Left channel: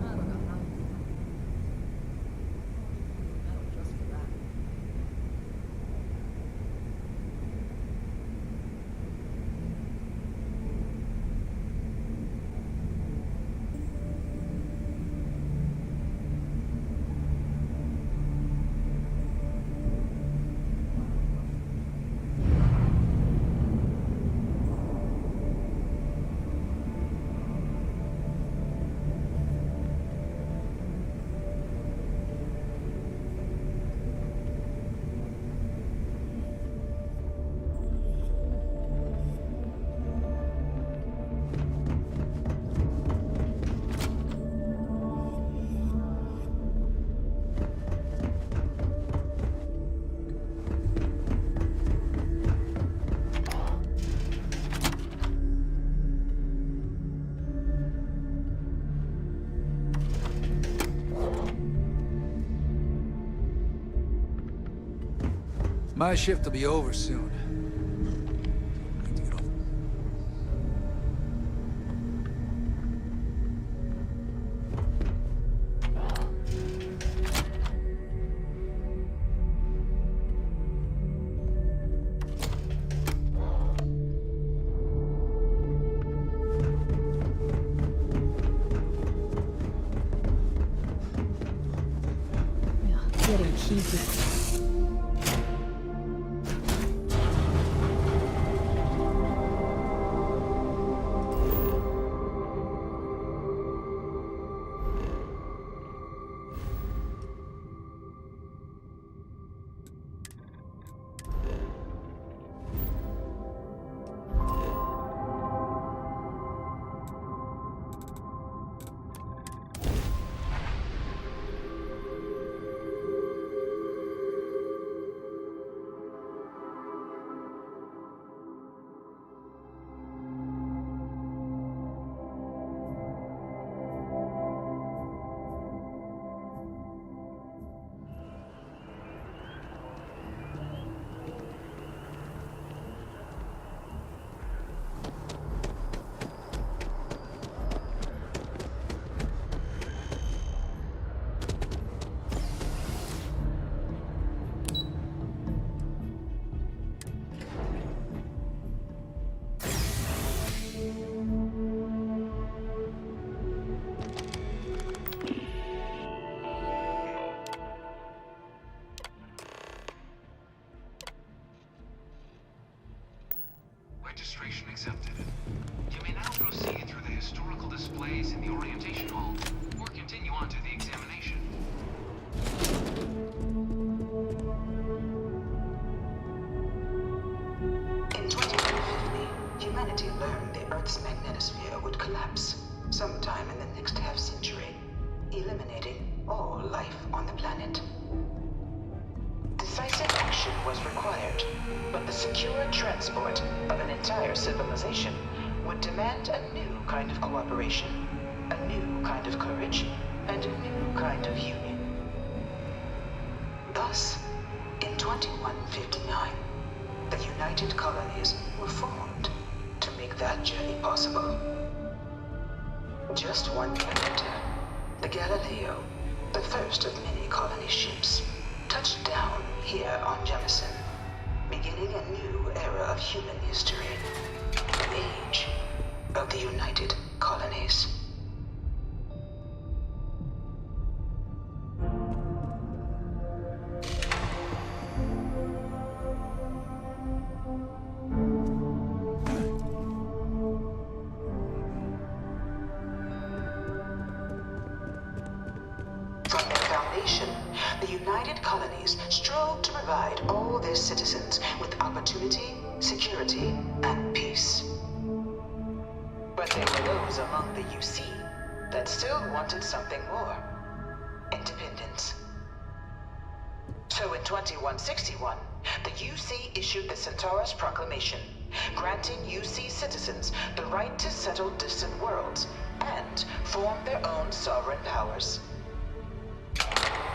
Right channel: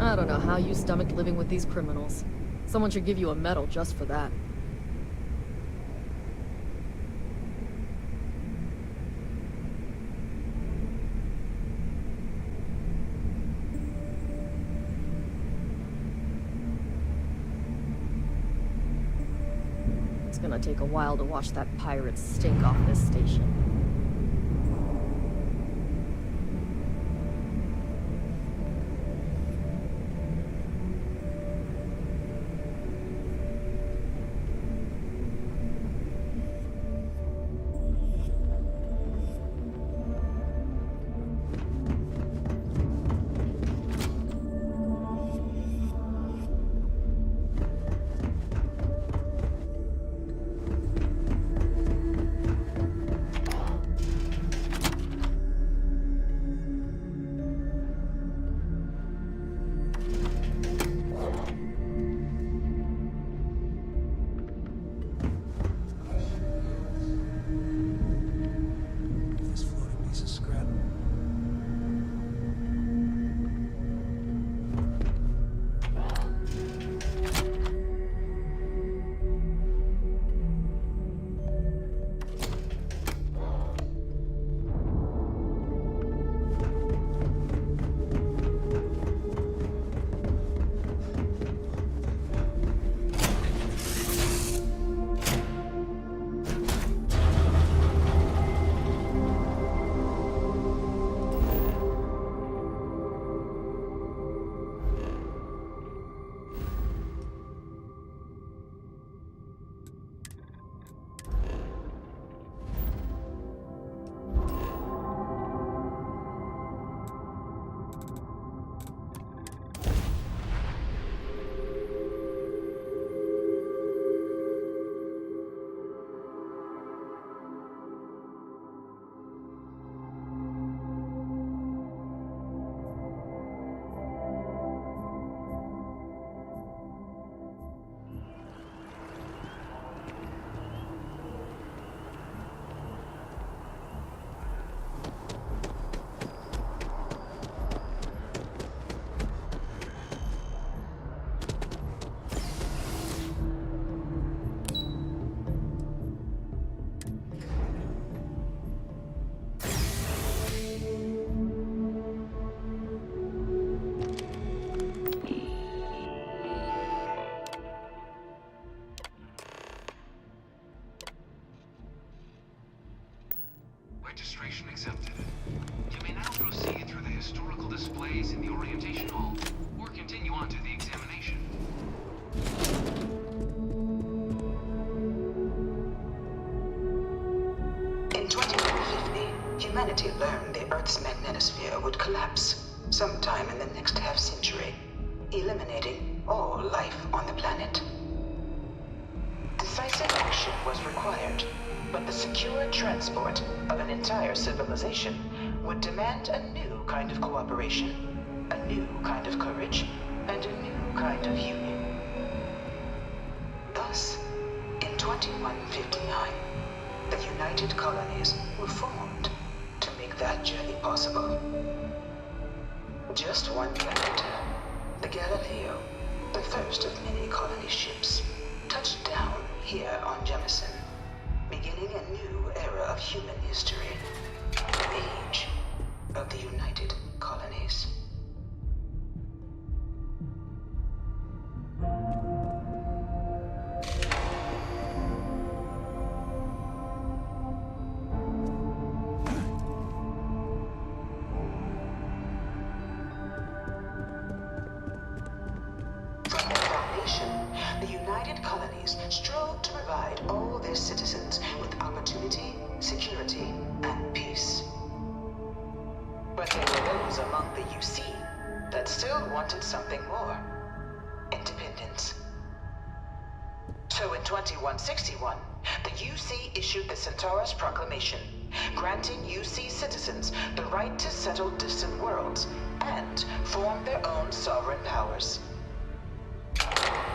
I don't know how you stomach living with these criminals. Someone should give you a medal just for that. It's gonna take a while to watch that pirate stink off this station. My shift will be over soon. Need to get off this floating piece of scrap. Registration accepted. You may now proceed through the historical displays in the orientation hall, or continue on to the examination. In 2150, humanity learned the Earth's magnetosphere would collapse sometime in the next half-century, eliminating all life on the planet. Decisive action was required, but the secure transport of an entire civilization would demand a new kind of cooperation, a new kind of courage, and a new kind of union. Thus, in 2159, the United Colonies were formed to make that journey possible. Just 1 year later, the Galileo, the first of many colony ships, touched down here on Jemison, beginning a new era of human history, the age of the United Colonies. From their foundation, the United Colonies strove to provide all their citizens with opportunity, security, and peace. But there were those among the UC that still wanted something more: independence. So in 2161, the UC issued the Centaurus Proclamation, granting UC citizens the right to settle distant worlds and form their own sovereign powers.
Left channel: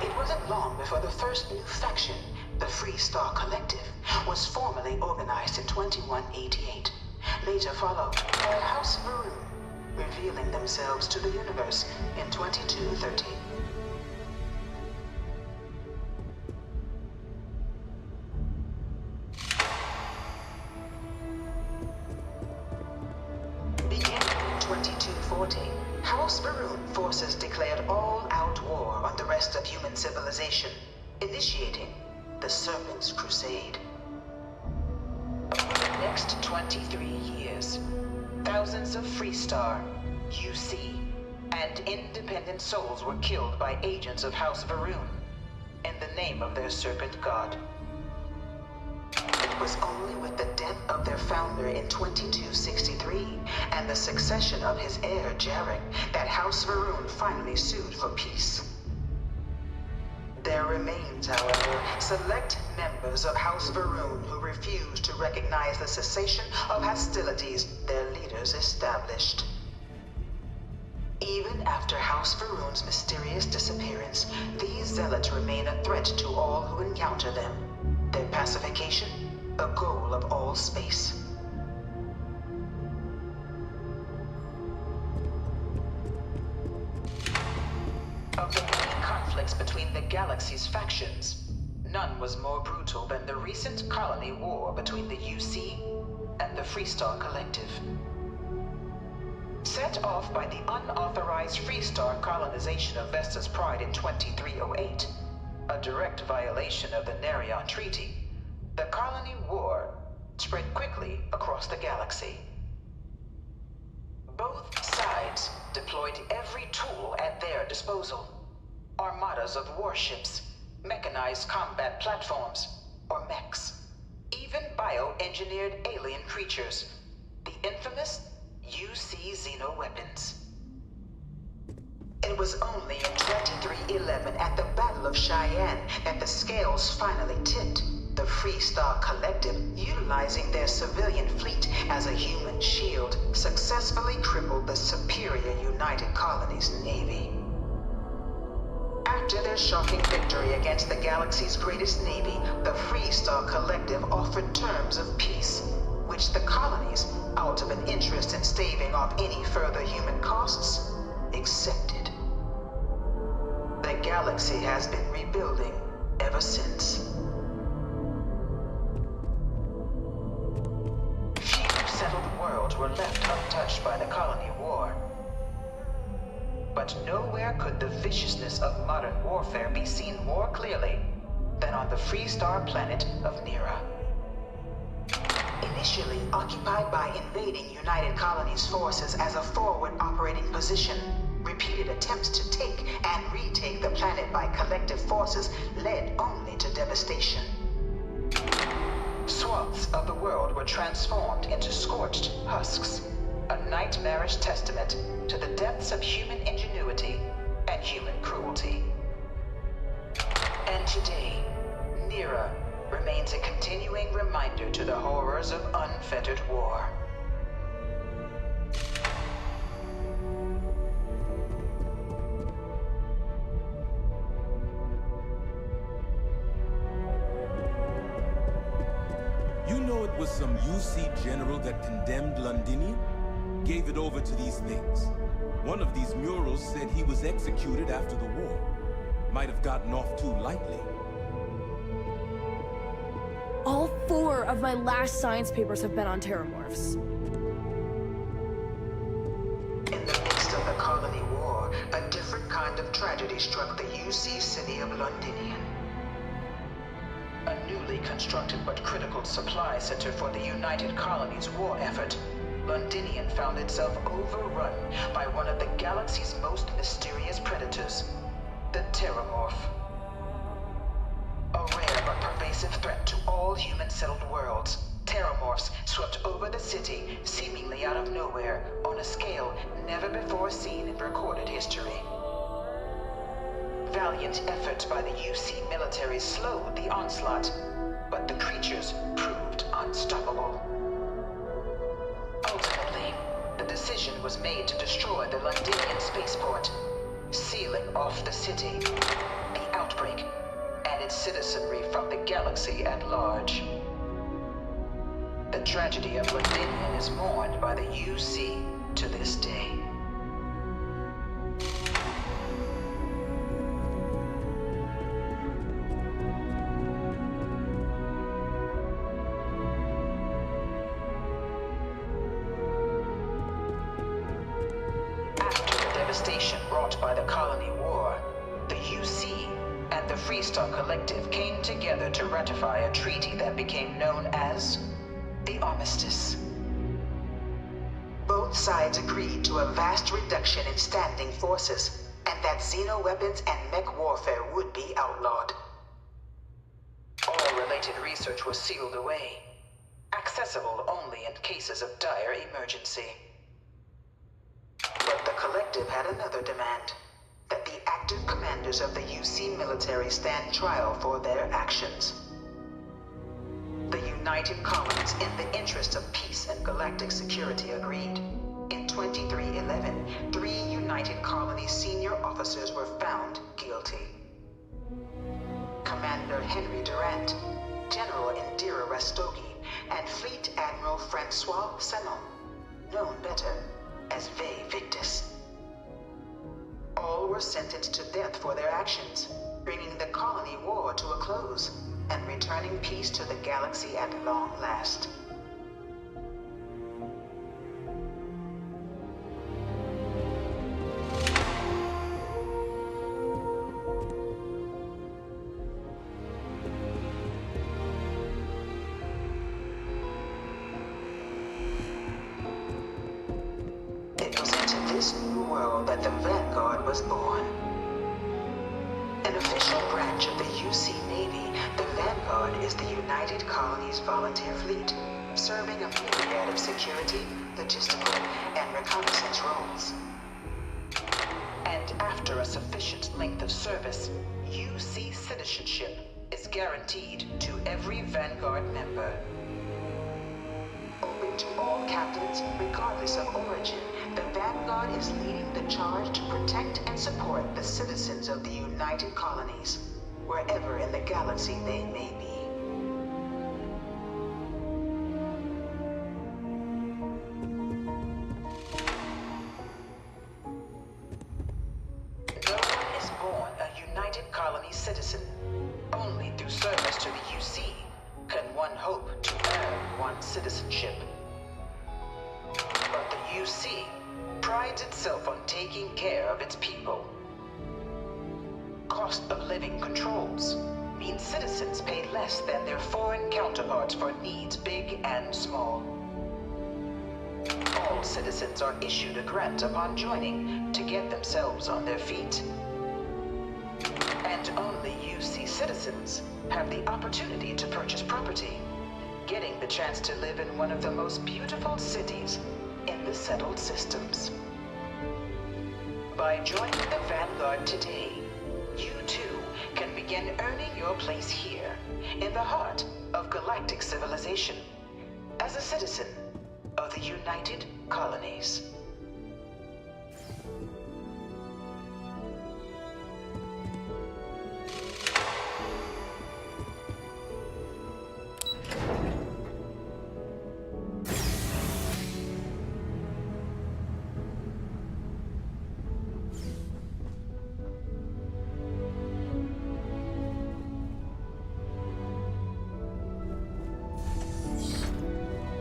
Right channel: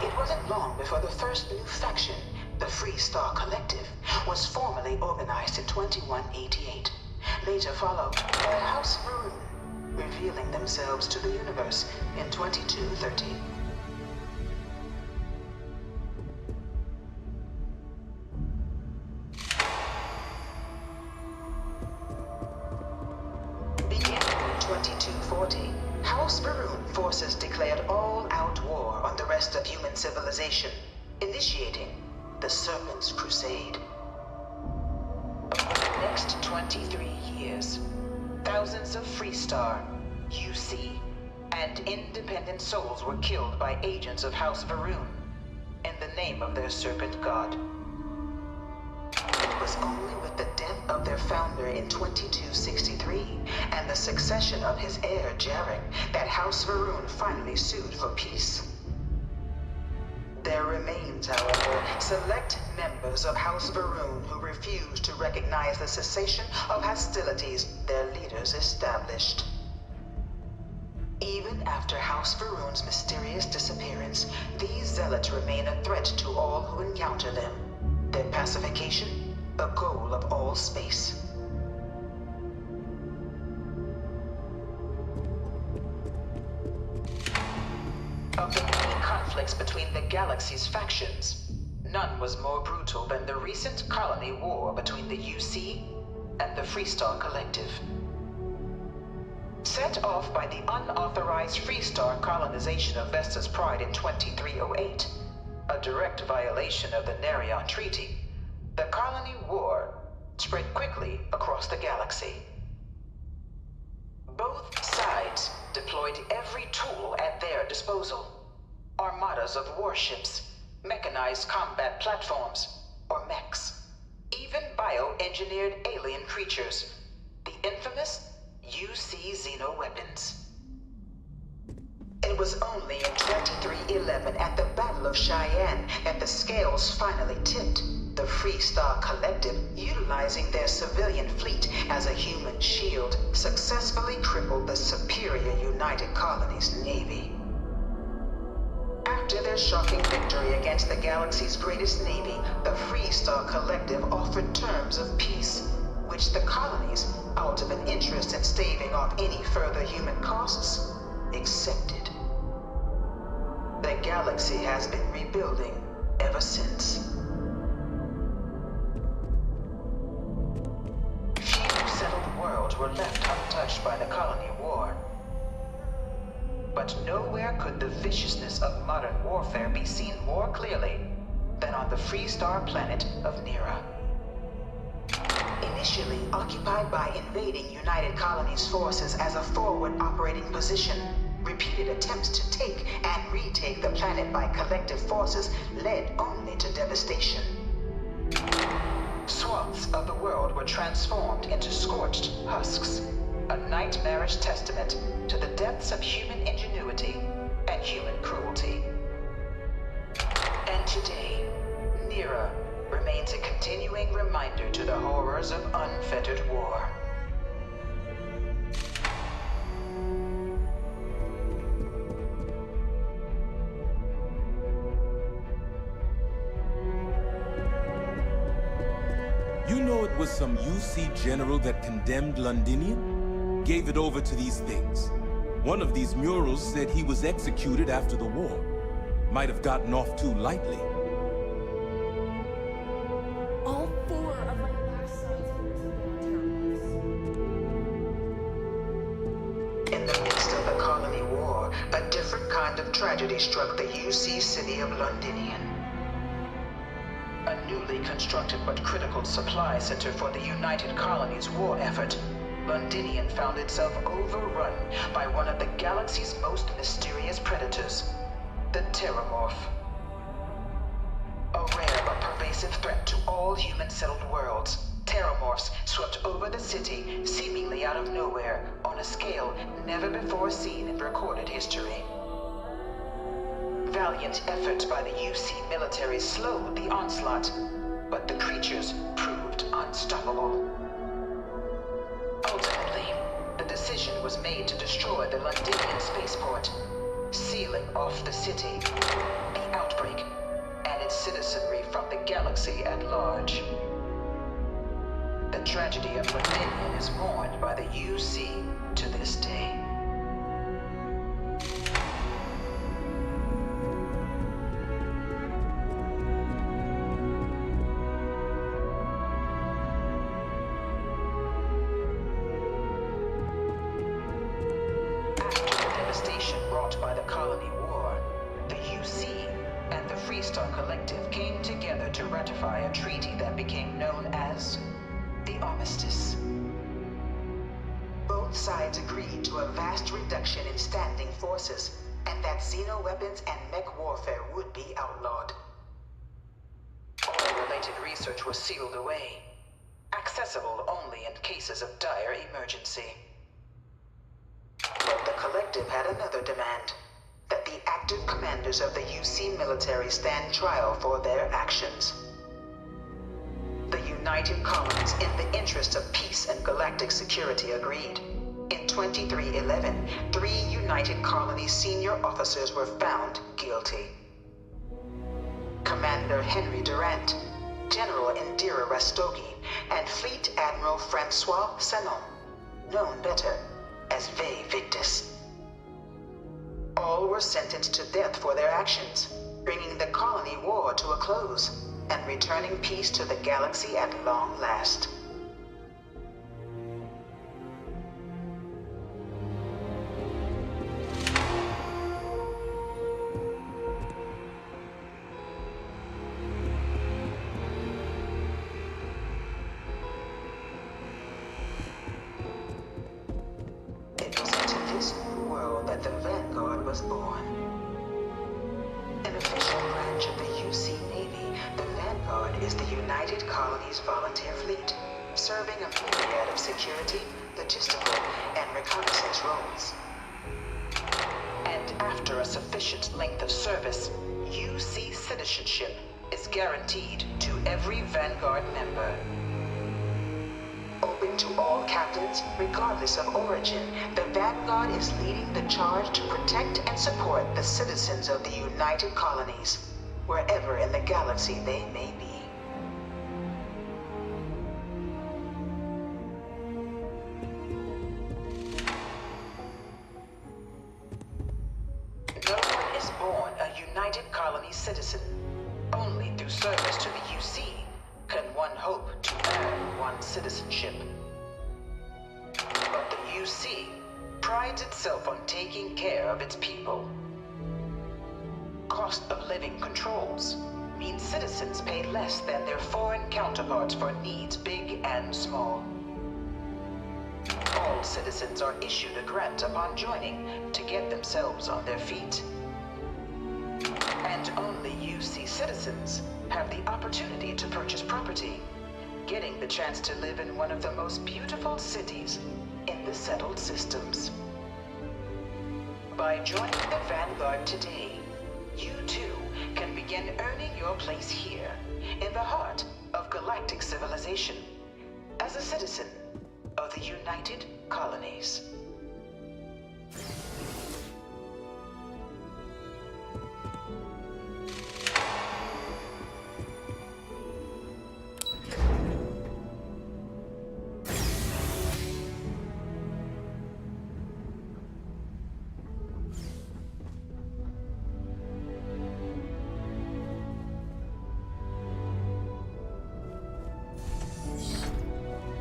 It wasn't long before the first new faction, the Free Star Collective, was formally organized in 2188, later followed by House Maroon, revealing themselves to the universe in 2230. Beginning in 2240, House Varun forces declared all-out war on the rest of human civilization, initiating the Serpent's Crusade. Over the next 23 years, thousands of Freestar, UC, and independent souls were killed by agents of House Varun in the name of their serpent god. It was only with the death of their founder in 2263 and the succession of his heir Jarek that House Varun finally sued for peace. There remains, however, select members of House Varun who refuse to recognize the cessation of hostilities their leaders established. Even after House Varun's mysterious disappearance, these zealots remain a threat to all who encounter them. Their pacification, a goal of all space. Of the many conflicts between the galaxy's factions, none was more brutal than the recent colony war between the UC and the Freestar Collective. Set off by the unauthorized Freestar colonization of Vesta's Pride in 2308, a direct violation of the Nerion Treaty, the colony war spread quickly across the galaxy. Both sides deployed every tool at their disposal. Armadas of warships, mechanized combat platforms, or mechs, even bioengineered alien creatures, the infamous UC xeno-weapons. It was only in 2311 at the Battle of Cheyenne that the scales finally tipped. The Freestar Collective, utilizing their civilian fleet as a human shield, successfully crippled the superior United Colonies Navy. After their shocking victory against the galaxy's greatest navy, the Freestar Collective offered terms of peace, which the colonies, out of an interest in staving off any further human costs, accepted. The galaxy has been rebuilding ever since. Settled worlds were left untouched by the colony war. But nowhere could the viciousness of modern warfare be seen more clearly than on the Freestar planet of Nera. Initially occupied by invading United Colonies forces as a forward operating position, repeated attempts to take and retake the planet by collective forces led only to devastation. Swaths of the world were transformed into scorched husks, a nightmarish testament to the depths of human ingenuity and human cruelty. And today, Nera remains a continuing reminder to the horrors of unfettered war. You know it was some UC general that condemned Londinian? Gave it over to these things. One of these murals said he was executed after the war. Might have gotten off too lightly. All 4 of my last science papers have been on terramorphs. In the midst of the colony war, a different kind of tragedy struck the UC city of Londinian. A newly constructed but critical supply center for the United Colonies' war effort, Londinian found itself overrun by one of the galaxy's most mysterious predators, the Terramorph. A rare but pervasive threat to all human-settled worlds, Terramorphs swept over the city seemingly out of nowhere on a scale never before seen in recorded history. Valiant efforts by the UC military slowed the onslaught, but the creatures proved unstoppable. Ultimately, the decision was made to destroy the Londinian spaceport, sealing off the city, the outbreak, and its citizenry from the galaxy at large. The tragedy of Londinian is mourned by the UC to this day. devastation wrought by the Colony War, the UC and the Freestar Collective came together to ratify a treaty that became known as the Armistice. Both sides agreed to a vast reduction in standing forces, and that xeno-weapons and mech warfare would be outlawed. All related research was sealed away, accessible only in cases of dire emergency. But the Collective had another demand, that the active commanders of the UC military stand trial for their actions. The United Colonies, in the interest of peace and galactic security, agreed. In 2311, 3 United Colonies senior officers were found guilty. Commander Henry Durant, General Indira Rastogi, and Fleet Admiral Francois Sanon, known better as Ve Victus. All were sentenced to death for their actions, bringing the colony war to a close and returning peace to the galaxy at long last. It was into this new world that the Vanguard was born. An official branch of the UC Navy, the Vanguard is the United Colonies Volunteer Fleet, serving a myriad of security, logistical, and reconnaissance roles. And after a sufficient length of service, UC citizenship is guaranteed to every Vanguard member. Open to all captains, regardless of origin, the Vanguard is leading the charge to protect and support the citizens of the United Colonies, wherever in the galaxy they may be. No one is born a United Colony citizen. Only through service to the UC can one hope to earn one's citizenship. But the UC prides itself on taking care of its people. Cost of living controls mean citizens pay less than their foreign counterparts for needs big and small. All citizens are issued a grant upon joining to get themselves on their feet. And only UC citizens have the opportunity to purchase property, getting the chance to live in one of the most beautiful cities in the settled systems. By joining the Vanguard today, you too can begin earning your place here, in the heart of galactic civilization, as a citizen of the United Colonies.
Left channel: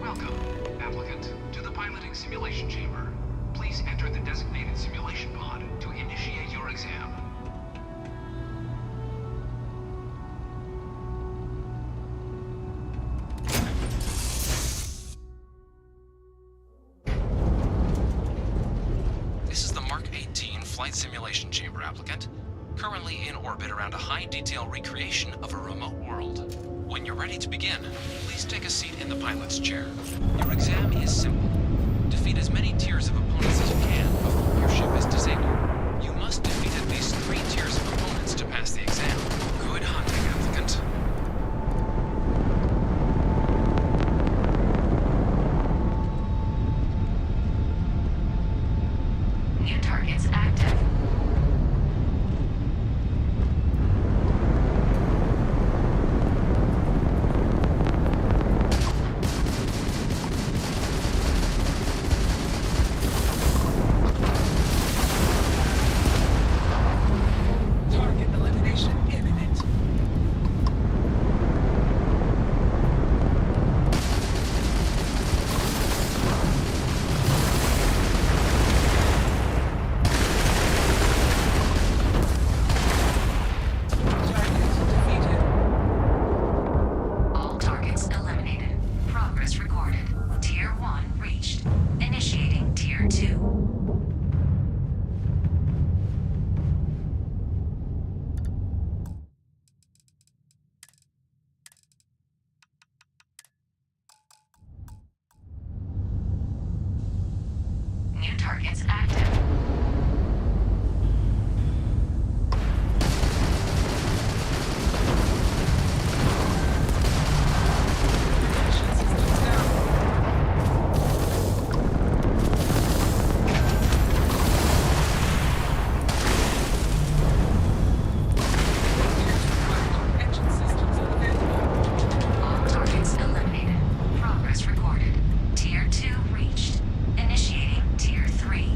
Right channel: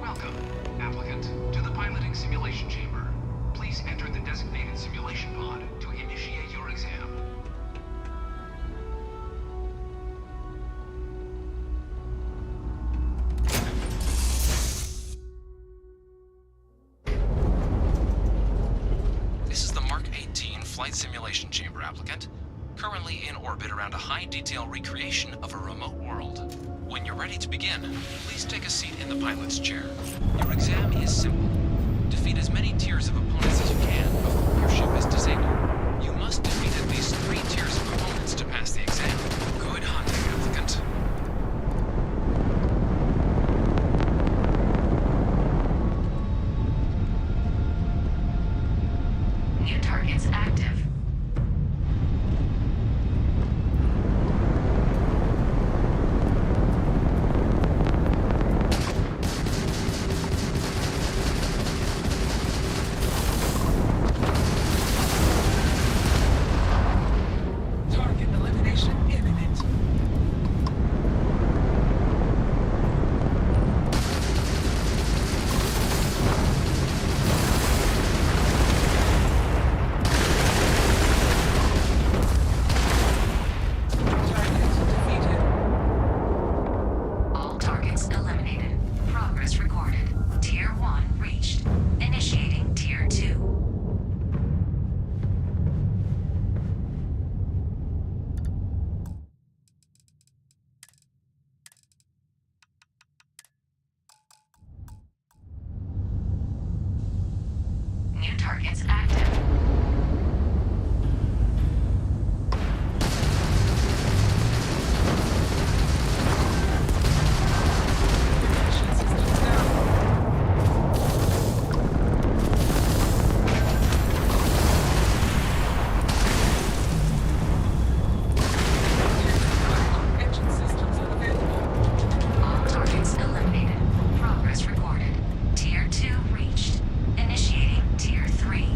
Welcome, applicant, to the piloting simulation chamber. Please enter the designated simulation pod to initiate your exam. This is the Mark 18 flight simulation chamber, applicant. Currently in orbit around a high-detail recreation of a remote world. When you're ready to begin, please take a seat in the pilot's chair. Your exam is simple. Defeat as many tiers of opponents as you can before your ship is disabled. You must defeat at least 3 tiers of opponents to pass the exam. Good hunting, applicant. New targets active. Progress recorded. Tier 1 reached. Initiating Tier 2. New targets active. All targets eliminated. Progress recorded. Tier 2 reached. Initiating Tier 3.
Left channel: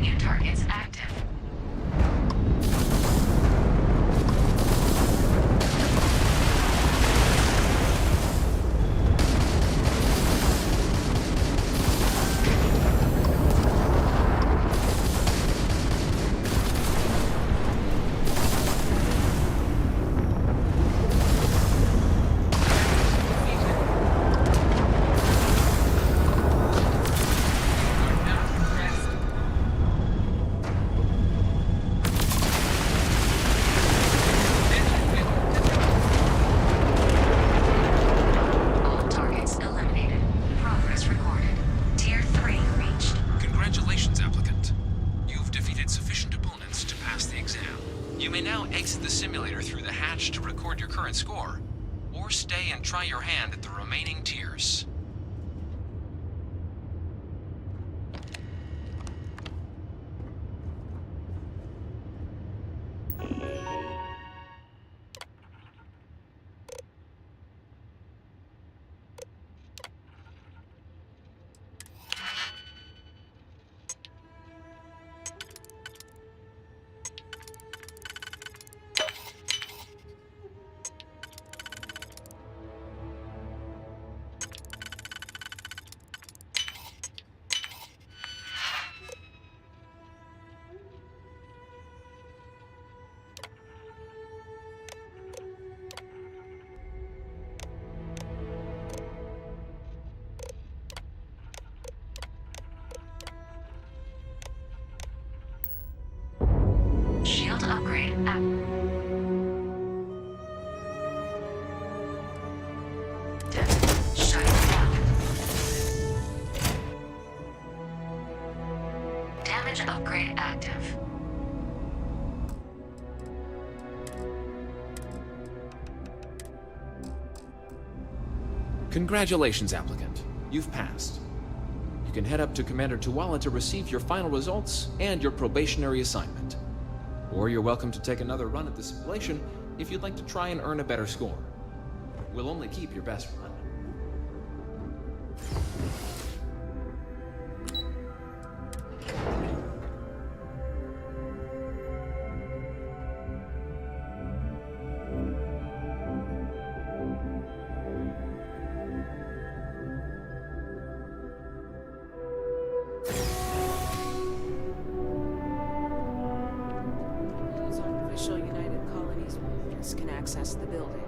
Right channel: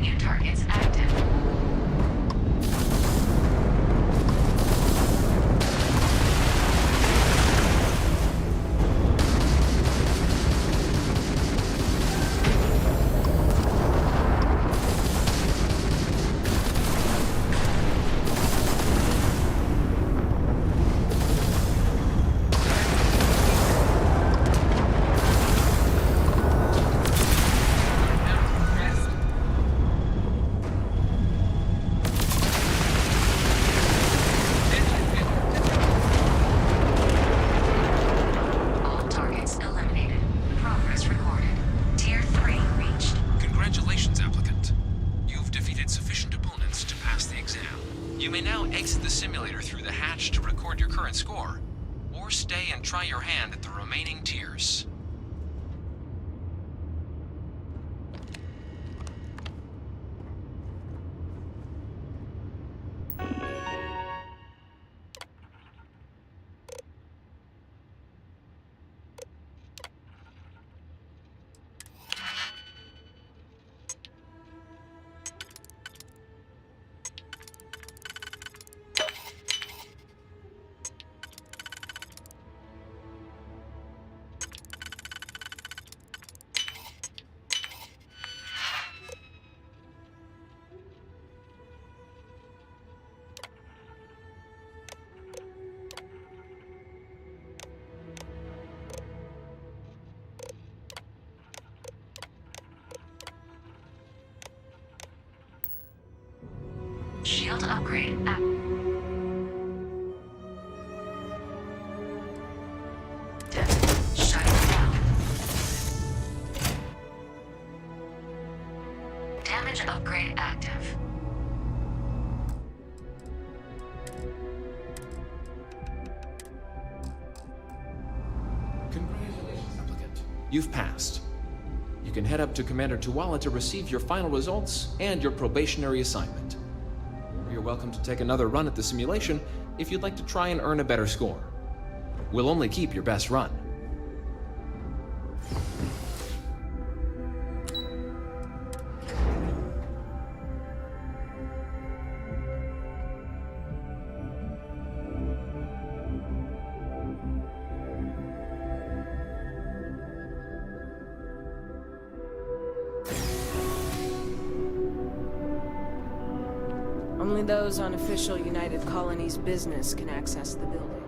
New targets active. All targets eliminated. Progress recorded. Tier 3 reached. Congratulations, applicant. You've defeated sufficient opponents to pass the exam. You may now exit the simulator through the hatch to record your current score, or stay and try your hand at the remaining tiers. Shield upgrade active. Shut down. Damage upgrade active. Congratulations, applicant. You've passed. You can head up to Commander Tuala to receive your final results and your probationary assignment. Or you're welcome to take another run at the simulation if you'd like to try and earn a better score. We'll only keep your best run. Only those on official United Colonies business can access the building.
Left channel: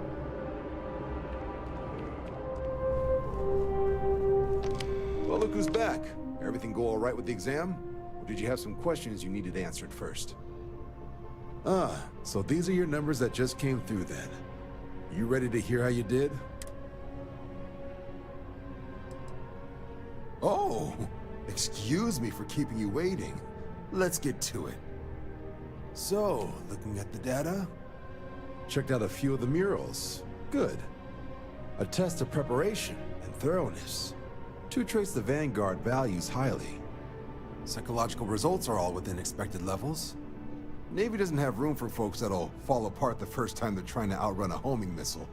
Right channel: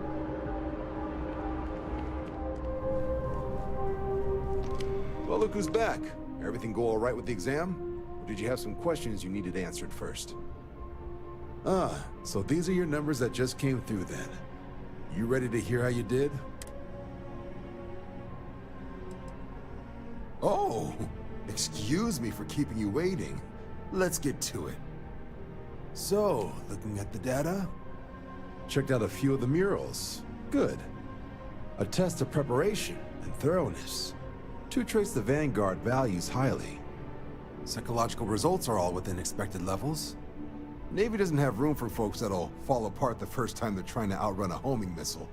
Well, look who's back. Everything go all right with the exam? Or did you have some questions you needed answered first? Ah, so these are your numbers that just came through then. You ready to hear how you did? Oh, excuse me for keeping you waiting. Let's get to it. So, looking at the data? Checked out a few of the murals. Good. A test of preparation and thoroughness. Two traits the Vanguard values highly. Psychological results are all within expected levels. Navy doesn't have room for folks that'll fall apart the first time they're trying to outrun a homing missile.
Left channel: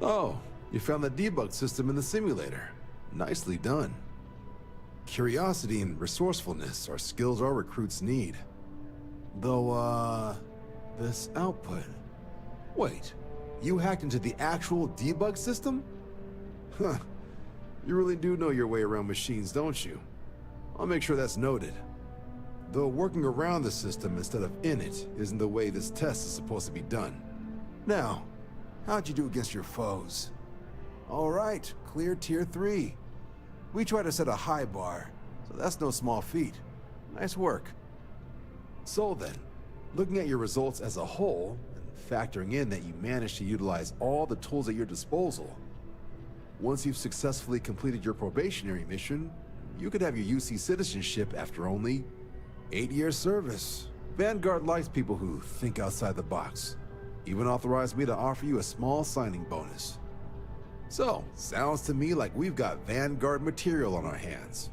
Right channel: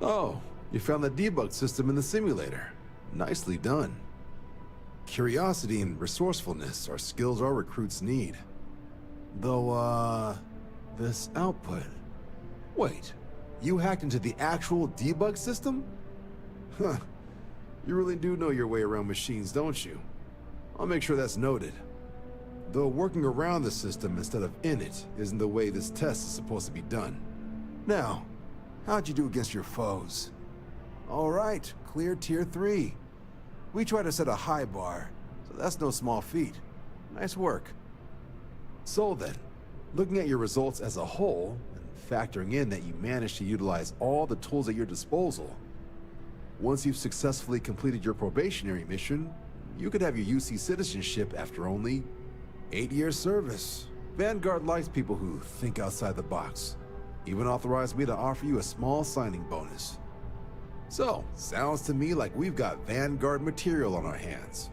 Oh, you found the debug system in the simulator. Nicely done. Curiosity and resourcefulness are skills our recruits need. Though, this output... Wait, you hacked into the actual debug system? Huh. You really do know your way around machines, don't you? I'll make sure that's noted. Though working around the system instead of in it isn't the way this test is supposed to be done. Now, how'd you do against your foes? All right, clear Tier 3. We try to set a high bar, so that's no small feat. Nice work. So then, looking at your results as a whole, and factoring in that you managed to utilize all the tools at your disposal, once you've successfully completed your probationary mission, you could have your UC citizenship after only 8 years service. Vanguard likes people who think outside the box. Even authorized me to offer you a small signing bonus. So, sounds to me like we've got Vanguard material on our hands.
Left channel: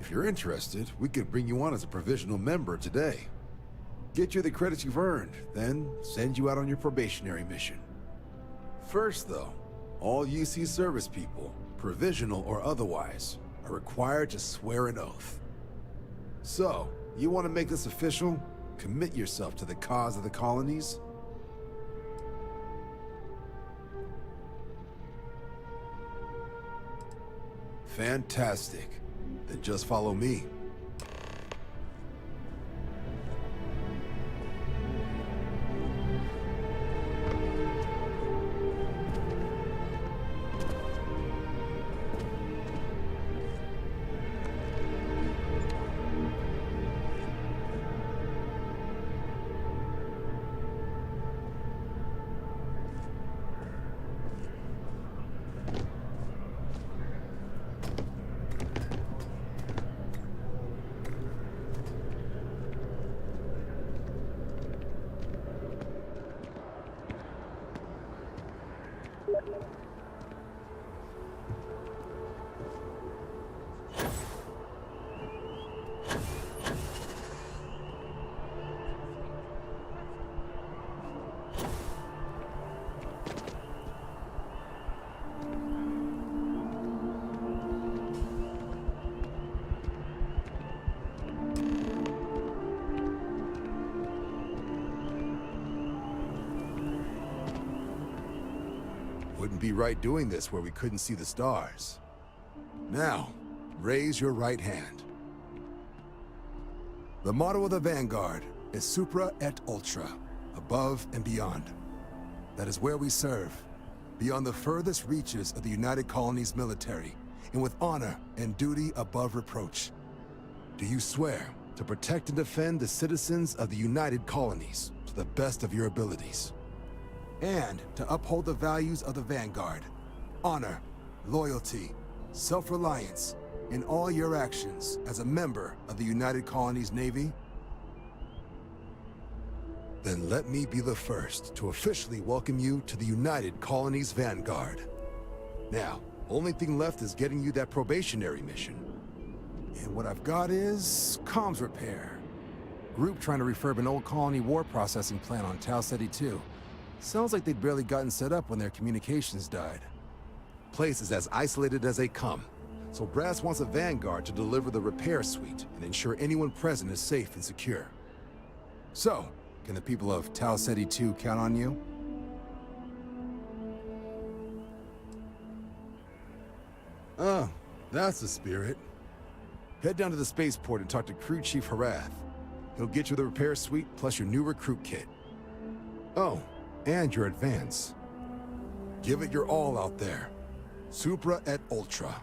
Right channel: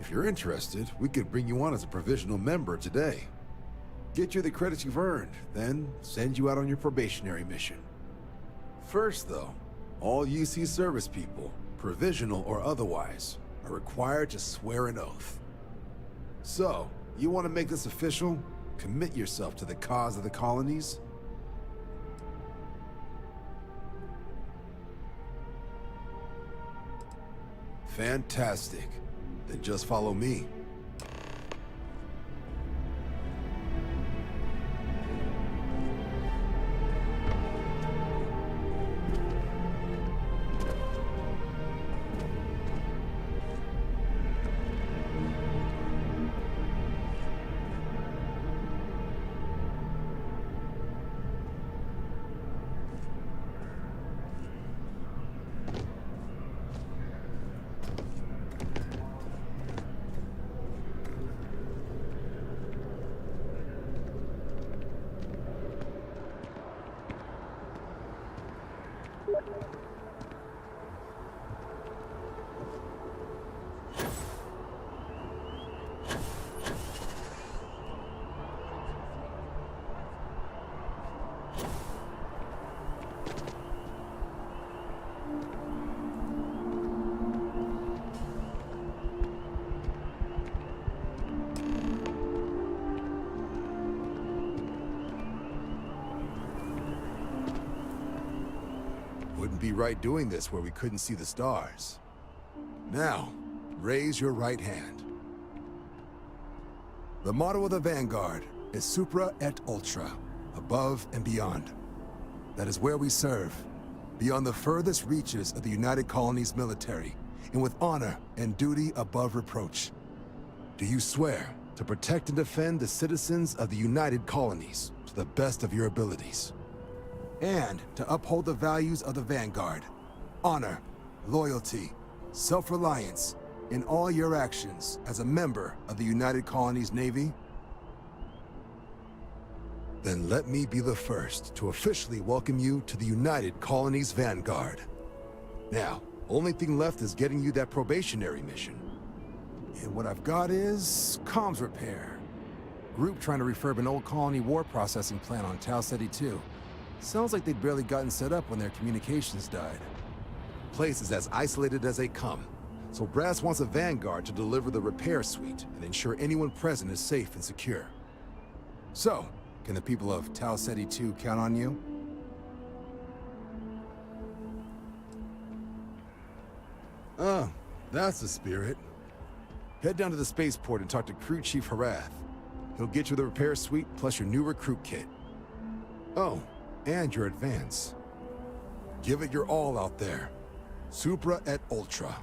If you're interested, we could bring you on as a provisional member today. Get you the credits you've earned, then send you out on your probationary mission. First though, all UC service people, provisional or otherwise, are required to swear an oath. So, you want to make this official? Commit yourself to the cause of the colonies? Fantastic. Then just follow me. Wouldn't be right doing this where we couldn't see the stars. Now, raise your right hand. The motto of the Vanguard is Supra et Ultra, above and beyond. That is where we serve, beyond the furthest reaches of the United Colonies military, and with honor and duty above reproach. Do you swear to protect and defend the citizens of the United Colonies to the best of your abilities? And to uphold the values of the Vanguard, honor, loyalty, self-reliance, in all your actions as a member of the United Colonies Navy? Then let me be the first to officially welcome you to the United Colonies Vanguard. Now, only thing left is getting you that probationary mission. And what I've got is comms repair. Group trying to refurb an old colony war processing plant on Tau Ceti 2. Sounds like they'd barely gotten set up when their communications died. Place is as isolated as they come, so Brass wants a Vanguard to deliver the repair suite and ensure anyone present is safe and secure. So, can the people of Tau Ceti 2 count on you? Oh, that's the spirit. Head down to the spaceport and talk to Crew Chief Harath. He'll get you the repair suite plus your new recruit kit. Oh, and your advance. Give it your all out there. Supra et Ultra.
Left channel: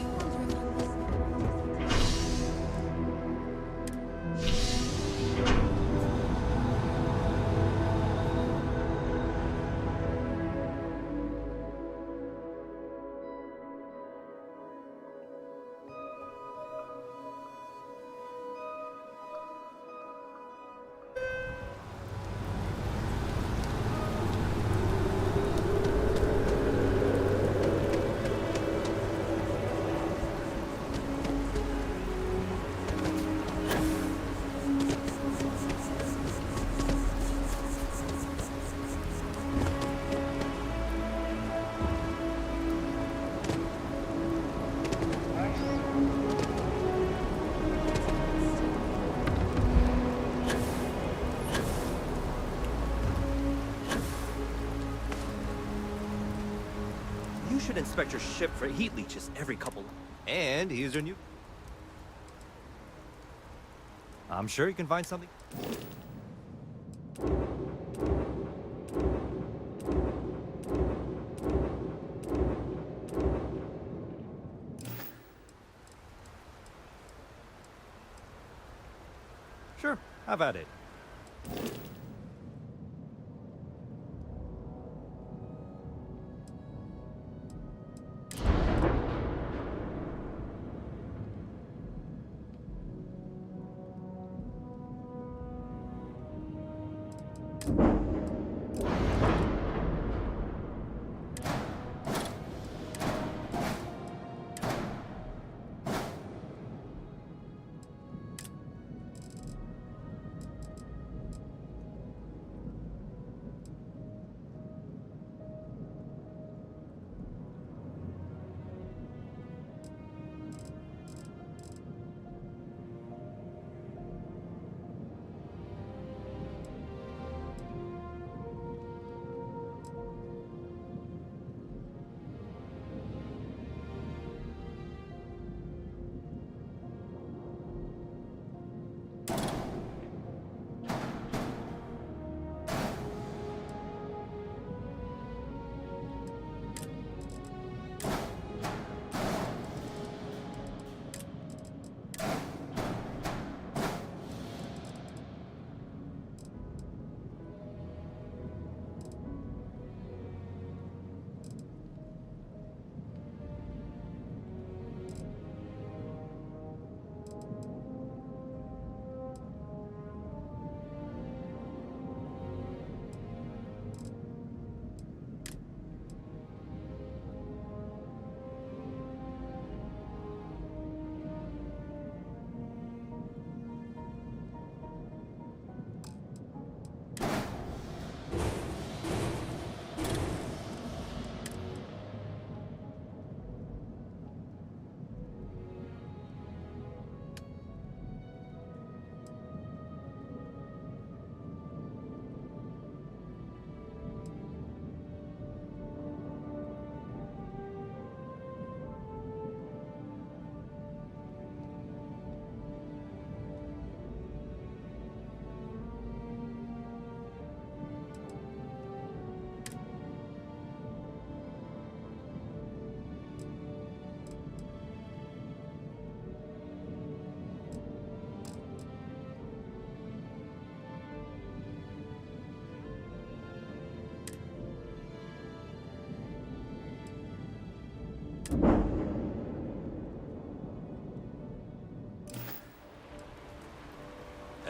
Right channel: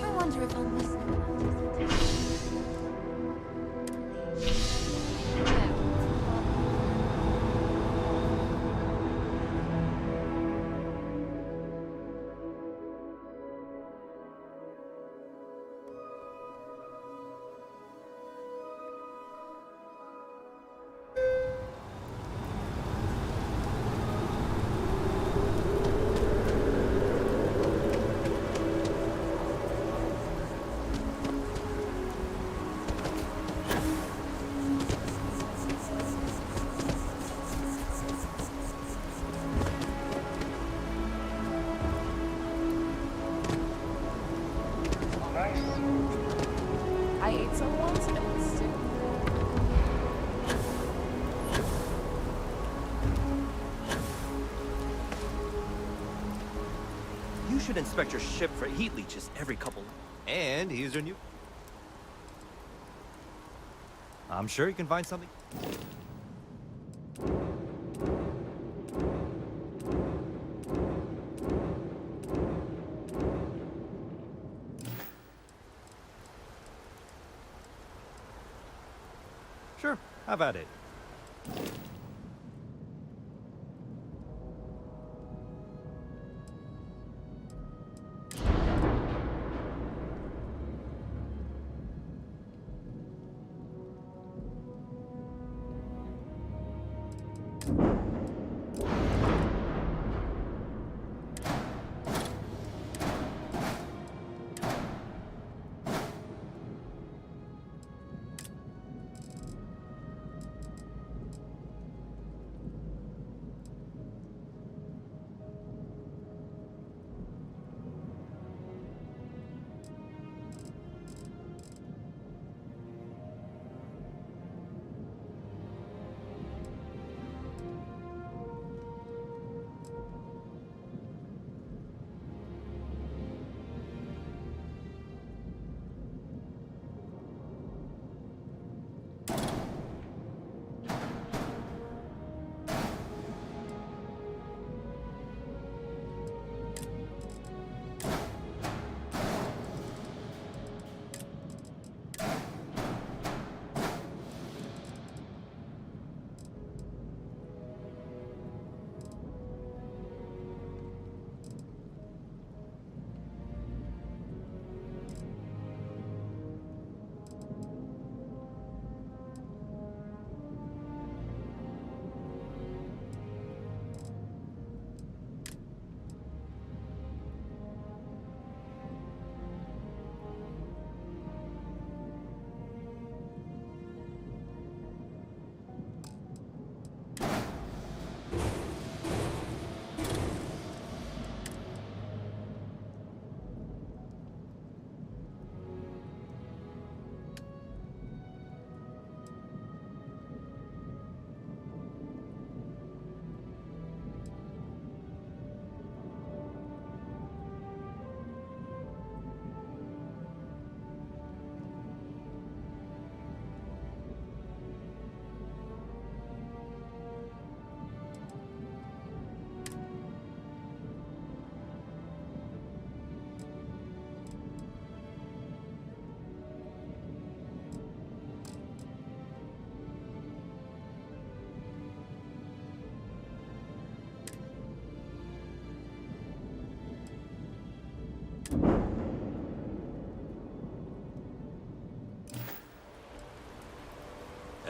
I wonder if I'm listening. You should inspect your ship for heat leeches every couple. And here's your new. I'm sure you can find something. Sure, have at it.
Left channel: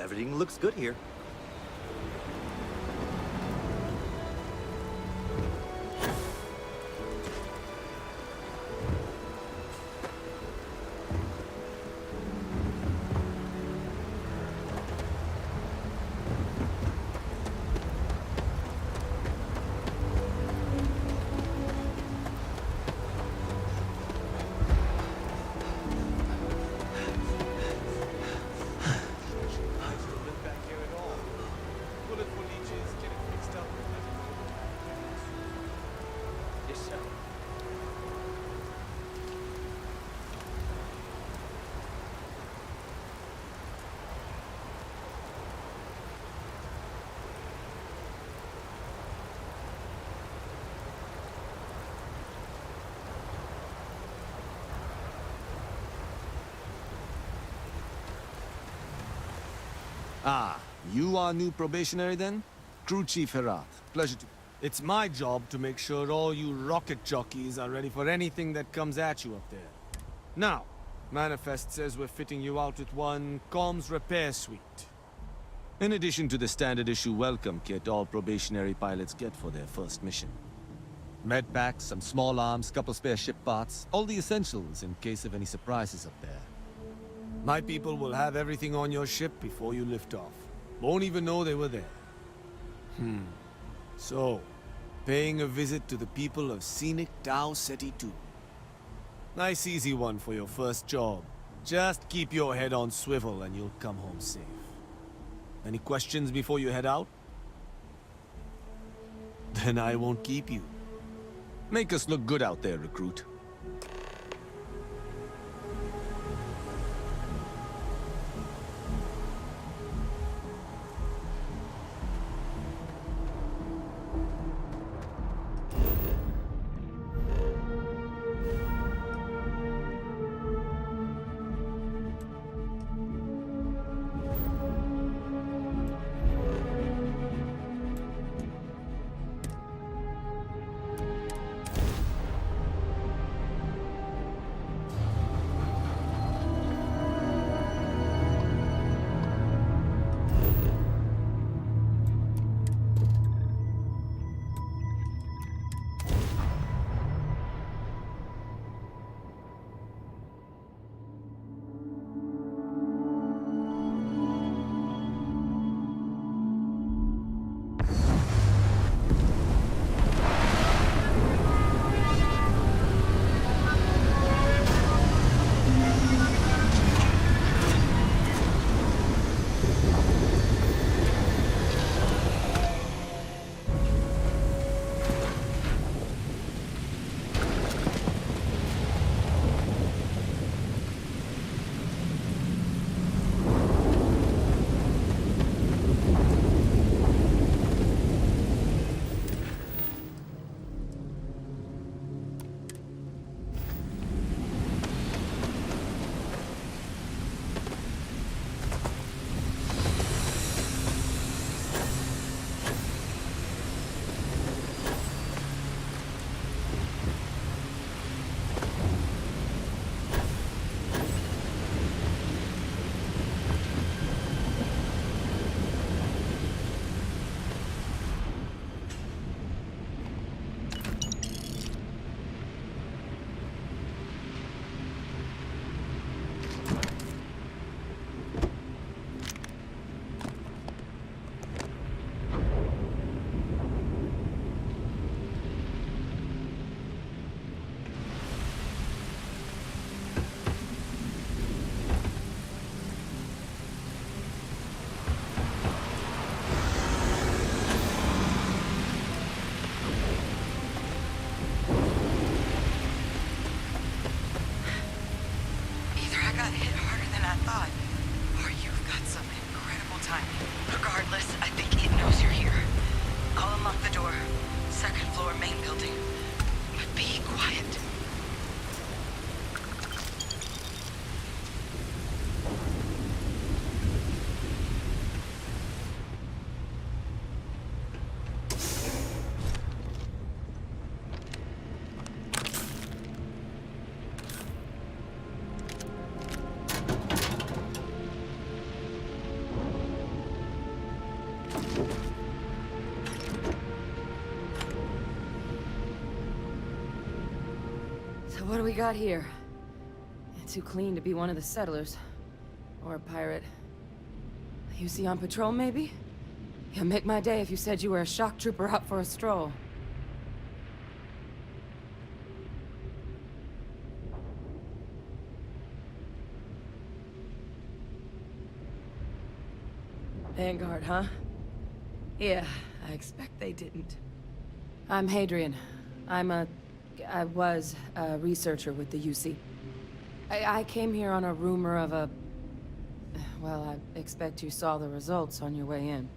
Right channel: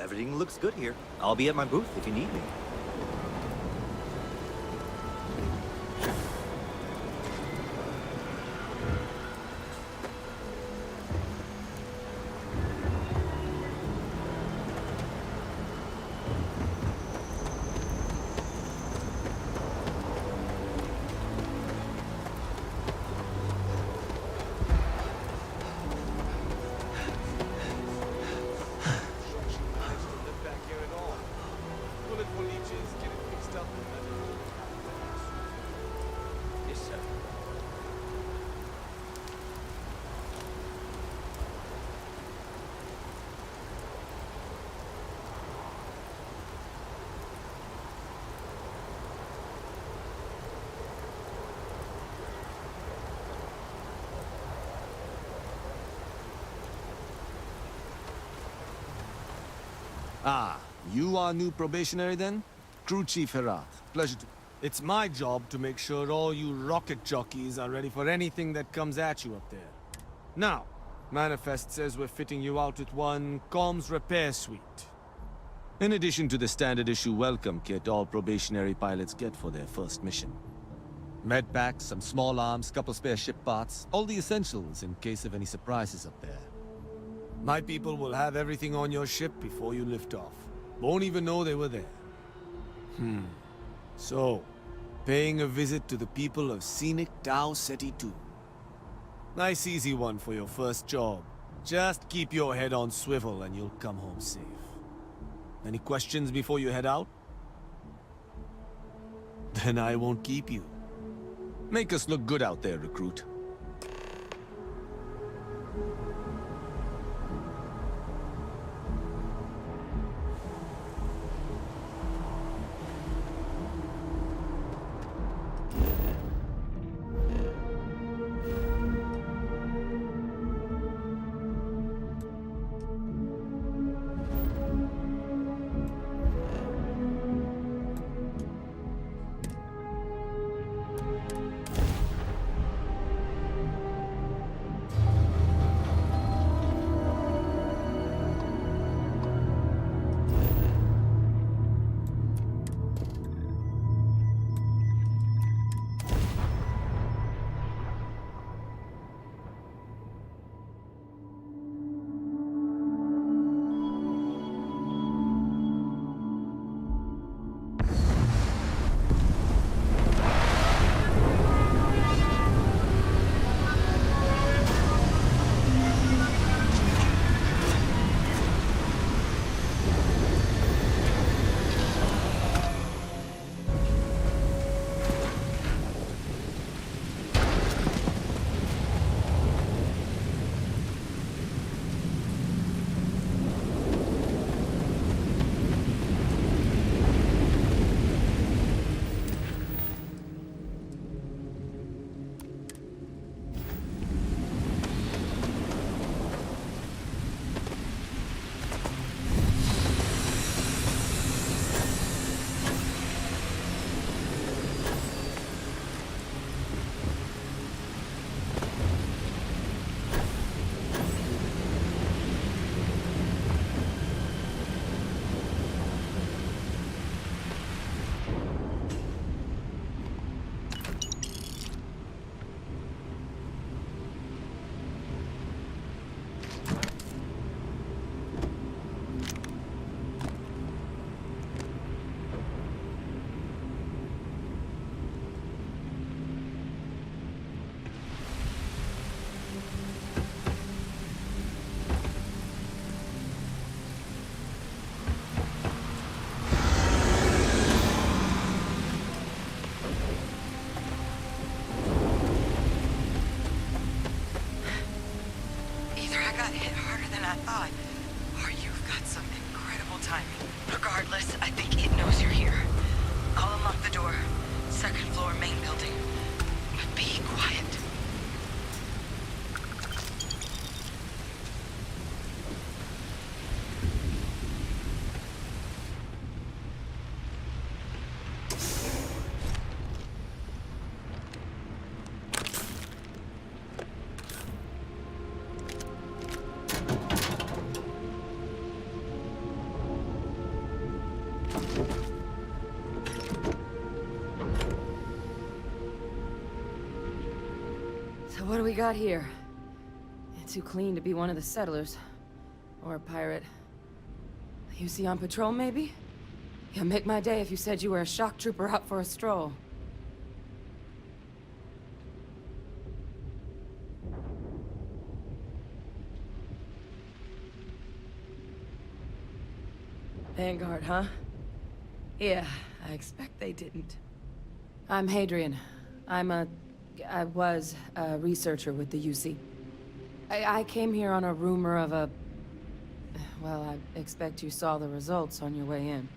Everything looks good here. I'll be at my booth if you need me. Ah, you are new probationary then? Crew Chief Herat. Pleasure to... It's my job to make sure all you rocket jockeys are ready for anything that comes at you up there. Now, Manifest says we're fitting you out with one comms repair suite. In addition to the standard issue welcome kit all probationary pilots get for their first mission. Medpacks, some small arms, couple spare ship parts, all the essentials in case of any surprises up there. My people will have everything on your ship before you lift off. Won't even know they were there. So, paying a visit to the people of scenic Tau Ceti 2. Nice easy one for your first job. Just keep your head on swivel and you'll come home safe. Any questions before you head out? Then I won't keep you. Make us look good out there, recruit. Regardless, I think it knows you're here. I'll unlock the door. Second floor, main building. But be quiet. So what do we got here? Too clean to be one of the settlers. Or a pirate. You see on patrol, maybe? Yeah, make my day if you said you were a shock trooper out for a stroll. Vanguard, huh? Yeah, I expect they didn't. I'm Hadrian. I was a researcher with the UC. I came here on a rumor of a... Well, I expect you saw the results on your way in.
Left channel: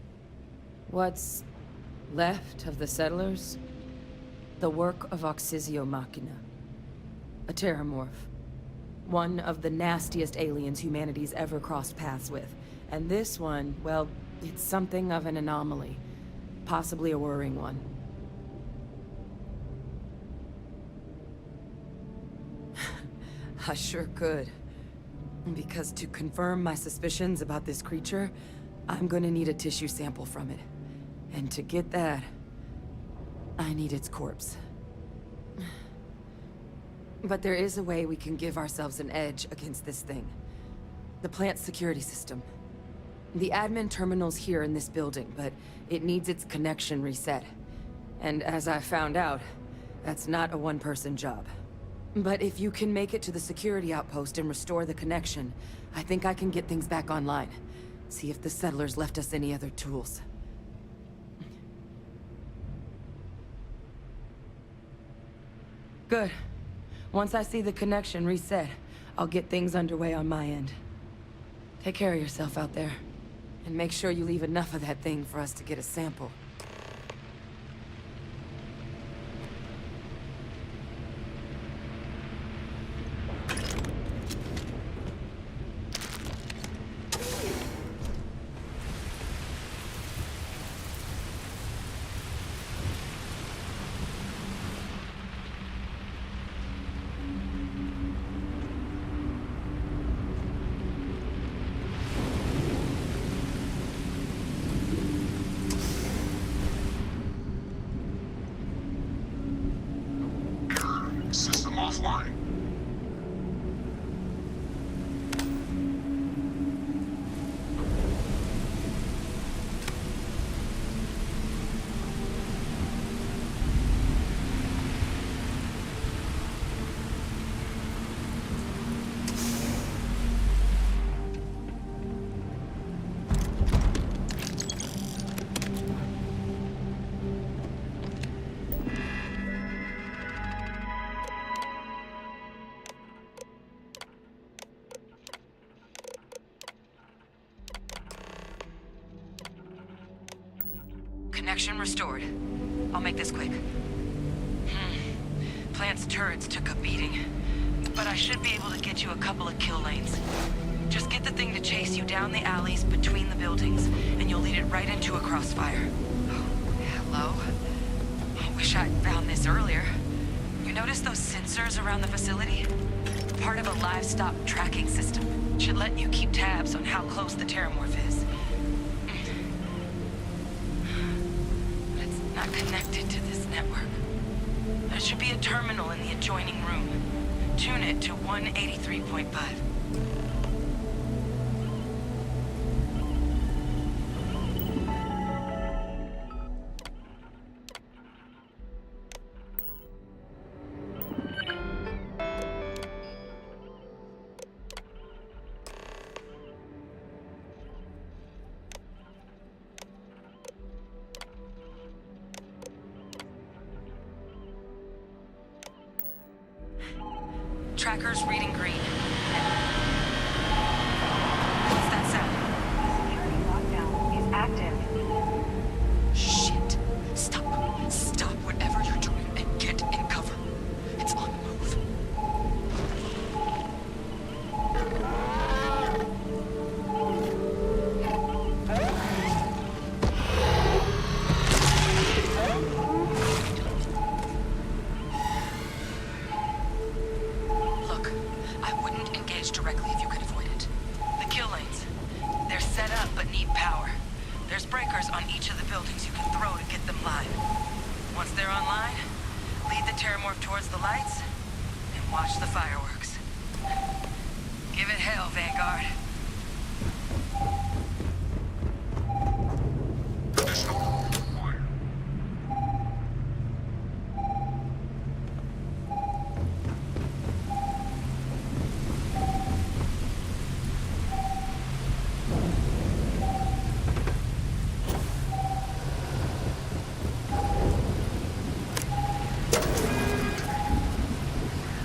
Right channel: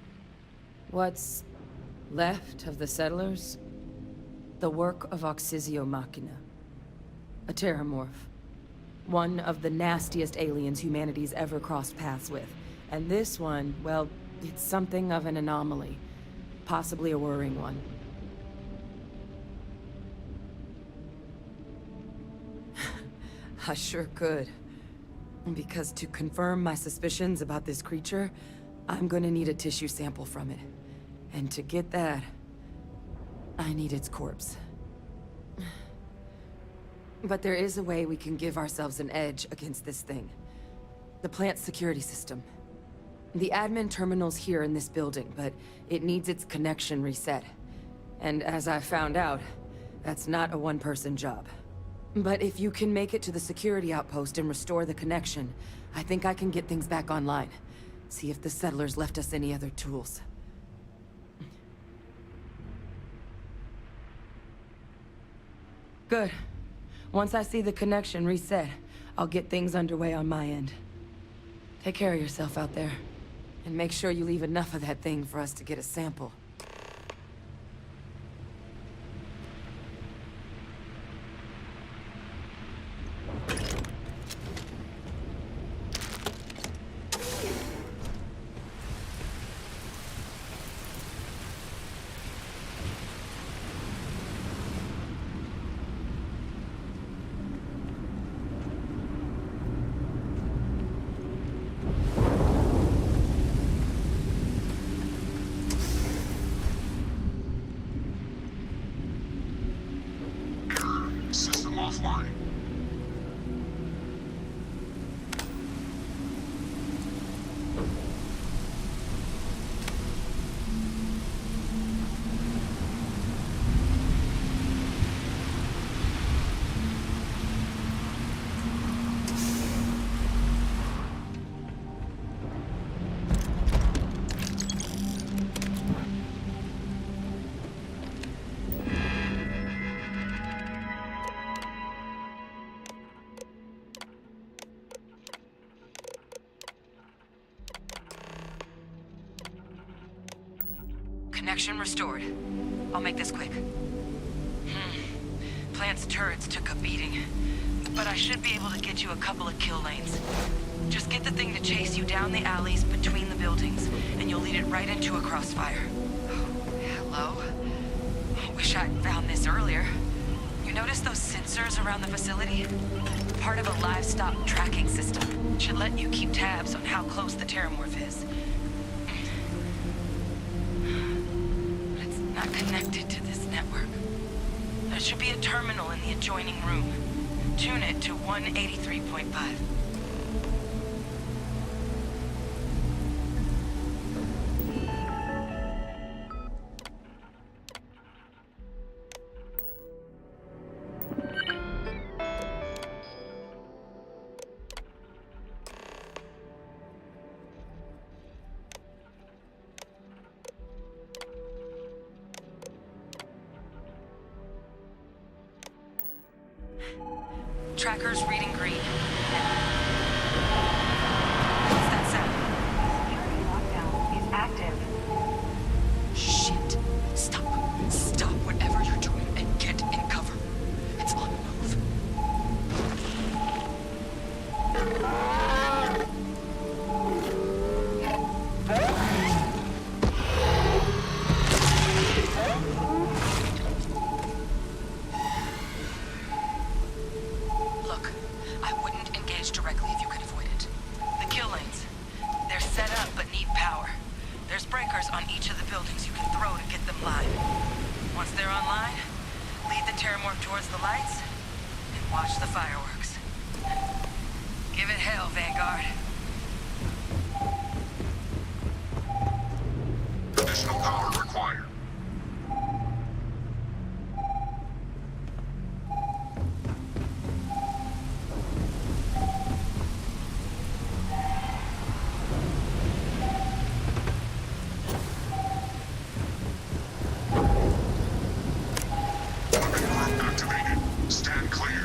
What's left of the settlers? The work of Oxysio Machina. A terramorph. One of the nastiest aliens humanity's ever crossed paths with. And this one, well, it's something of an anomaly. Possibly a worrying one. I sure could. Because to confirm my suspicions about this creature, I'm gonna need a tissue sample from it. And to get that, I need its corpse. But there is a way we can give ourselves an edge against this thing. The plant's security system. The admin terminal's here in this building, but it needs its connection reset. And as I found out, that's not a one-person job. But if you can make it to the security outpost and restore the connection, I think I can get things back online. See if the settlers left us any other tools. Good. Once I see the connection reset, I'll get things underway on my end. Take care of yourself out there. And make sure you leave enough of that thing for us to get a sample. System offline. Connection restored. I'll make this quick. Plant's turrets took a beating, but I should be able to get you a couple of kill lanes. Just get the thing to chase you down the alleys between the buildings, and you'll lead it right into a crossfire. Oh, hello? I wish I'd found this earlier. You notice those sensors around the facility? Part of a livestock tracking system. Should let you keep tabs on how close the terramorph is. Not connected to this network. There should be a terminal in the adjoining room. Tune it to 183.5. Tracker's reading green. What's that sound? Security lockdown is active. Shit. Stop. Stop whatever you're doing and get in cover. It's on the move. Look, I wouldn't engage directly if you could avoid it. The kill lanes. They're set up but need power. There's breakers on each of the buildings you can throw to get them live. Once they're online, lead the terramorph towards the lights and watch the fireworks. Give it hell, Vanguard. Additional power required. Activated. Stand clear.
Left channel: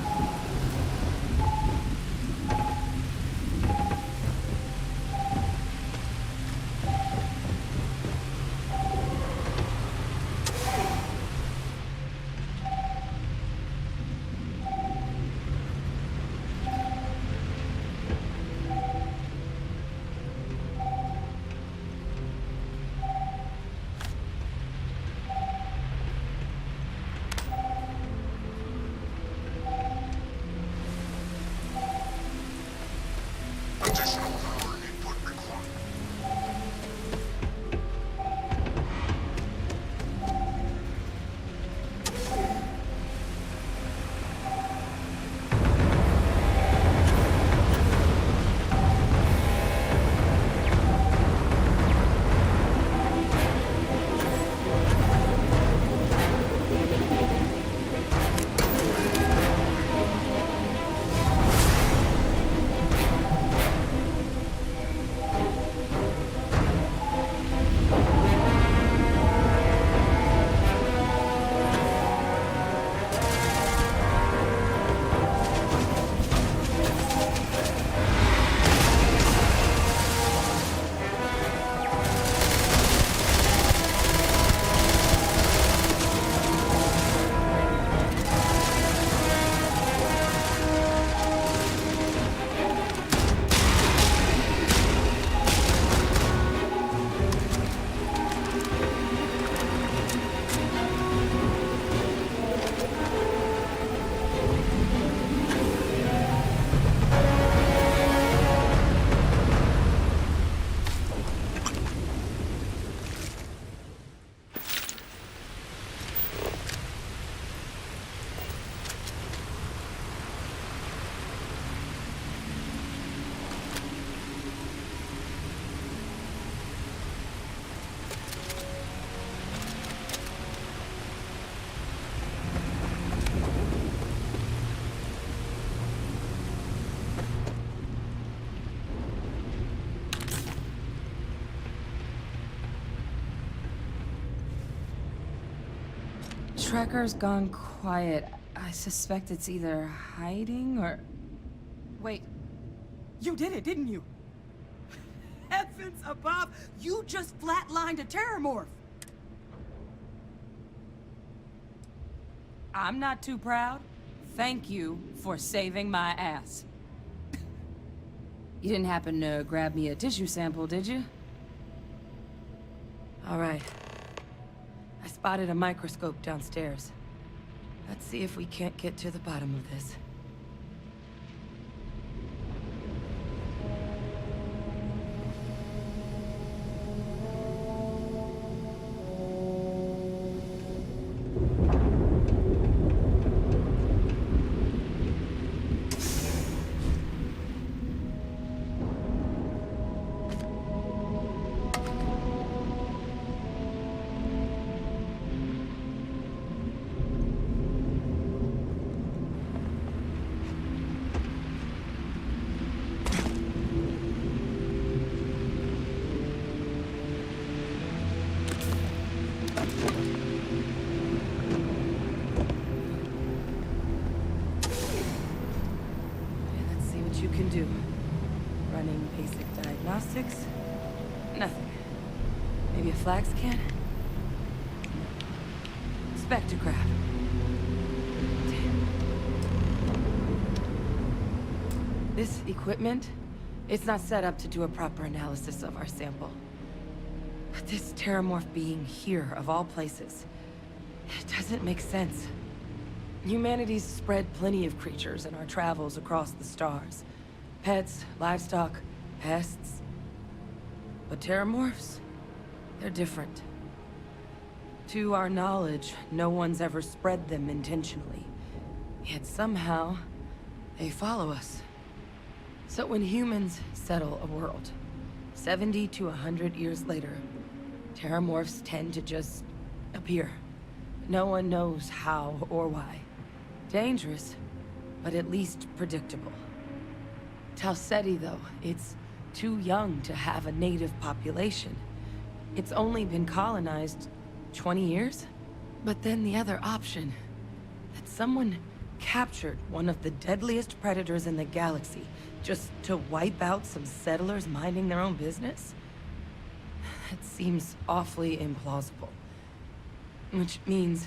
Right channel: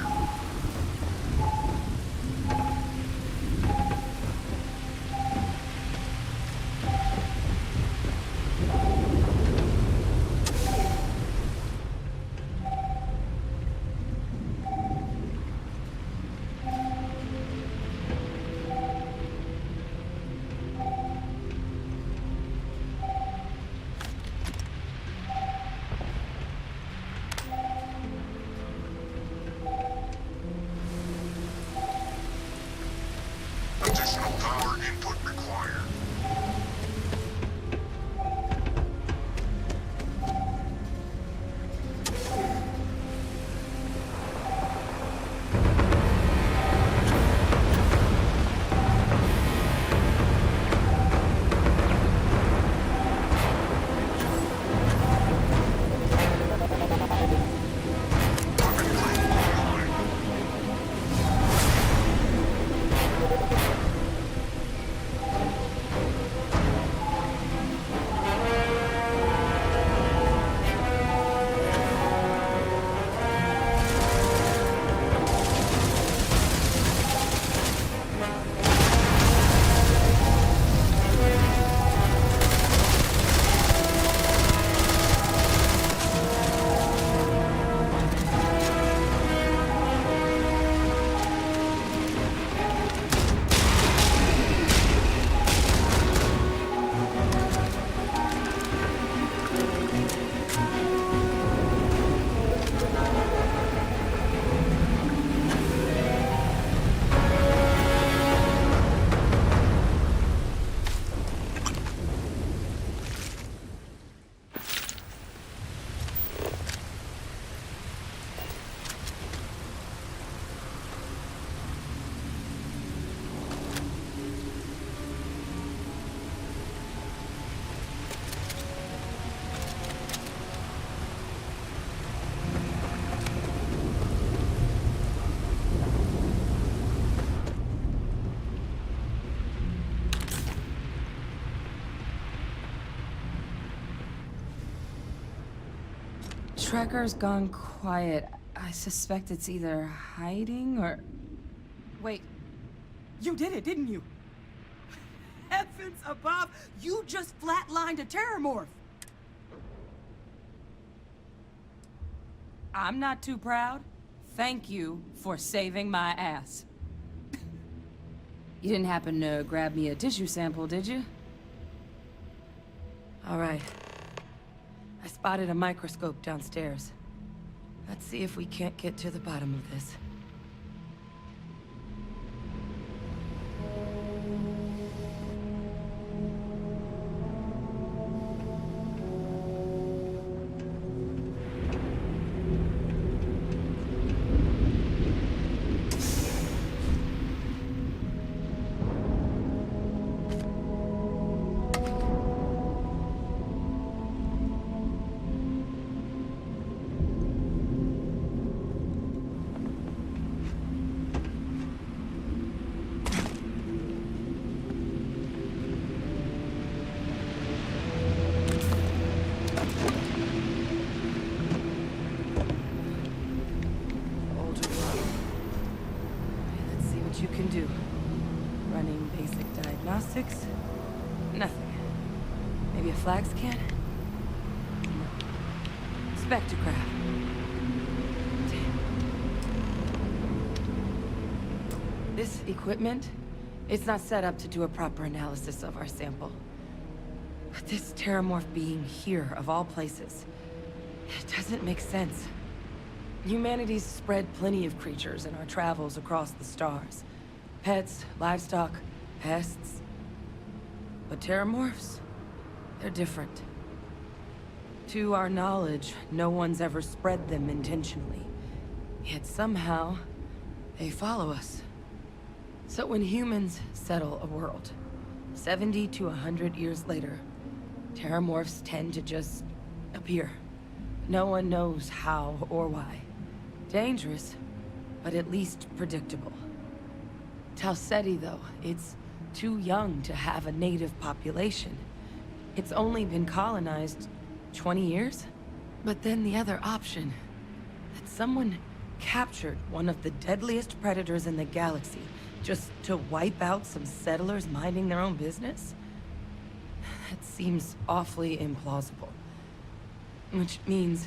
tracker's gone quiet. I suspect it's either hiding or... Wait. You did it, didn't you? Heavens above! You just flatlined a terramorph! I'm not too proud. Thank you for saving my ass. You didn't happen to grab me a tissue sample, did you? All right. I spotted a microscope downstairs. Let's see if we can't get to the bottom of this. You can do. Running basic diagnostics? Nothing. Maybe a flag scan? No. Spectrograph. Damn. This equipment, it's not set up to do a proper analysis of our sample. But this terramorph being here, of all places, it doesn't make sense. Humanity's spread plenty of creatures in our travels across the stars. Pets, livestock, pests. But terramorphs? They're different. To our knowledge, no one's ever spread them intentionally. Yet somehow, they follow us. So when humans settle a world, 70 to 100 years later, terramorphs tend to just appear. No one knows how or why. Dangerous, but at least predictable. Talseti, though, it's too young to have a native population. It's only been colonized 20 years? But then the other option, that someone captured one of the deadliest predators in the galaxy just to wipe out some settlers minding their own business? That seems awfully implausible. Which means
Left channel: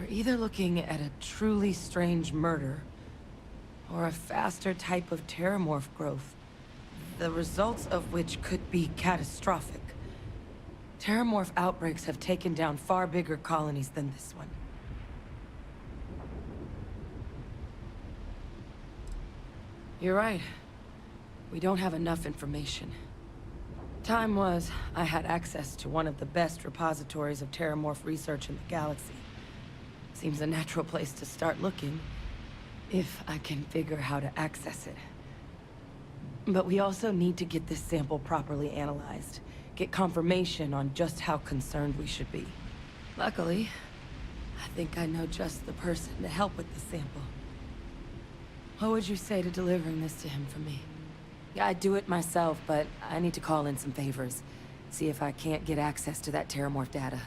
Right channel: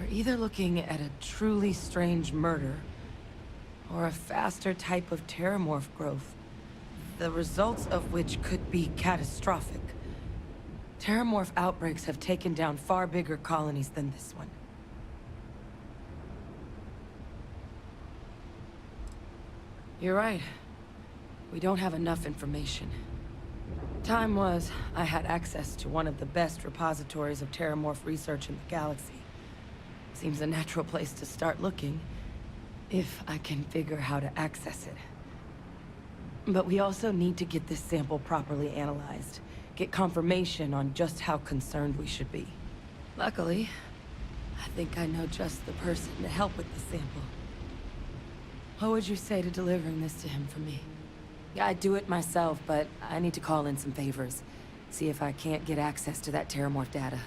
we're either looking at a truly strange murder, or a faster type of terramorph growth, the results of which could be catastrophic. Terramorph outbreaks have taken down far bigger colonies than this one. You're right. We don't have enough information. Time was, I had access to one of the best repositories of terramorph research in the galaxy. Seems a natural place to start looking, if I can figure how to access it. But we also need to get this sample properly analyzed, get confirmation on just how concerned we should be. Luckily, I think I know just the person to help with the sample. What would you say to delivering this to him for me? I'd do it myself, but I need to call in some favors. See if I can't get access to that terramorph data.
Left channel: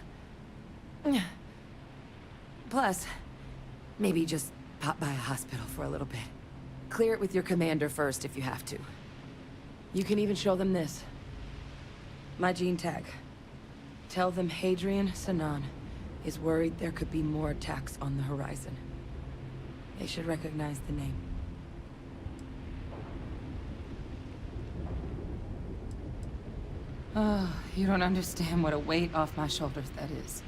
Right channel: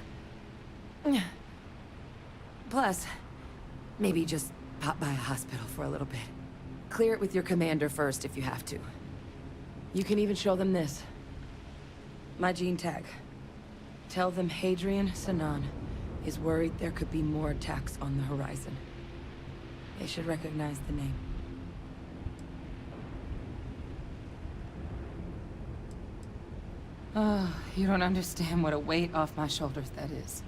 Plus, maybe just pop by a hospital for a little bit. Clear it with your commander first if you have to. You can even show them this. My gene tag. Tell them Hadrian Sanan is worried there could be more attacks on the horizon. They should recognize the name. Oh, you don't understand what a weight off my shoulders that is.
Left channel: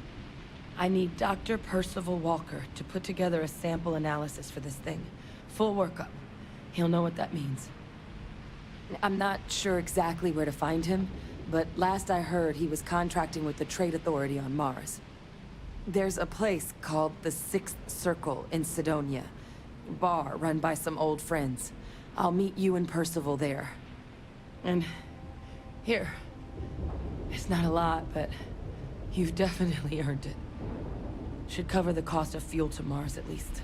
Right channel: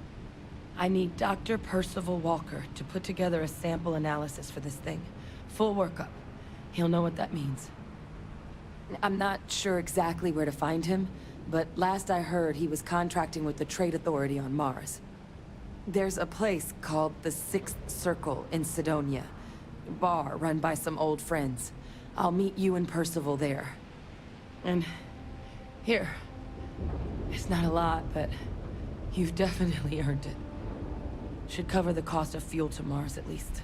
I need Dr. Percival Walker to put together a sample analysis for this thing. Full workup. He'll know what that means. I'm not sure exactly where to find him, but last I heard he was contracting with the Trade Authority on Mars. There's a place called the Sixth Circle in Sidonia. A bar run by some old friends. I'll meet you and Percival there. And here. It's not a lot, but you've definitely earned it. Should cover the cost of fuel to Mars, at least.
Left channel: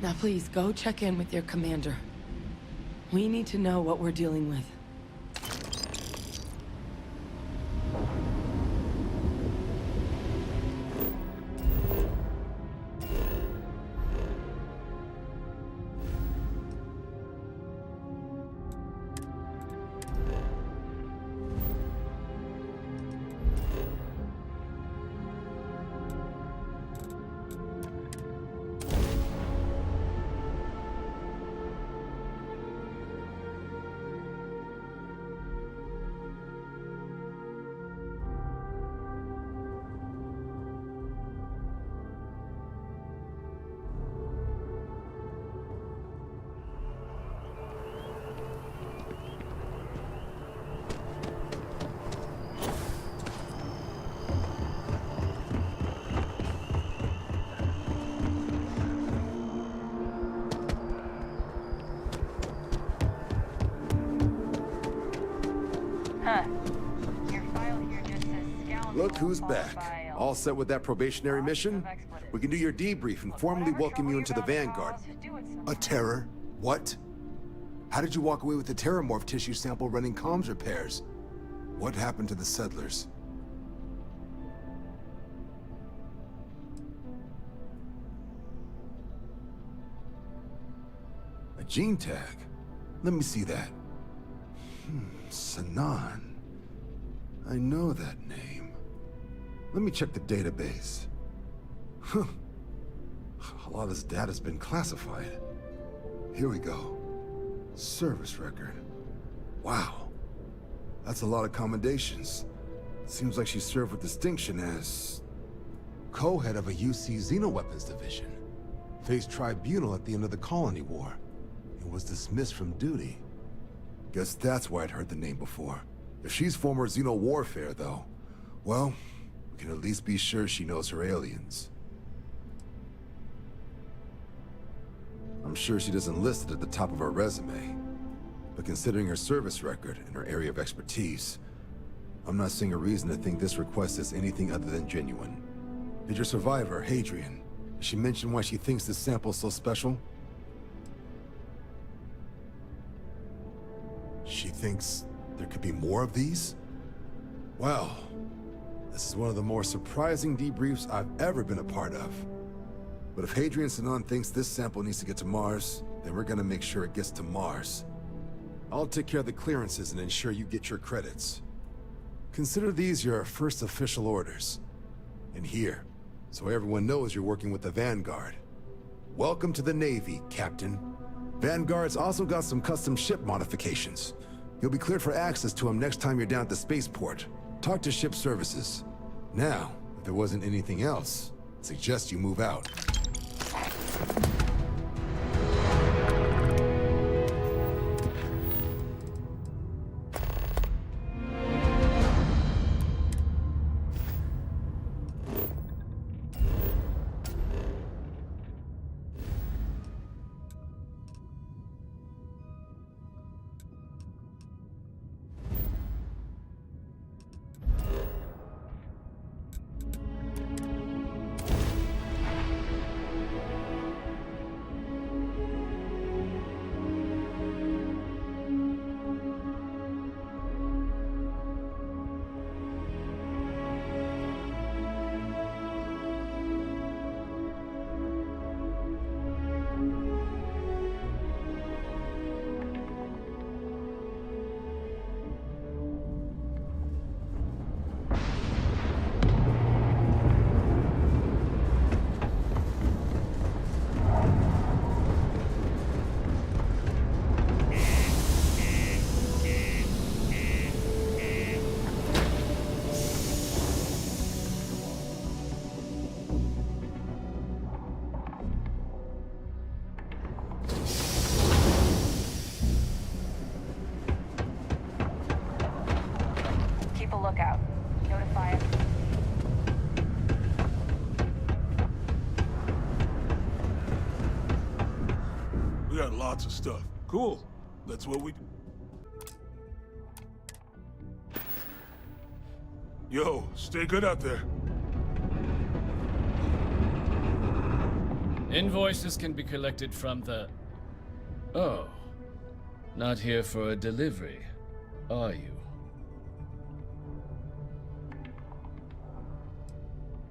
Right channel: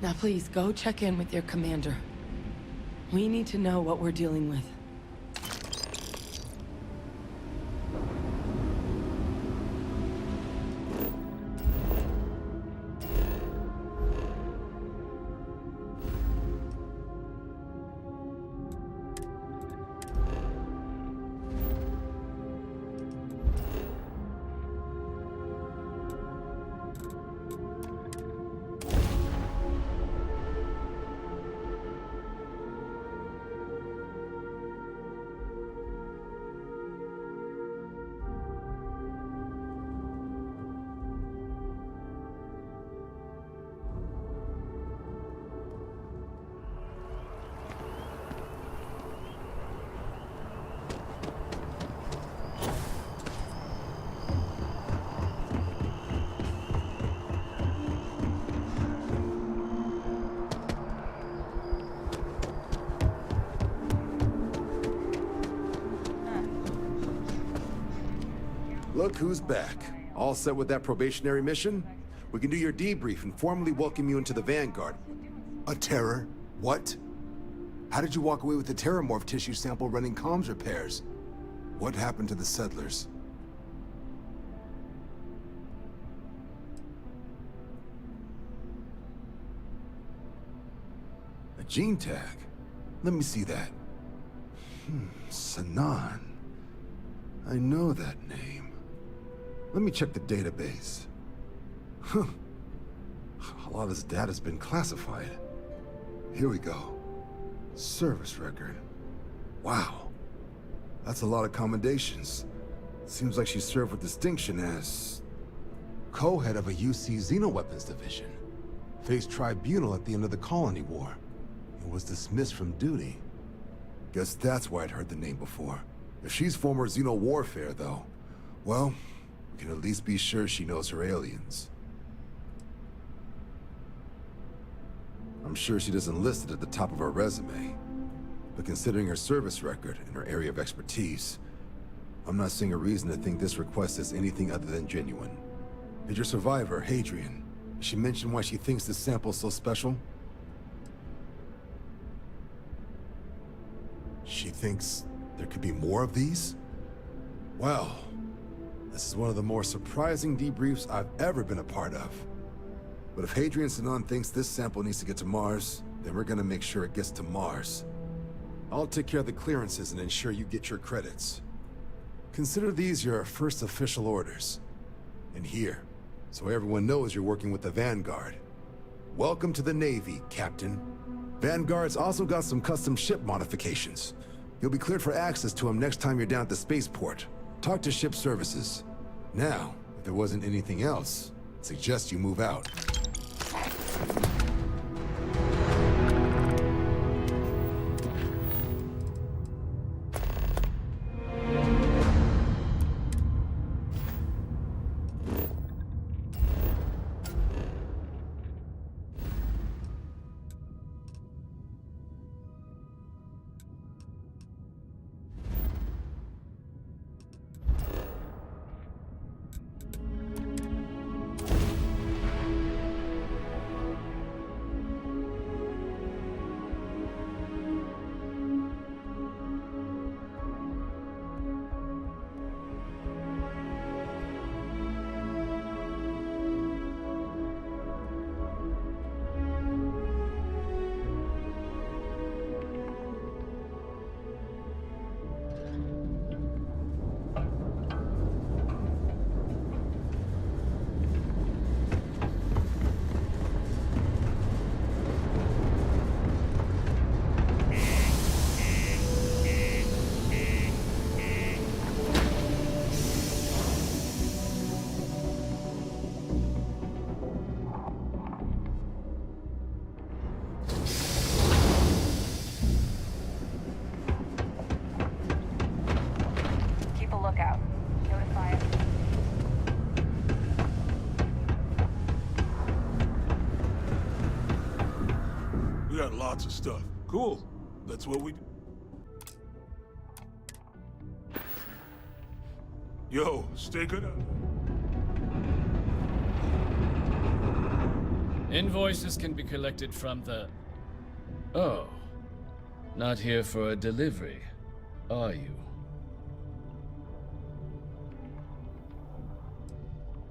Now please, go check in with your commander. We need to know what we're dealing with. Look who's back. All set with that probationary mission? We can do your debrief and formally welcome you into the Vanguard. A terror? What? How did you walk away with the terramorph tissue sample running comms repairs? What happened to the settlers? A gene tag? Let me see that. Sanan. I know that name. Let me check the database. Huh. A lot of this data's been classified. Here we go. Service record. Wow. That's a lot of commendations. Seems like she served with distinction as co-head of a UC Xenoweapons division. Faced tribunal at the end of the Colony War. And was dismissed from duty. Guess that's why I'd heard the name before. If she's former Xeno warfare, though, well, we can at least be sure she knows her aliens. I'm sure she doesn't list it at the top of her resume. But considering her service record and her area of expertise, I'm not seeing a reason to think this request is anything other than genuine. Did your survivor, Hadrian, did she mention why she thinks this sample's so special? She thinks there could be more of these? Well, this is one of the more surprising debriefs I've ever been a part of. But if Hadrian Sanan thinks this sample needs to get to Mars, then we're gonna make sure it gets to Mars. I'll take care of the clearances and ensure you get your credits. Consider these your first official orders. And here, so everyone knows you're working with the Vanguard. Welcome to the Navy, Captain. Vanguard's also got some custom ship modifications. You'll be cleared for access to them next time you're down at the spaceport. Talk to ship services. Now, if there wasn't anything else, I'd suggest you move out. Lots of stuff. Cool. That's what we do. Yo, stay good out there. Invoices can be collected from the... Oh. Not here for a delivery, are you?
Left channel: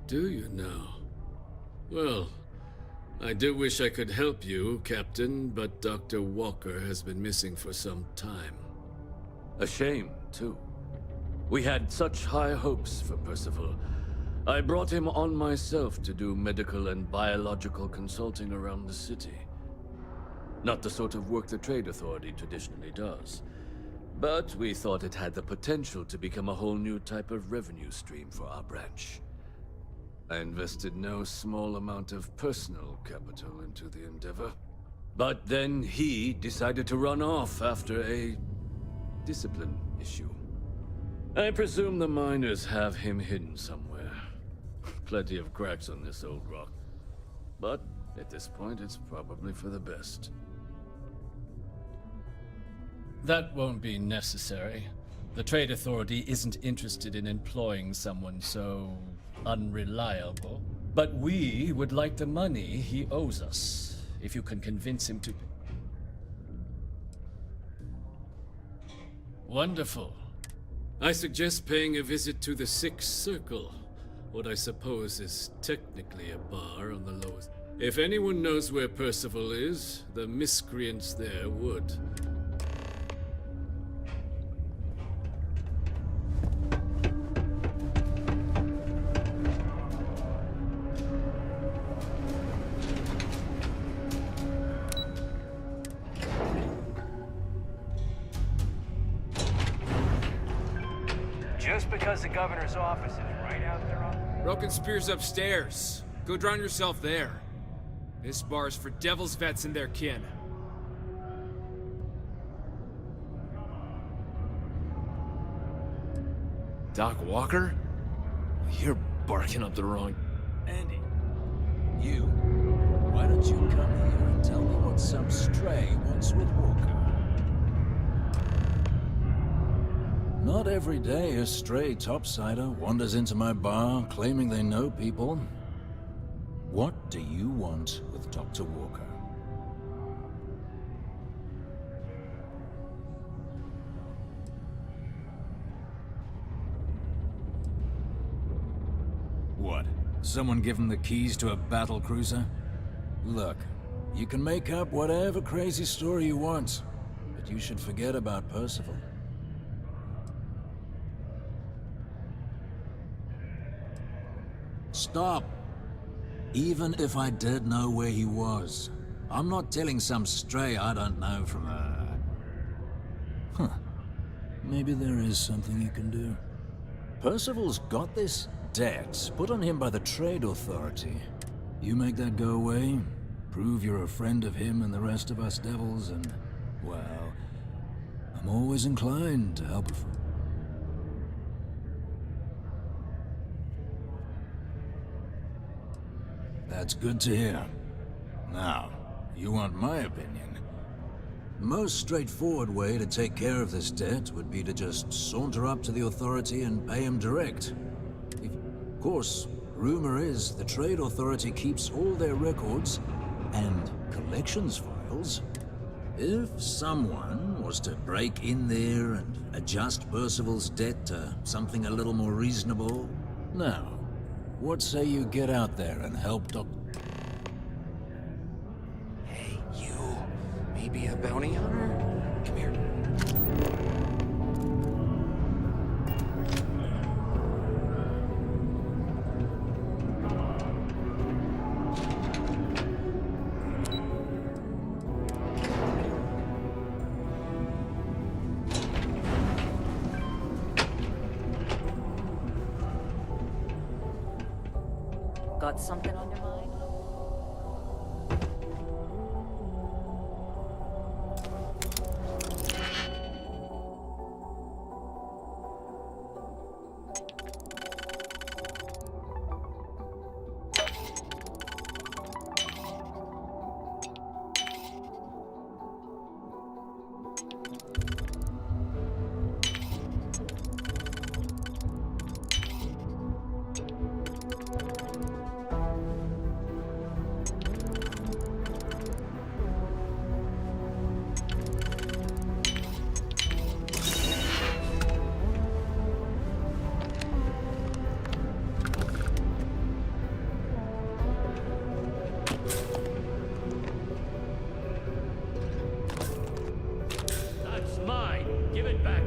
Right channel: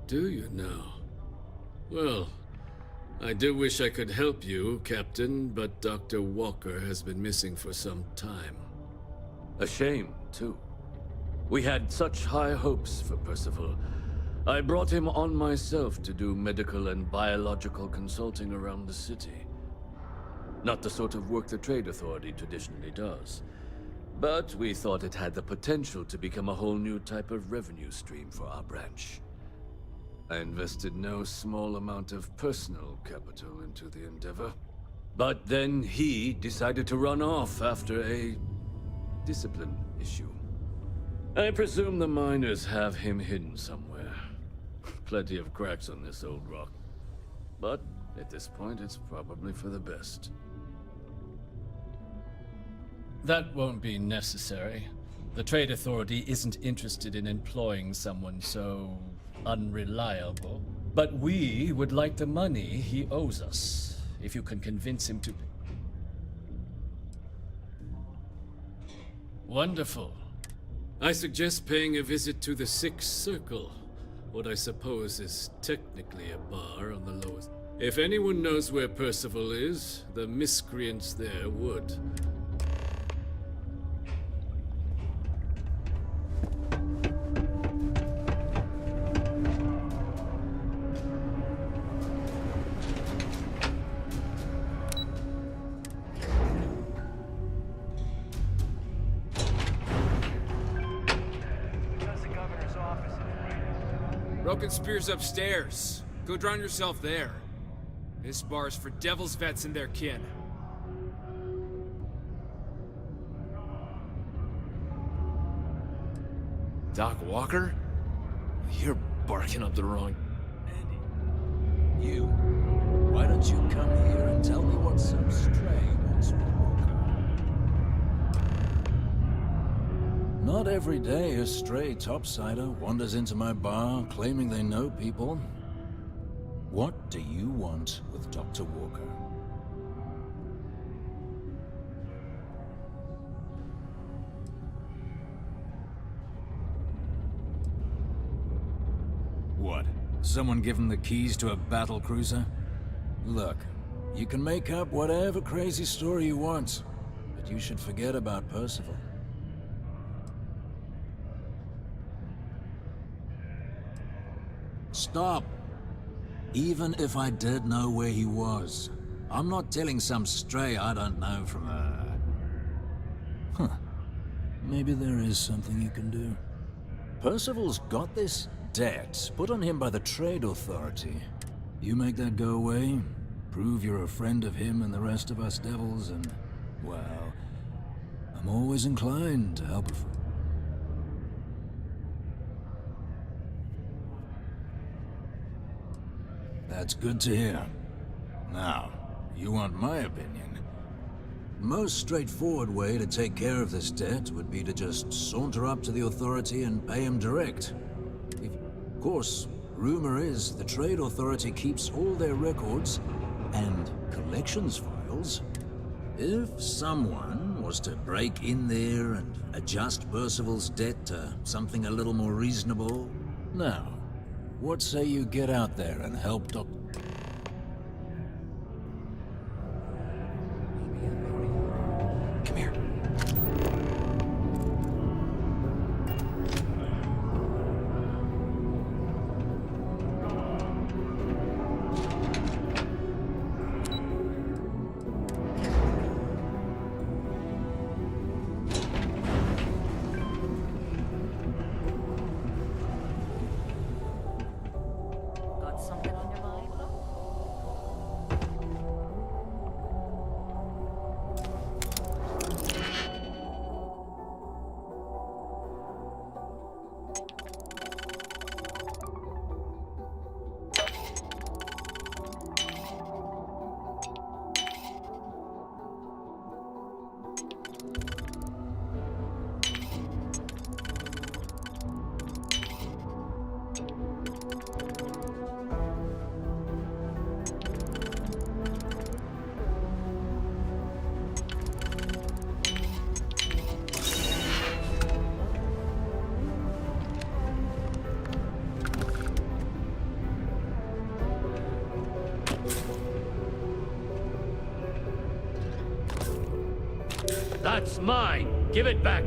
Do you now? Well, I do wish I could help you, Captain, but Dr. Walker has been missing for some time. A shame, too. We had such high hopes for Percival. I brought him on myself to do medical and biological consulting around the city. Not the sort of work the Trade Authority traditionally does. But we thought it had the potential to become a whole new type of revenue stream for our branch. I invested no small amount of personal capital into the endeavor. But then he decided to run off after a discipline issue. I presume the miners have him hidden somewhere. Plenty of cracks on this old rock. But at this point, it's probably for the best. That won't be necessary. The Trade Authority isn't interested in employing someone so unreliable. But we would like the money he owes us, if you can convince him to... Wonderful. I suggest paying a visit to the Sixth Circle, what I suppose is technically a bar on the lowest. If anyone knows where Percival is, the miscreants there would. Just because the governor's office is right out there on... Broken Spear's upstairs. Go drown yourself there. This bar's for devil's vets and their kin. Doc Walker? You're barking up the wrong... Andy, you. Why don't you come here and tell me what some stray wants with Walker? Not every day a stray topsider wanders into my bar claiming they know people. What do you want with Dr. Walker? What? Someone give him the keys to a battle cruiser? Look, you can make up whatever crazy story you want, but you should forget about Percival. Stop! Even if I did know where he was, I'm not telling some stray I don't know from a... Huh. Maybe there is something you can do. Percival's got this debt put on him by the Trade Authority. You make that go away, prove you're a friend of him and the rest of us devils, and, well, I'm always inclined to help a friend. That's good to hear. Now, you want my opinion? Most straightforward way to take care of this debt would be to just saunter up to the authority and pay him direct. Of course, rumor is the Trade Authority keeps all their records and collections files. If someone was to break in there and adjust Percival's debt to something a little more reasonable... Now, what say you get out there and help Dr... Hey, you. Maybe a bounty hunter? Come here. Got something on your mind? That's mine! Give it back!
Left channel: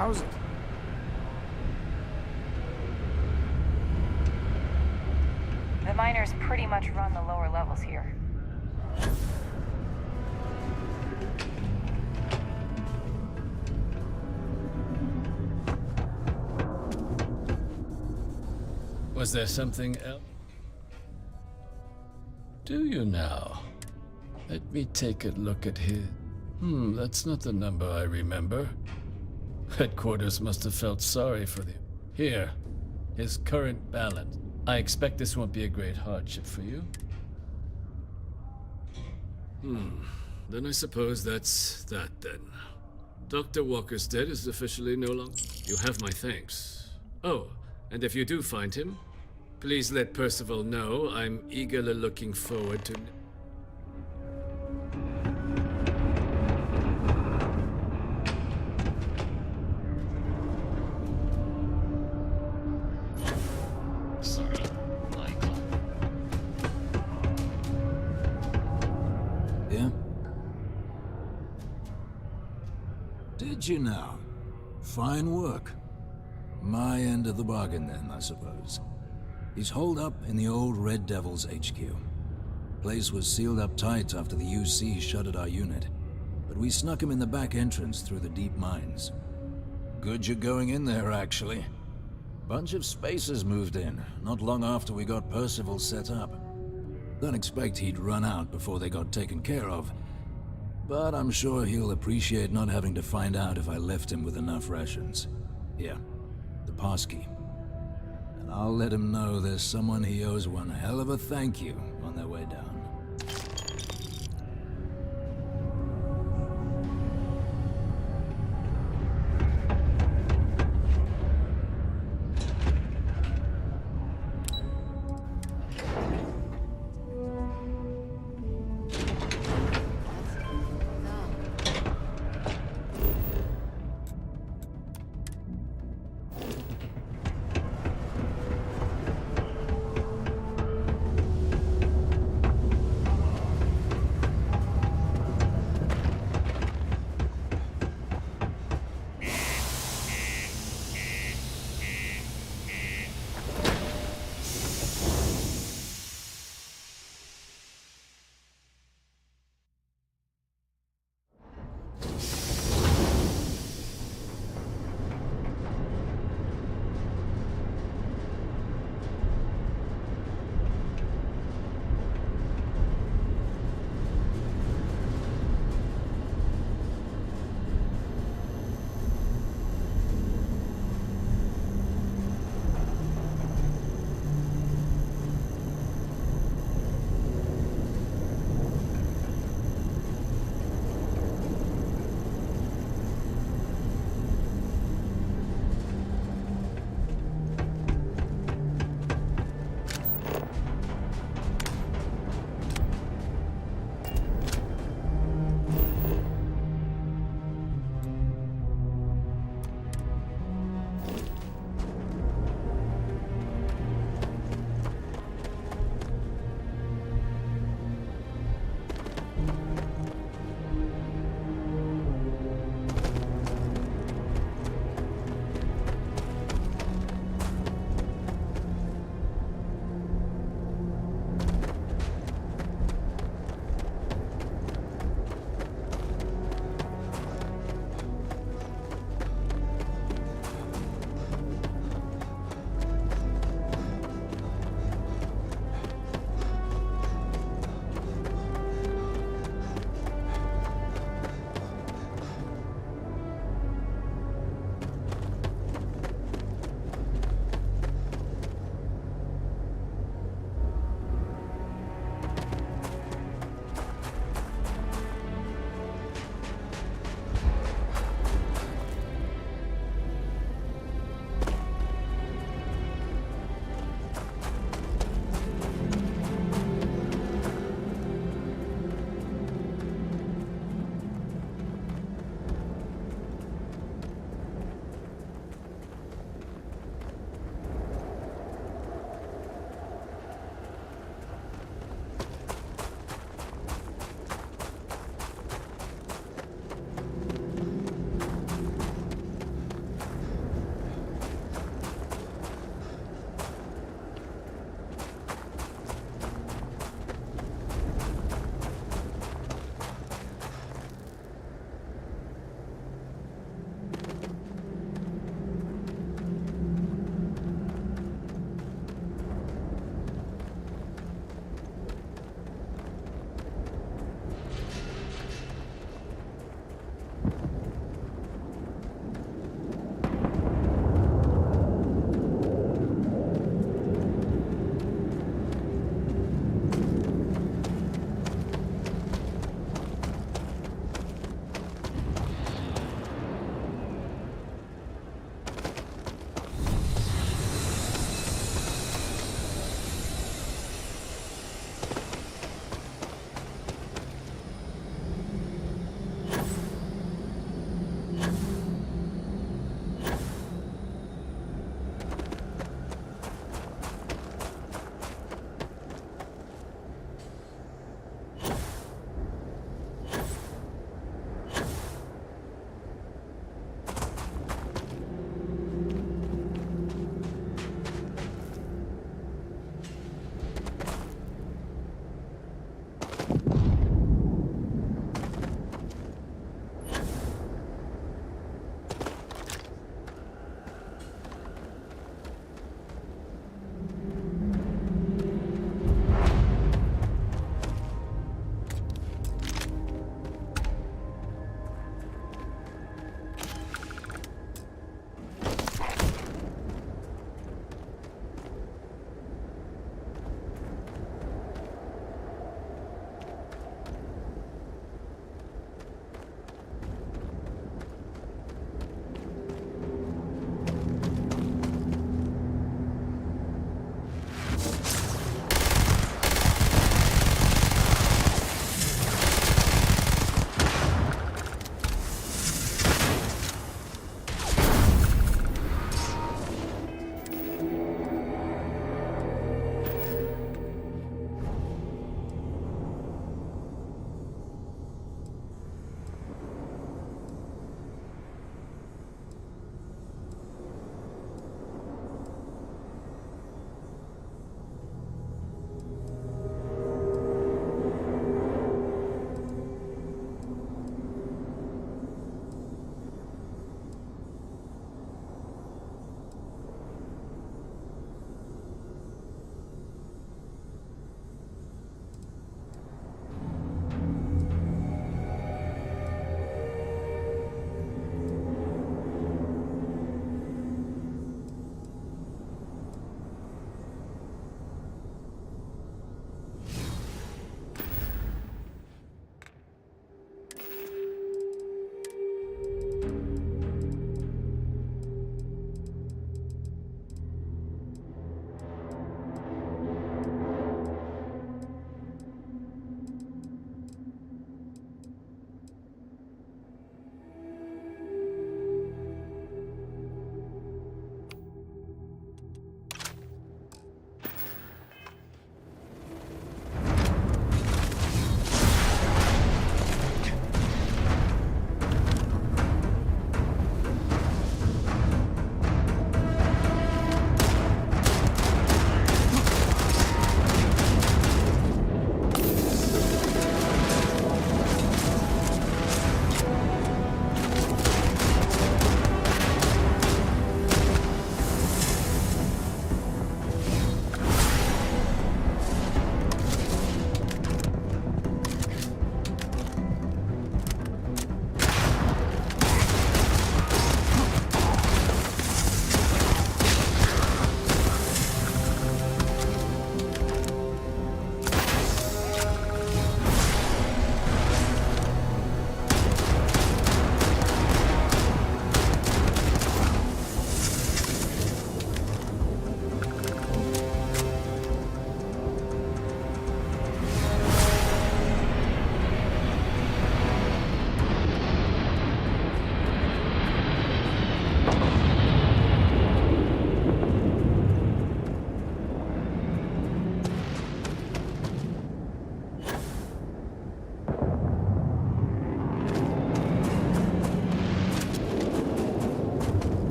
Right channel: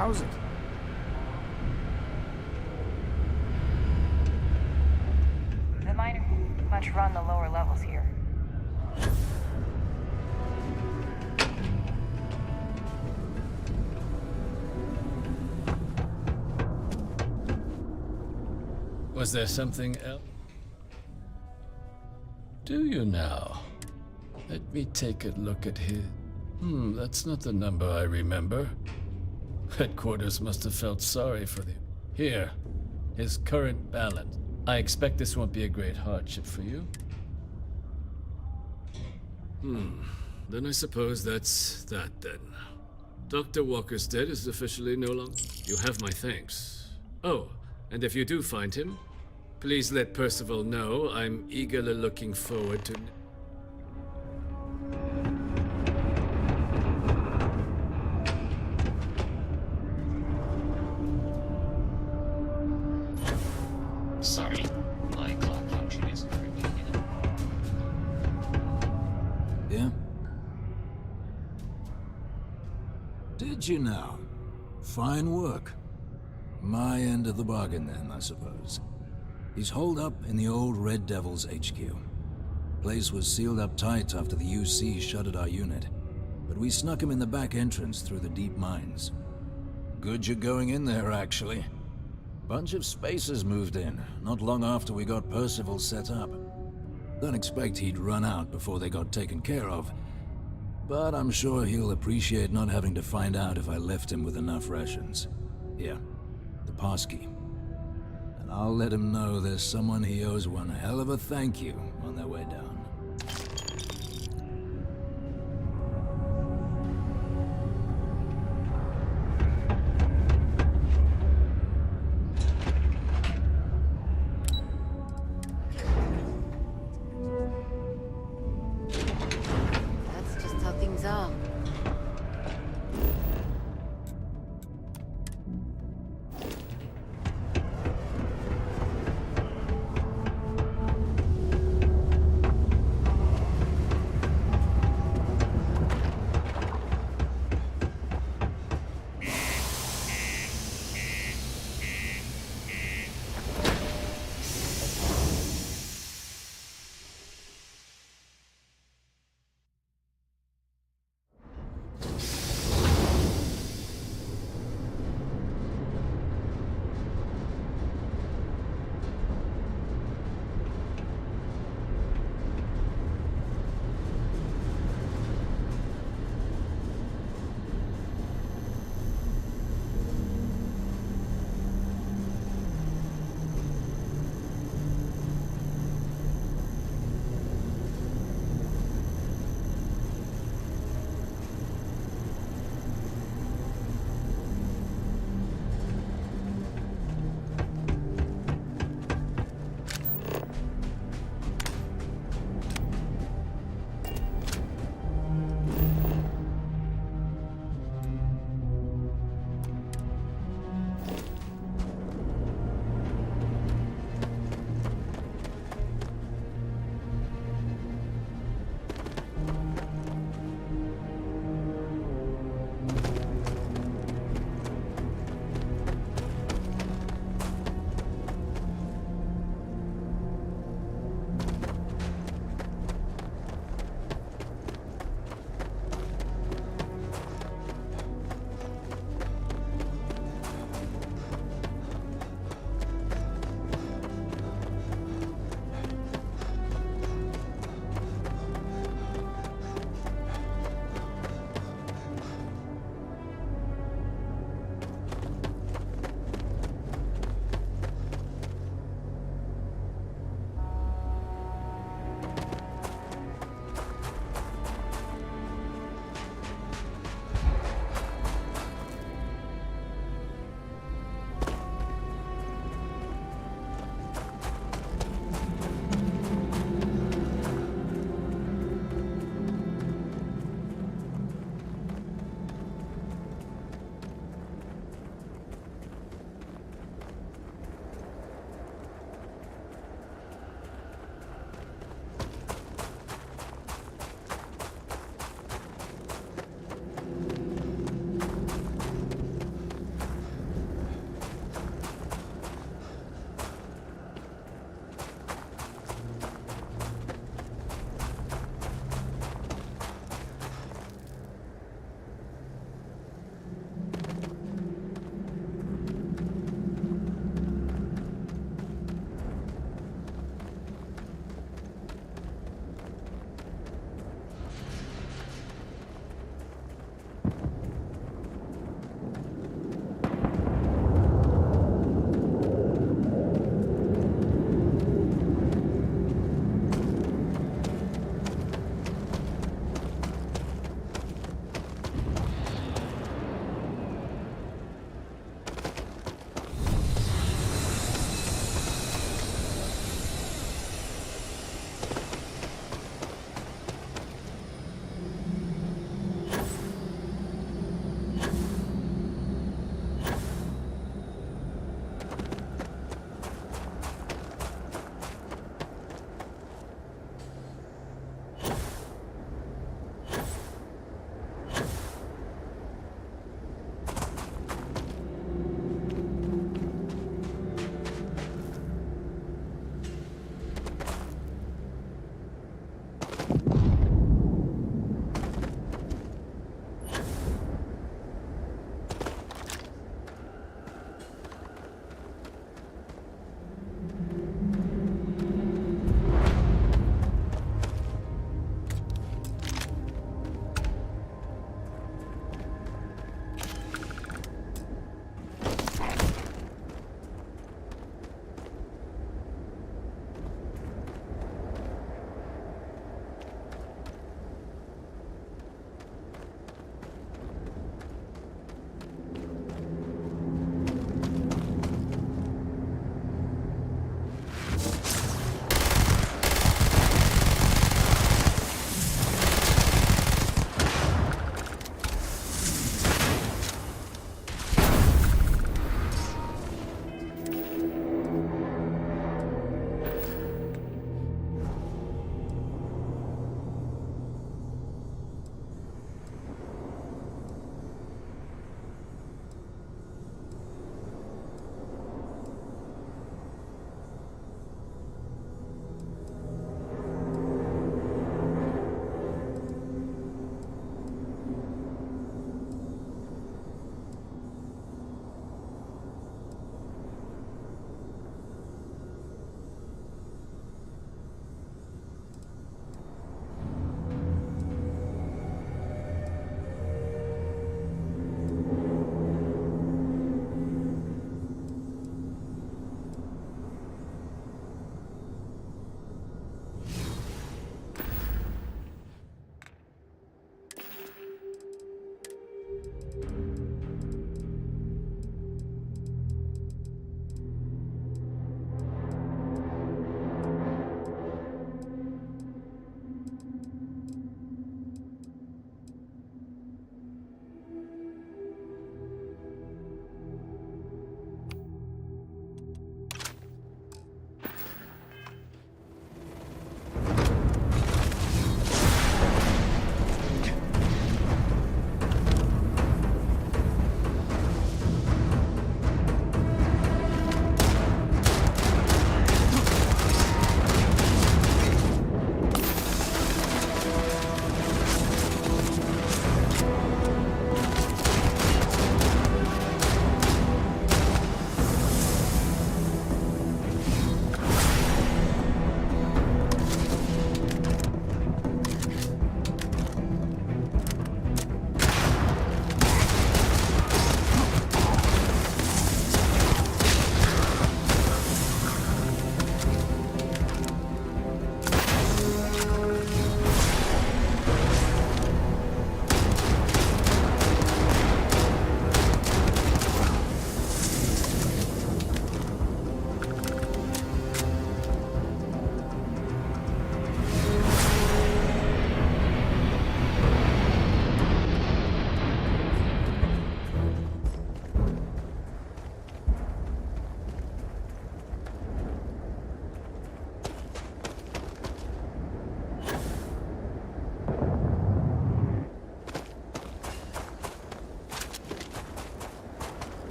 How's it? The miners pretty much run the lower levels here. Was there something else? Do you now? Let me take a look at his... that's not the number I remember. Headquarters must have felt sorry for the... Here, his current balance. I expect this won't be a great hardship for you. Then I suppose that's that then. Dr. Walker's dead is officially no longer... You have my thanks. Oh, and if you do find him, please let Percival know I'm eagerly looking forward to... Sorry, my clock function is... Yeah? Did you now? Fine work. My end of the bargain then, I suppose. He's holed up in the old Red Devil's HQ. Place was sealed up tight after the UC shuttered our unit, but we snuck him in the back entrance through the deep mines. Good you're going in there, actually. Bunch of spacers moved in, not long after we got Percival set up. Don't expect he'd run out before they got taken care of, but I'm sure he'll appreciate not having to find out if I left him with enough rations. Here, the passkey. And I'll let him know there's someone he owes one hell of a thank you on their way down. That's just how things are.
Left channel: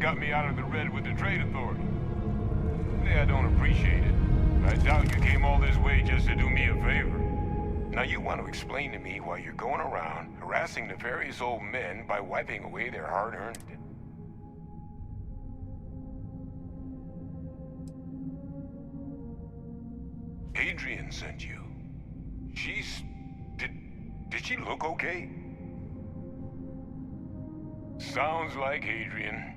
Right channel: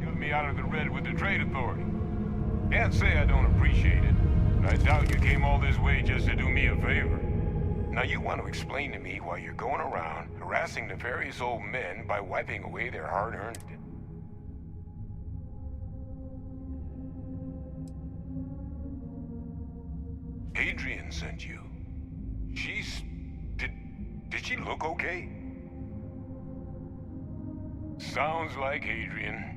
what got me out of the red with the Trade Authority. Can't say I don't appreciate it, but I doubt you came all this way just to do me a favor. Now you want to explain to me why you're going around harassing nefarious old men by wiping away their hard-earned... Adrian sent you. She's... Did she look okay? Sounds like Adrian.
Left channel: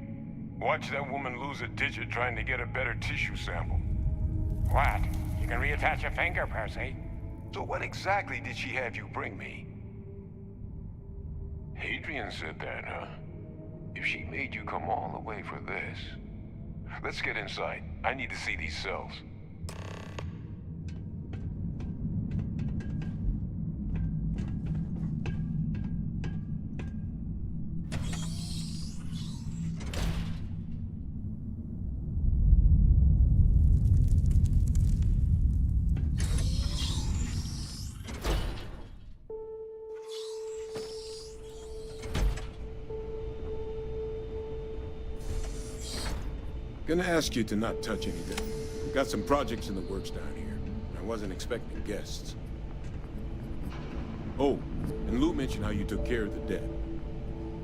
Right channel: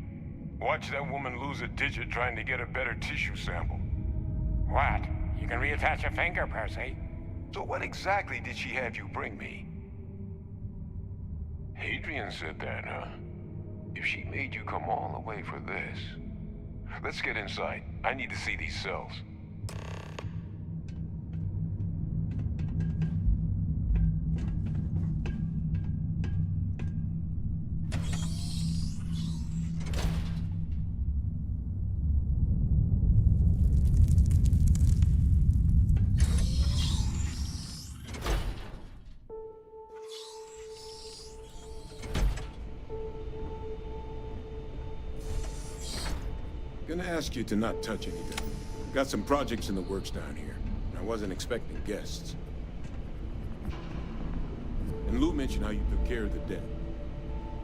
Watch that woman lose a digit trying to get a better tissue sample. What? You can reattach a finger, Percy. So what exactly did she have you bring me? Adrian said that, huh? If she made you come all the way for this... Let's get inside. I need to see these cells. Gonna ask you to not touch anything. Got some projects in the works down here. I wasn't expecting guests. Oh, and Lou mentioned how you took care of the debt.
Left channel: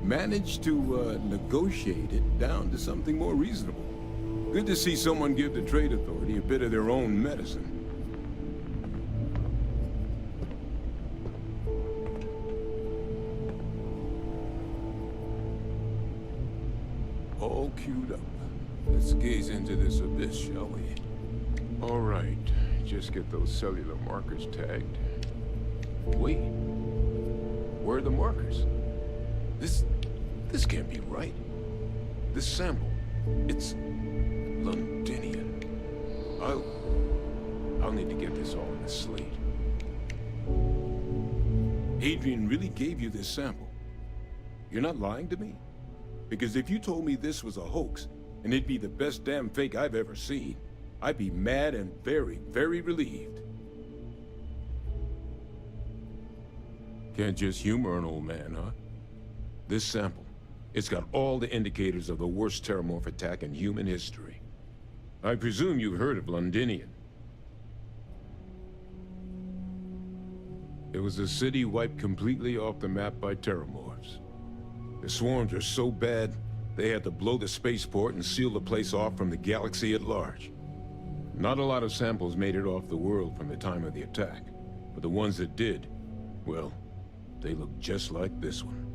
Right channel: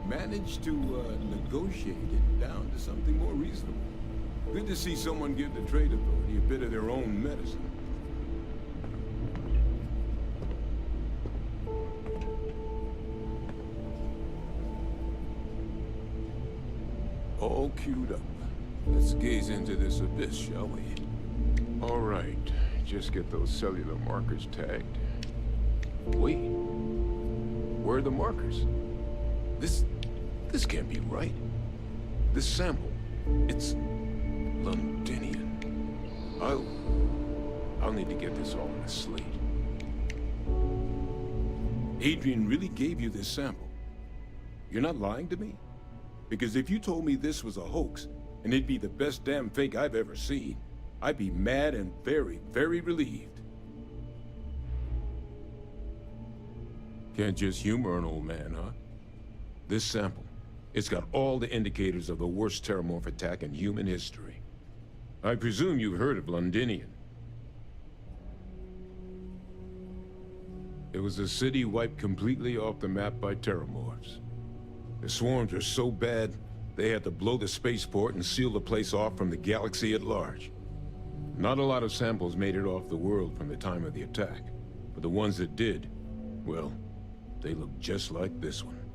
Managed to negotiate it down to something more reasonable. Good to see someone give the Trade Authority a bit of their own medicine. All queued up. Let's gaze into this abyss, shall we? All right. Just get those cellular markers tagged. Wait. Where are the markers? This can't be right. This sample, it's Londinian. I'll need to get this all in a slate. Adrian really gave you this sample. You're not lying to me? Because if you told me this was a hoax, and it'd be the best damn fake I've ever seen, I'd be mad and very, very relieved. Can't just humor an old man, huh? This sample, it's got all the indicators of the worst terramorph attack in human history. I presume you've heard of Londinian. It was a city wiped completely off the map by terramorphs. The swarms were so bad, they had to blow the spaceport and seal the place off from the galaxy at large. Not a lot of samples made it off the world from the time of the attack, but the ones that did, well, they look just like this one.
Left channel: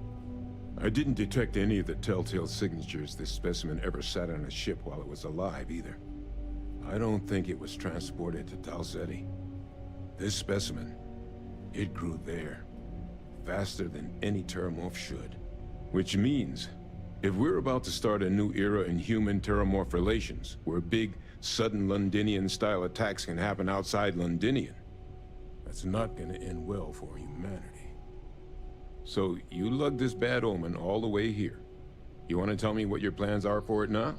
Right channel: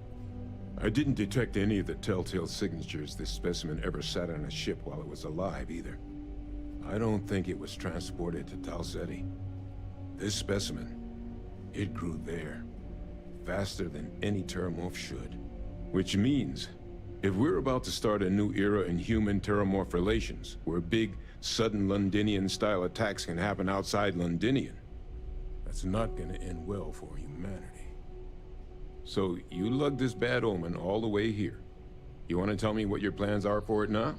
I didn't detect any of the telltale signatures this specimen ever sat on a ship while it was alive, either. I don't think it was transported to Tau Ceti. This specimen, it grew there, faster than any terramorph should. Which means, if we're about to start a new era in human-terramorph relations, where big, sudden Londinian-style attacks can happen outside Londinian, that's not gonna end well for humanity. So, you lugged this bad omen all the way here. You wanna tell me what your plans are for it now?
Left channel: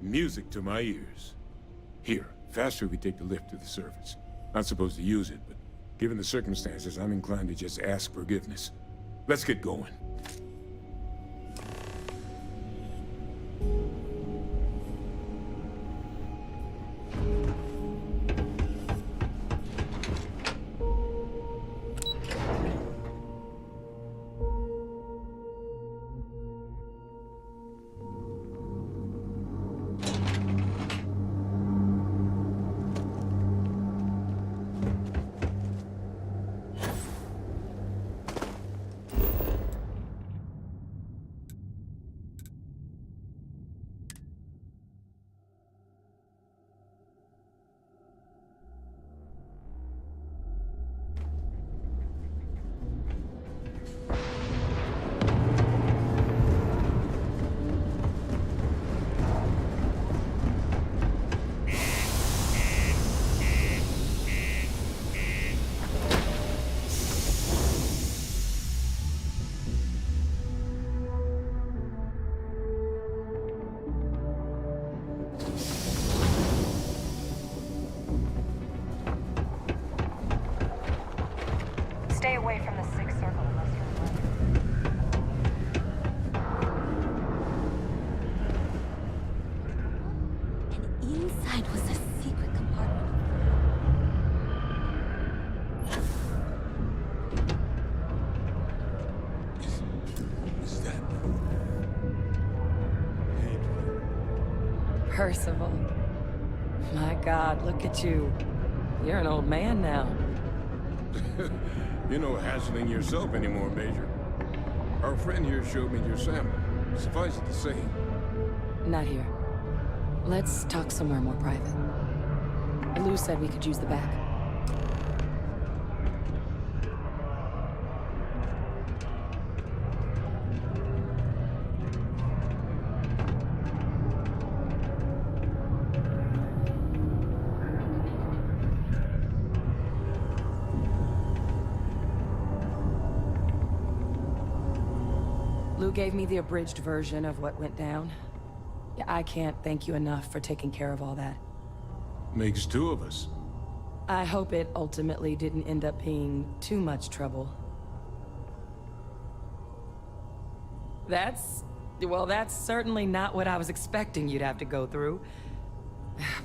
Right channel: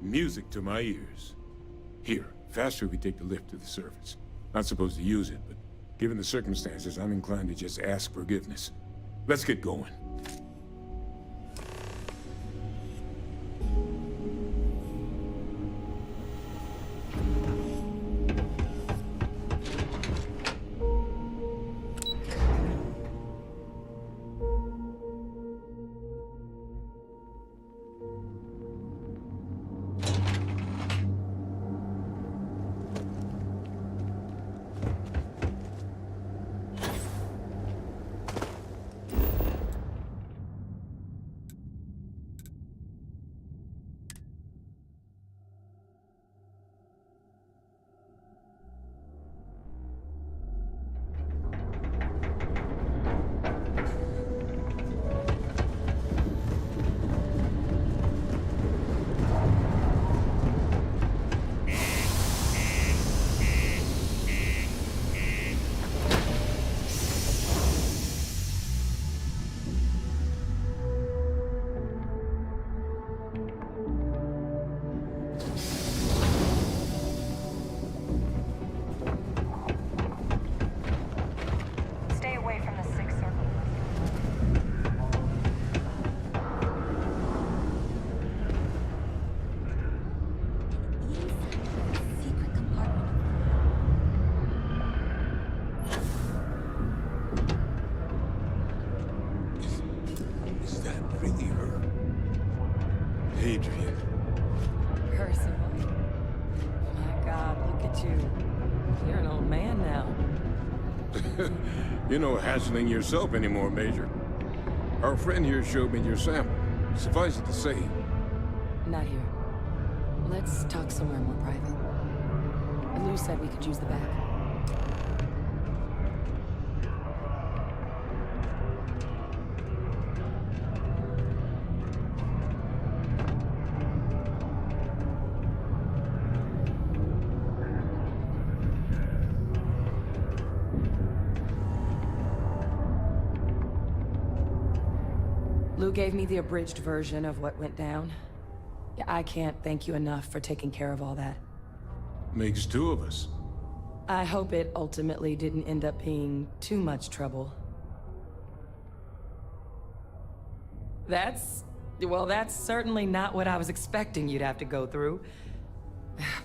Music to my ears. Here, faster we take the lift to the surface. Not supposed to use it, but given the circumstances, I'm inclined to just ask forgiveness. Let's get going. Percival. My God, look at you. You're an old man now. You're no hassling yourself anymore, Major. Our friend here showed me your sample. Suffice it to say... Not here. Let's talk somewhere more private. Lou said we could use the back. Lou gave me the abridged version of what went down. Yeah, I can't thank you enough for taking care of all that. Makes two of us. I hope it ultimately didn't end up being too much trouble. Well, that's certainly not what I was expecting you'd have to go through.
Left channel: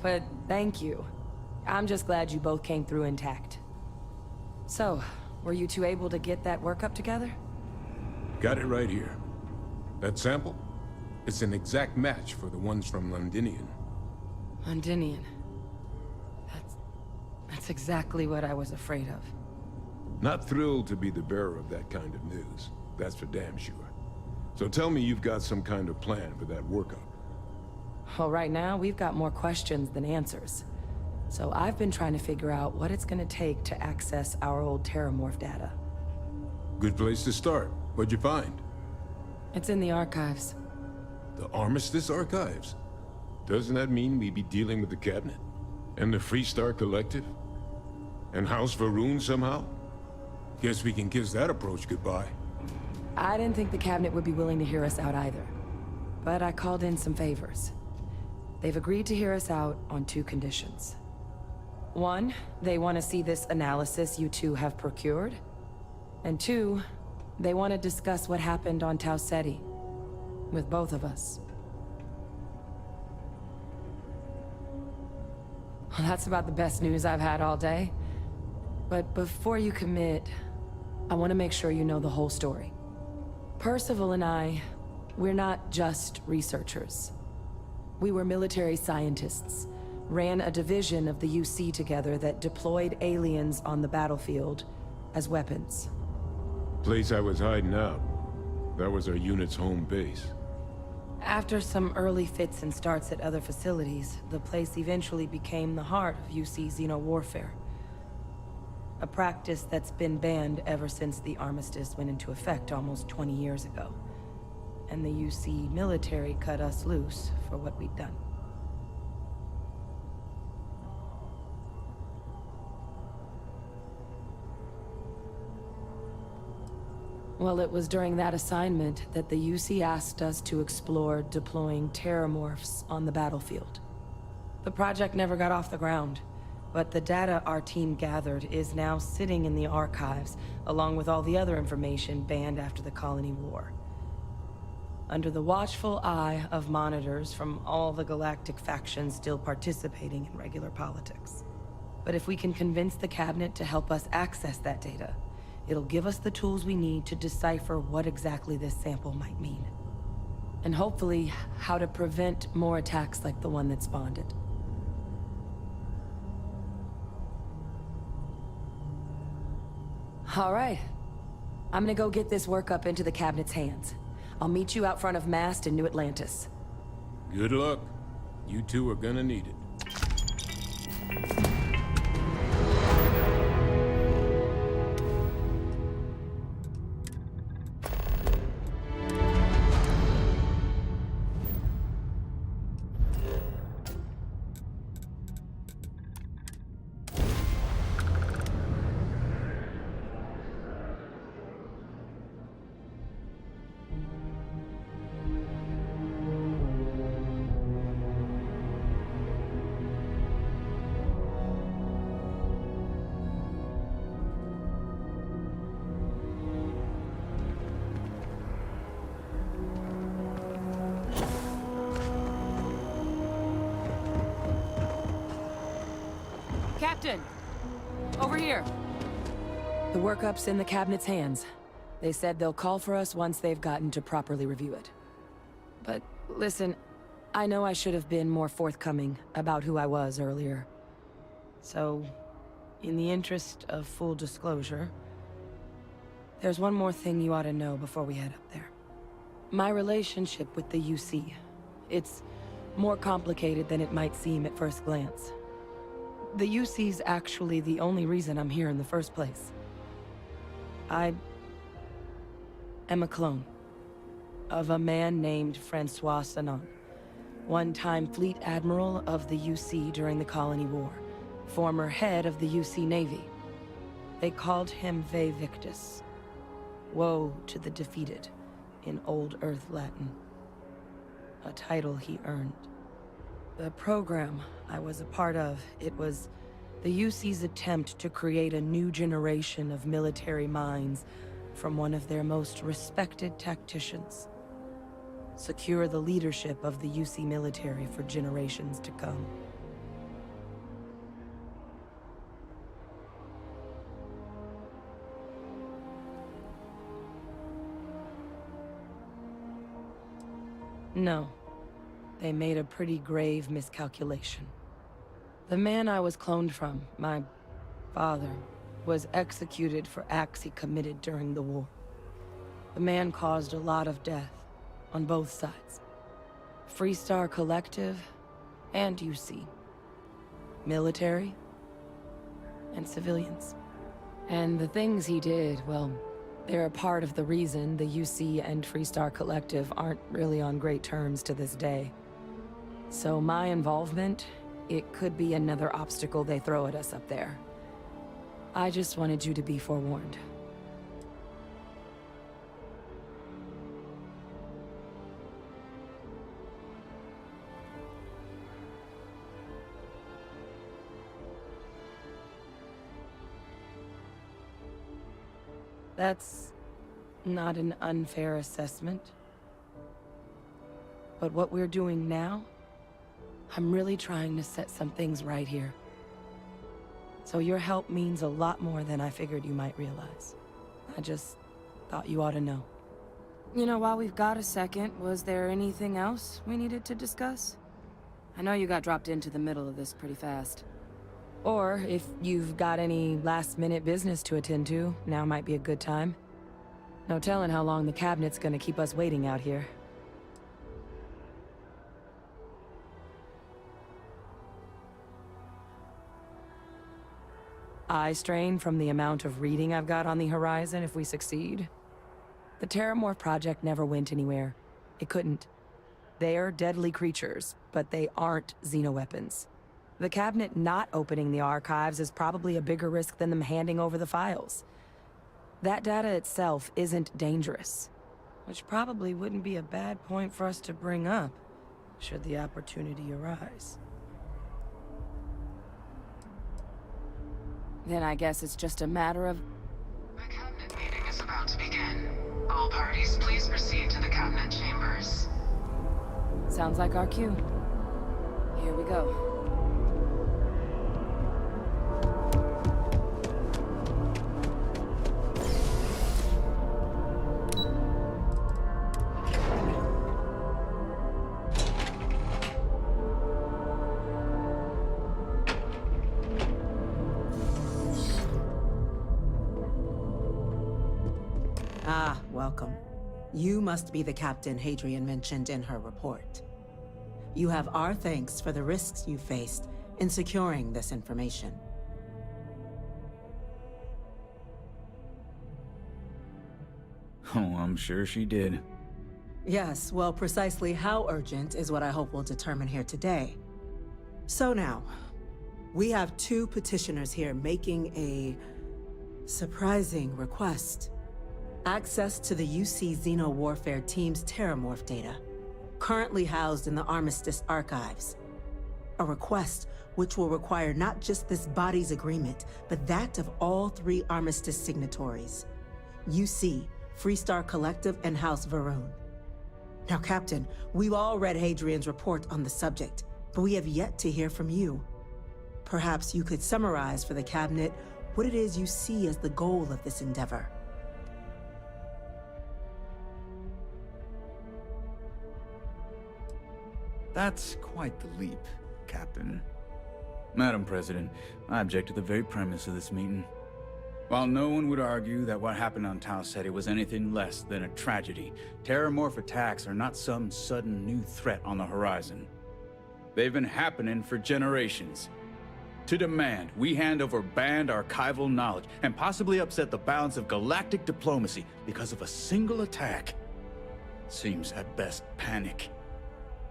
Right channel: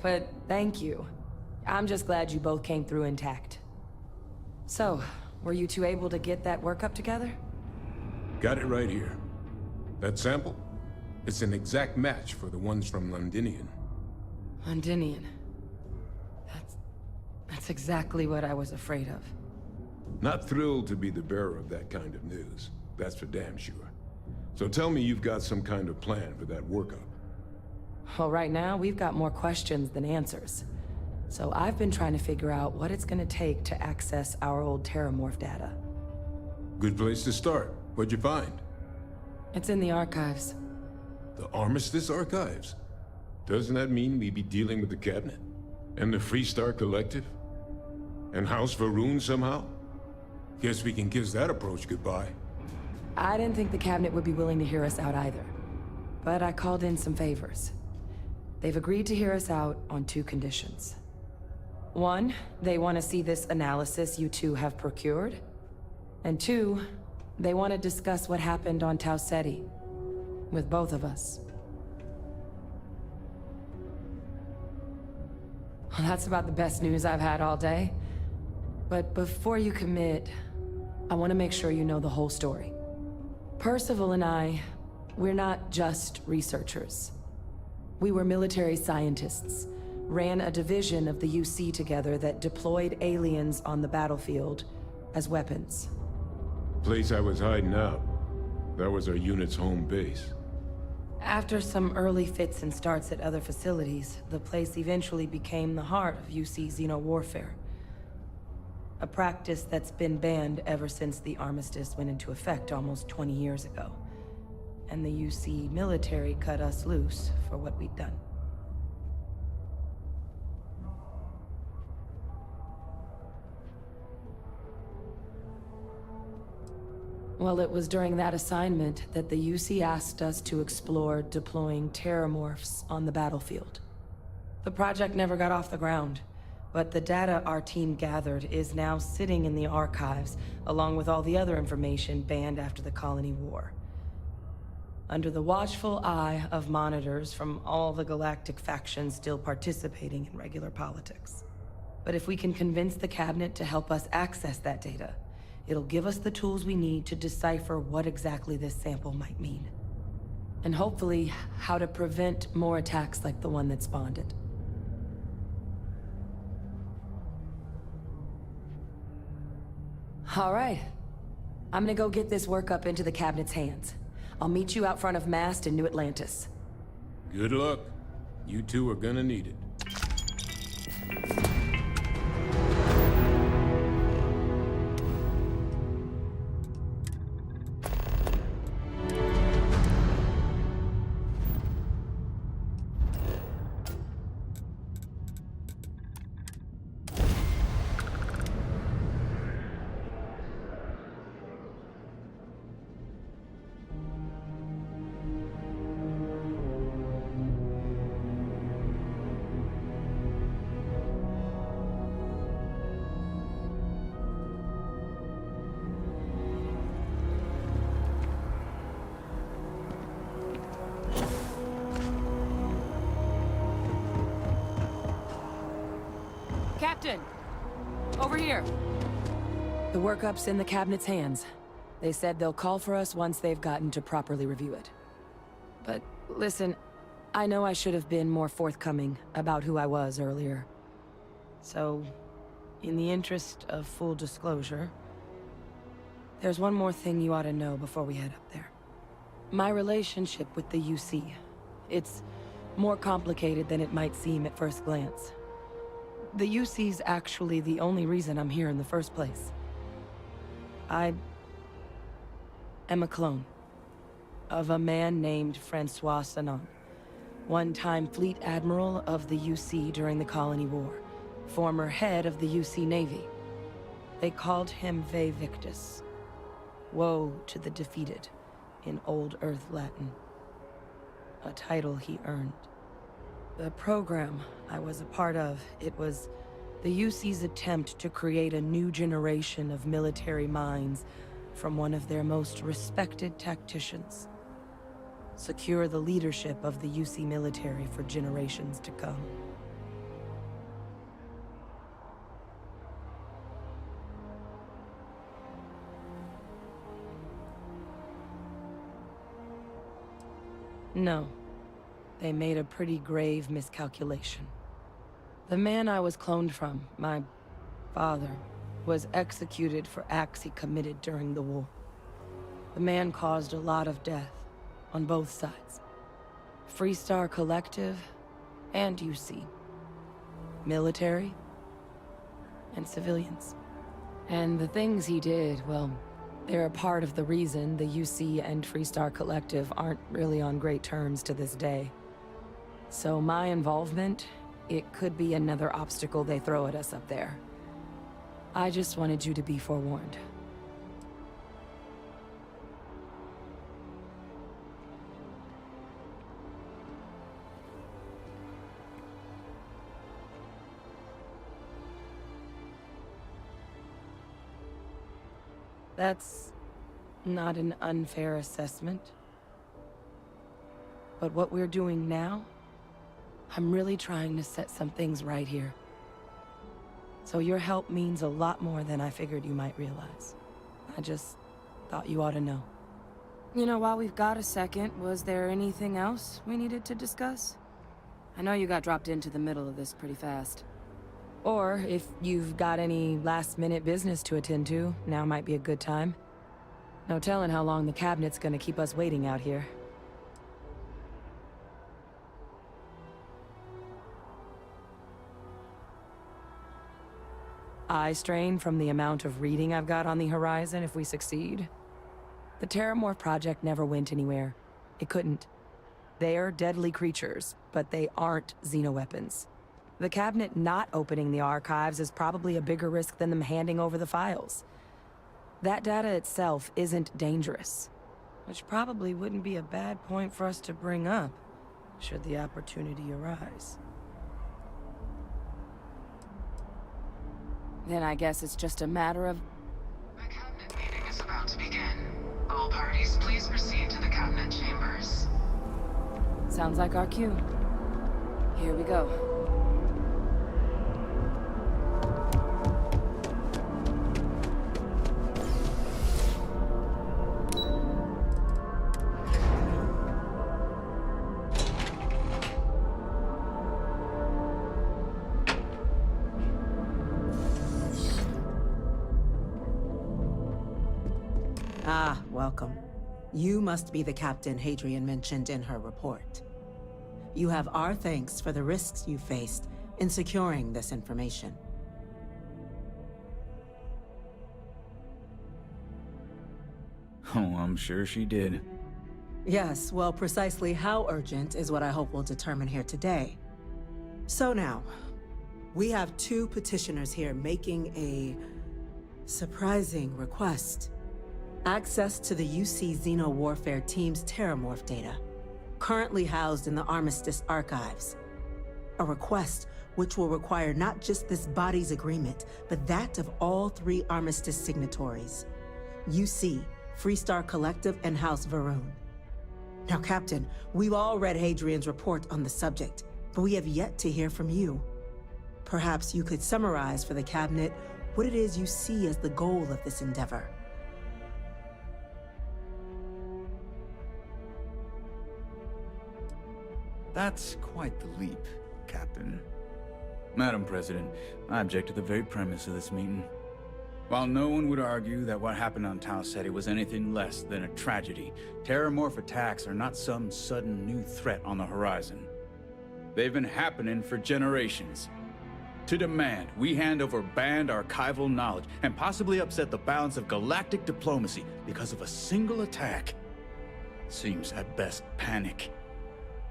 But thank you. I'm just glad you both came through intact. So, were you two able to get that workup together? Got it right here. That sample? It's an exact match for the ones from Londinian. Londinian. That's exactly what I was afraid of. Not thrilled to be the bearer of that kind of news. That's for damn sure. So tell me you've got some kind of plan for that workup. Well, right now, we've got more questions than answers. So I've been trying to figure out what it's gonna take to access our old Terramorph data. Good place to start. What'd you find? It's in the archives. The Armistice Archives? Doesn't that mean we'd be dealing with the Cabinet? And the Freestar Collective? And House Varun somehow? Guess we can kiss that approach goodbye. I didn't think the Cabinet would be willing to hear us out either. But I called in some favors. They've agreed to hear us out on two conditions. One, they want to see this analysis you two have procured. And two, they want to discuss what happened on Tau Ceti. With both of us. Well, that's about the best news I've had all day. But before you commit, I want to make sure you know the whole story. Percival and I, we're not just researchers. We were military scientists, ran a division of the UC together that deployed aliens on the battlefield as weapons. Place I was hiding out. That was our unit's home base. After some early fits and starts at other facilities, the place eventually became the heart of UC xeno-warfare. A practice that's been banned ever since the armistice went into effect almost 20 years ago. And the UC military cut us loose for what we'd done. Well, it was during that assignment that the UC asked us to explore deploying terramorphs on the battlefield. The project never got off the ground, but the data our team gathered is now sitting in the archives, along with all the other information banned after the Colony War. Under the watchful eye of monitors from all the galactic factions still participating in regular politics. But if we can convince the Cabinet to help us access that data, it'll give us the tools we need to decipher what exactly this sample might mean. And hopefully, how to prevent more attacks like the one that spawned it. All right. I'm gonna go get this work up into the Cabinet's hands. I'll meet you out front of Mast in New Atlantis. Good luck. You two are gonna need it. Captain! Over here! The workup's in the Cabinet's hands. They said they'll call for us once they've gotten to properly review it. But listen, I know I should have been more forthcoming about who I was earlier. So, in the interest of full disclosure, there's one more thing you ought to know before we head up there. My relationship with the UC. It's more complicated than it might seem at first glance. The UC's actually the only reason I'm here in the first place. I am a clone of a man named Francois Sanon, one-time fleet admiral of the UC during the Colony War, former head of the UC Navy. They called him Ve Victus, woe to the defeated, in Old Earth Latin, a title he earned. The program I was a part of, it was the UC's attempt to create a new generation of military minds from one of their most respected tacticians. Secure the leadership of the UC military for generations to come. No. They made a pretty grave miscalculation. The man I was cloned from, my father, was executed for acts he committed during the war. The man caused a lot of death, on both sides. Freestar Collective and UC. Military and civilians. And the things he did, well, they're a part of the reason the UC and Freestar Collective aren't really on great terms to this day. So my involvement, it could be another obstacle they throw at us up there. I just wanted you to be forewarned. That's not an unfair assessment. But what we're doing now, I'm really trying to set some things right here. So your help means a lot more than I figured you might realize. I just thought you ought to know. You know, while we've got a second, was there anything else we needed to discuss? I know you got dropped into the middle of this pretty fast. Or, if you've got any last-minute business to attend to, now might be a good time. No telling how long the cabinet's gonna keep us waiting out here. Eye strain from the amount of reading I've got on the horizon if we succeed. The Terramorph project never went anywhere. It couldn't. They're deadly creatures, but they aren't xenoweapons. The cabinet not opening the archives is probably a bigger risk than them handing over the files. That data itself isn't dangerous, which probably wouldn't be a bad point for us to bring up, should the opportunity arise. Then I guess it's just a matter of... The cabinet meeting is about to begin. All parties, please proceed to the cabinet chambers. Sounds like our cue. Here we go. Ah, welcome. You must be the captain Hadrian mentioned in her report. You have our thanks for the risks you faced in securing this information. Oh, I'm sure she did. Yes, well, precisely how urgent is what I hope we'll determine here today. So now, we have two petitioners here making a surprising request. Access to the UC Xeno Warfare Team's Terramorph data, currently housed in the Armistice archives. A request which will require not just this body's agreement, but that of all three Armistice signatories. UC, Freestar Collective, and House Varun. Now, Captain, we've all read Hadrian's report on the subject, but we have yet to hear from you. Perhaps you could summarize for the Cabinet what it is you see as the goal of this endeavor. That's quite the leap, Captain. Madam President, I object to the very premise of this meeting. While no one would argue that what happened on Tau Ceti was anything less than a tragedy, terramorph attacks are not some sudden new threat on the horizon. They've been happening for generations. To demand we hand over banned archival knowledge and possibly upset the balance of galactic diplomacy because of a single attack seems at best panic.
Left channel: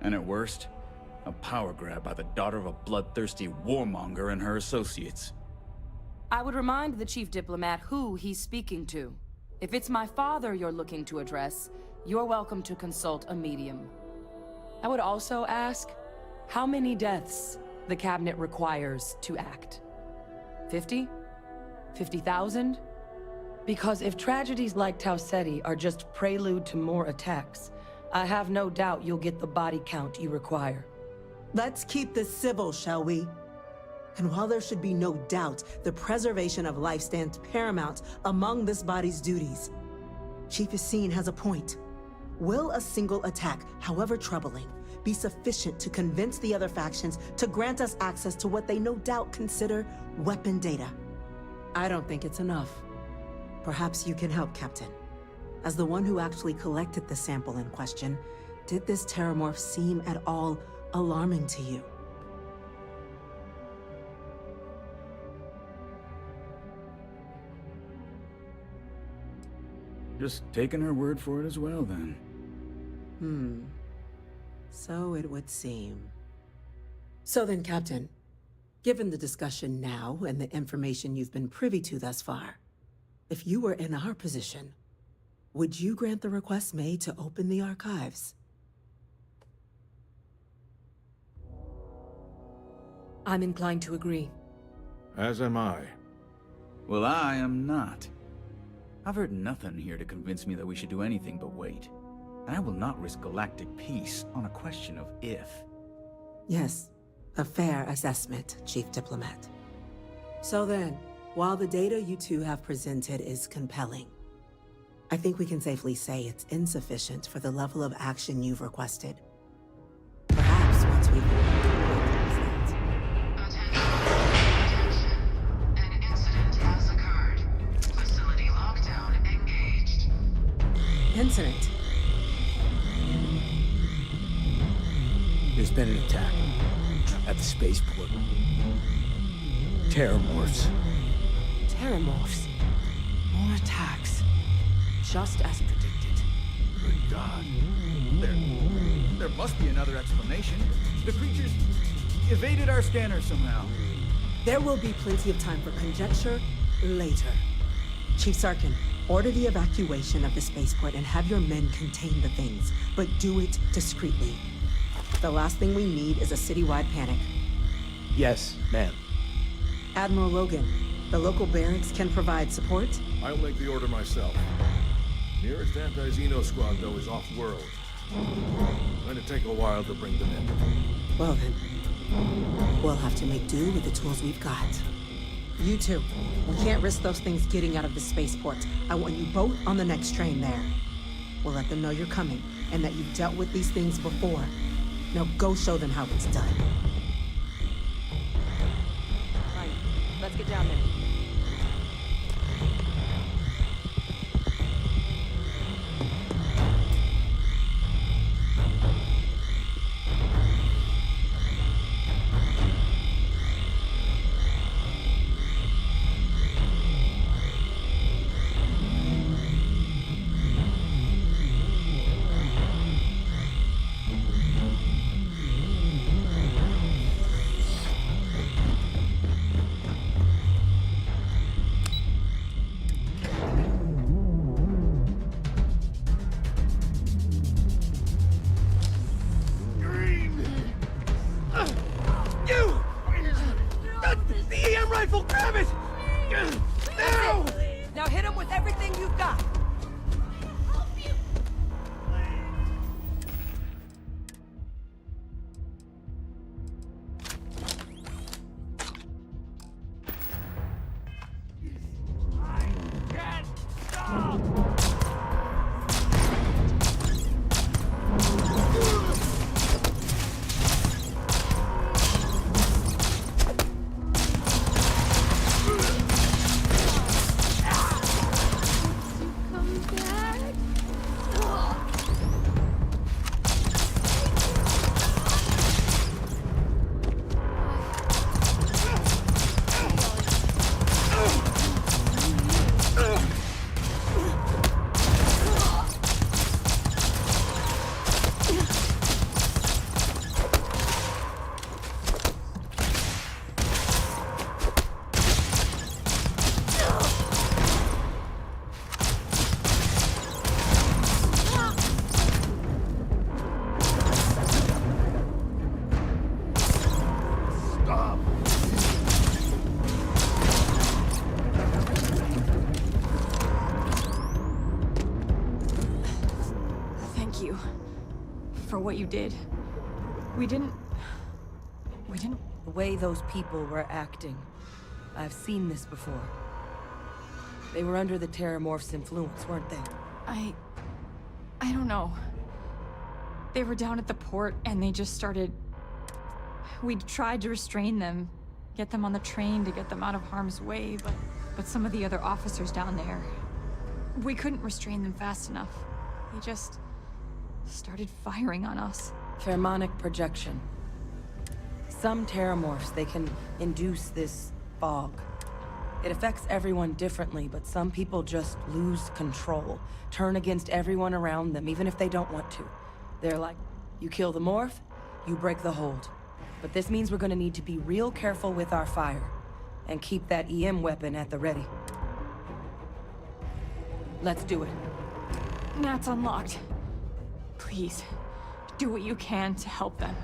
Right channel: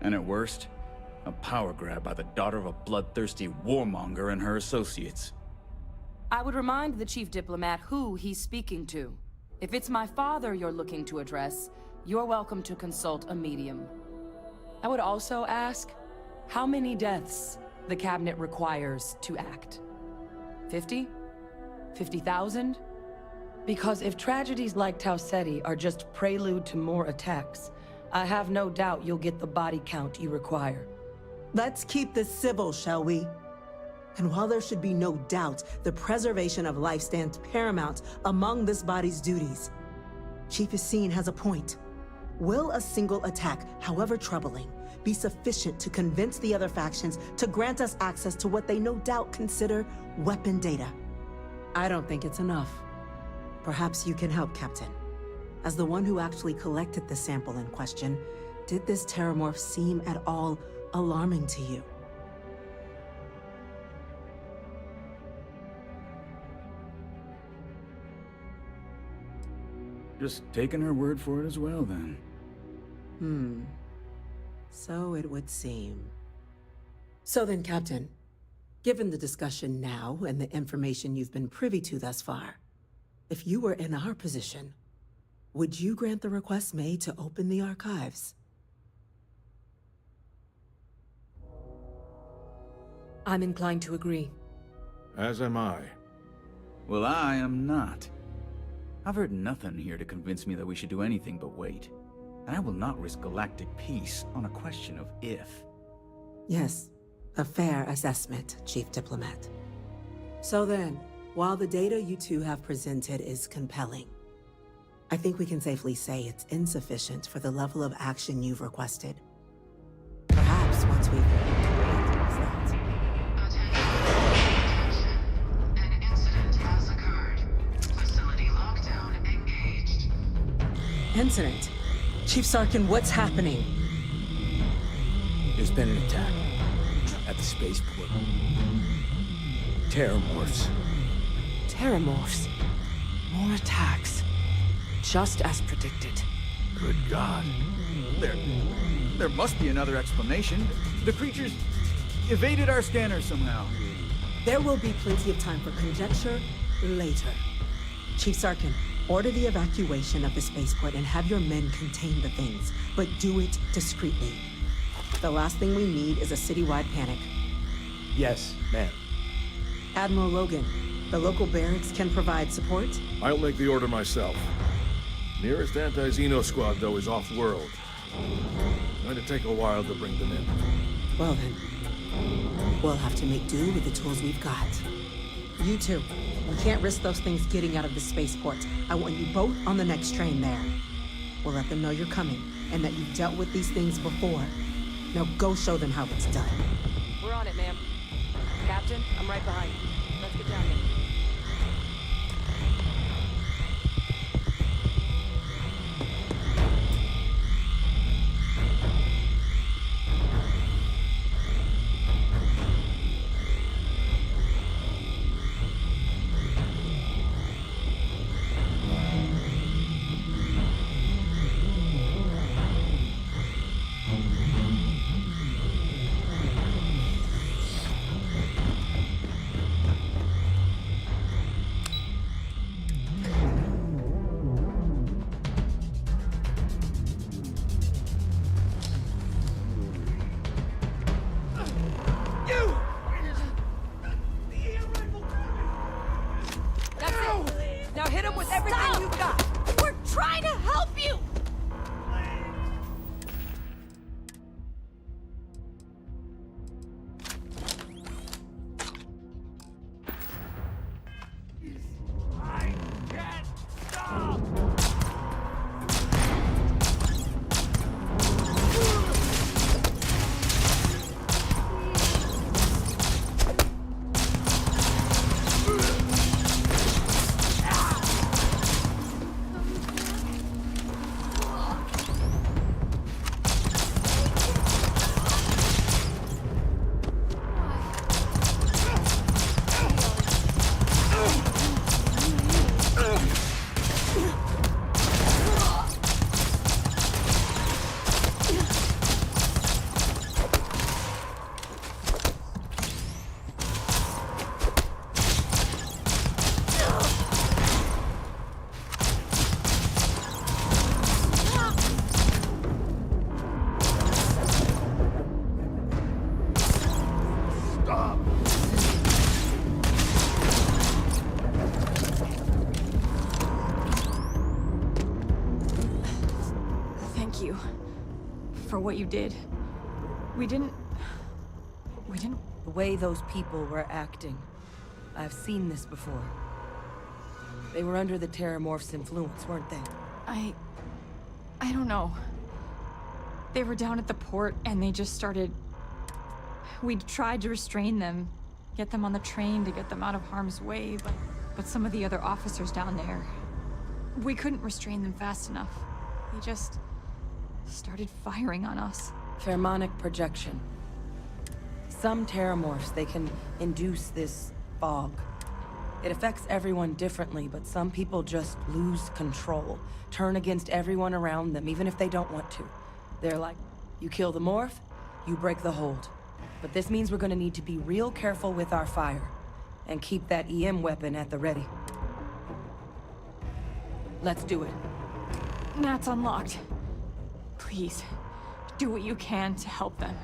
And at worst, a power grab by the daughter of a bloodthirsty warmonger and her associates. I would remind the chief diplomat who he's speaking to. If it's my father you're looking to address, you're welcome to consult a medium. I would also ask, how many deaths the cabinet requires to act? 50? 50,000? Because if tragedies like Tau Ceti are just prelude to more attacks, I have no doubt you'll get the body count you require. Let's keep this civil, shall we? And while there should be no doubt, the preservation of life stands paramount among this body's duties. Chief Yassine has a point. Will a single attack, however troubling, be sufficient to convince the other factions to grant us access to what they no doubt consider weapon data? I don't think it's enough. Perhaps you can help, Captain. As the one who actually collected the sample in question, did this terramorph seem at all alarming to you? Just taking her word for it as well, then. So it would seem. So then, Captain, given the discussion now and the information you've been privy to thus far, if you were in our position, would you grant the request made to open the archives? I'm inclined to agree. As am I. Well, I am not. I've heard nothing here to convince me that we should do anything but wait. And I will not risk galactic peace on a question of if. Yes, a fair assessment, Chief Diplomat. So then, while the data you two have presented is compelling, I think we can safely say it's insufficient for the level of action you've requested. Perhaps once we've... Attention. An incident has occurred. Facility lockdown engaged. Incident? Chief Sarkin, what's happening? There's been an attack at the spaceport. Terramorphs. Terramorphs. More attacks. Just as predicted. Good God. There must be another explanation. The creatures evaded our scanner somehow. There will be plenty of time for conjecture later. Chief Sarkin, order the evacuation of the spaceport and have your men contain the things, but do it discreetly. The last thing we need is a citywide panic. Yes, ma'am. Admiral Logan, the local barracks can provide support? I'll make the order myself. Nearest anti-Xeno squad, though, is off-world. Going to take a while to bring them in. Well then, we'll have to make do with the tools we've got. You two, we can't risk those things getting out of the spaceport. I want you both on the next train there. We'll let them know you're coming, and that you've dealt with these things before. Now go show them how it's done. We're on it, ma'am. Captain, I'm right behind you. Let's get down then. Thank you for what you did. We didn't... The way those people were acting. I've seen this before. They were under the Terramorph's influence, weren't they? I don't know. They were down at the port and they just started... We tried to restrain them, get them on the train to get them out of harm's way, but some of the other officers down there... We couldn't restrain them fast enough. They just started firing on us. Pheromonic projection. Some Terramorphs, they can induce this fog. It affects everyone differently, but some people just lose control. Turn against everyone around them, even if they don't want to. They're like, you kill the morph, you break the hold. But this means we're gonna need to be real careful with our fire. And keep that EM weapon at the ready. Let's do it. Nat's unlocked. Please, do what you can to help them.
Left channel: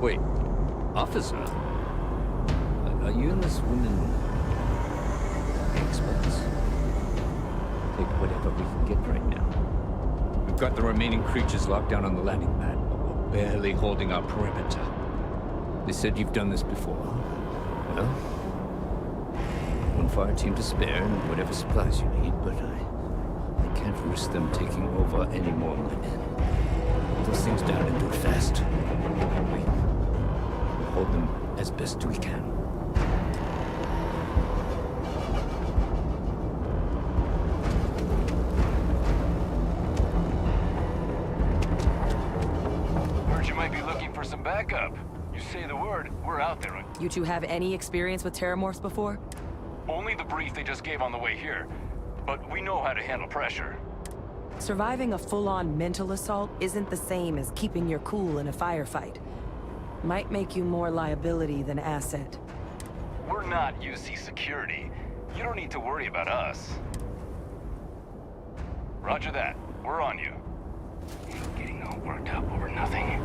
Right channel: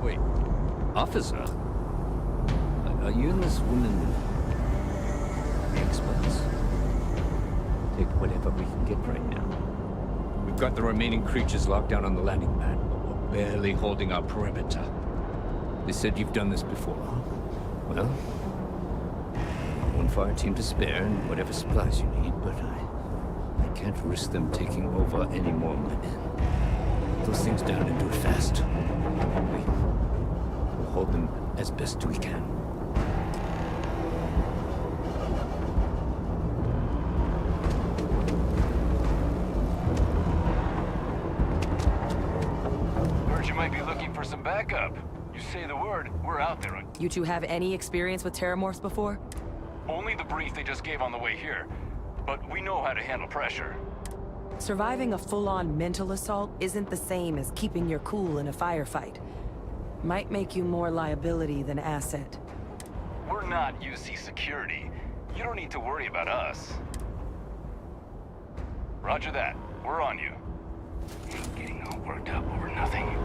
Wait, officer? Are you and this woman experts? Take whatever we can get right now. We've got the remaining creatures locked down on the landing pad, but we're barely holding our perimeter. They said you've done this before. Well, one fire team to spare and whatever supplies you need, but I can't risk them taking over any more of my men. Put those things down and do it fast. We'll hold them as best we can. Heard you might be looking for some backup. You say the word, we're out there. You two have any experience with Terramorphs before? Only the brief they just gave on the way here. But we know how to handle pressure. Surviving a full-on mental assault isn't the same as keeping your cool in a firefight. Might make you more liability than asset. We're not UC security. You don't need to worry about us. Roger that. We're on you. Ain't getting all worked up over nothing.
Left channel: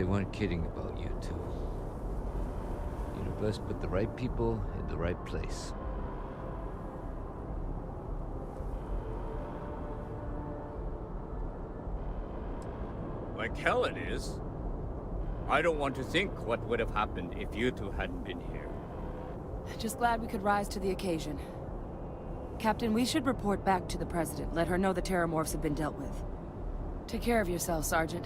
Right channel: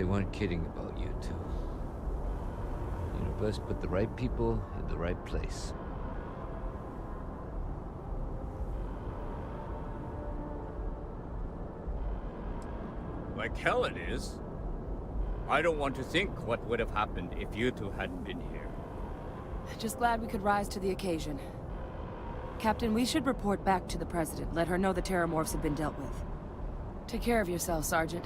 they weren't kidding about you two. The universe put the right people in the right place. Like hell it is. I don't want to think what would have happened if you two hadn't been here. Just glad we could rise to the occasion. Captain, we should report back to the President. Let her know the Terramorphs have been dealt with. Take care of yourself, Sergeant.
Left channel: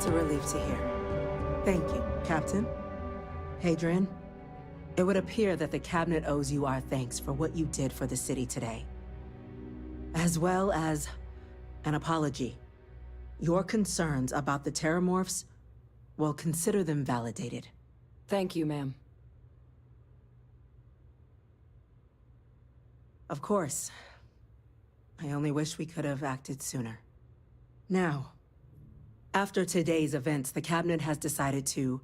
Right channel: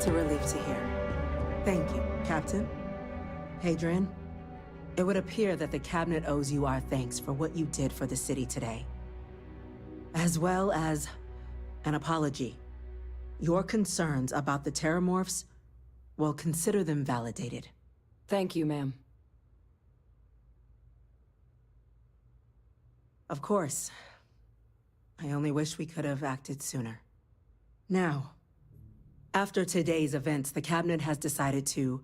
That's a relief to hear. Thank you, Captain. Hadrian, it would appear that the Cabinet owes you our thanks for what you did for the city today. As well as an apology. Your concerns about the Terramorphs, well, consider them validated. Thank you, ma'am. Of course. I only wish we could have acted sooner. Now, after today's events, the Cabinet has decided to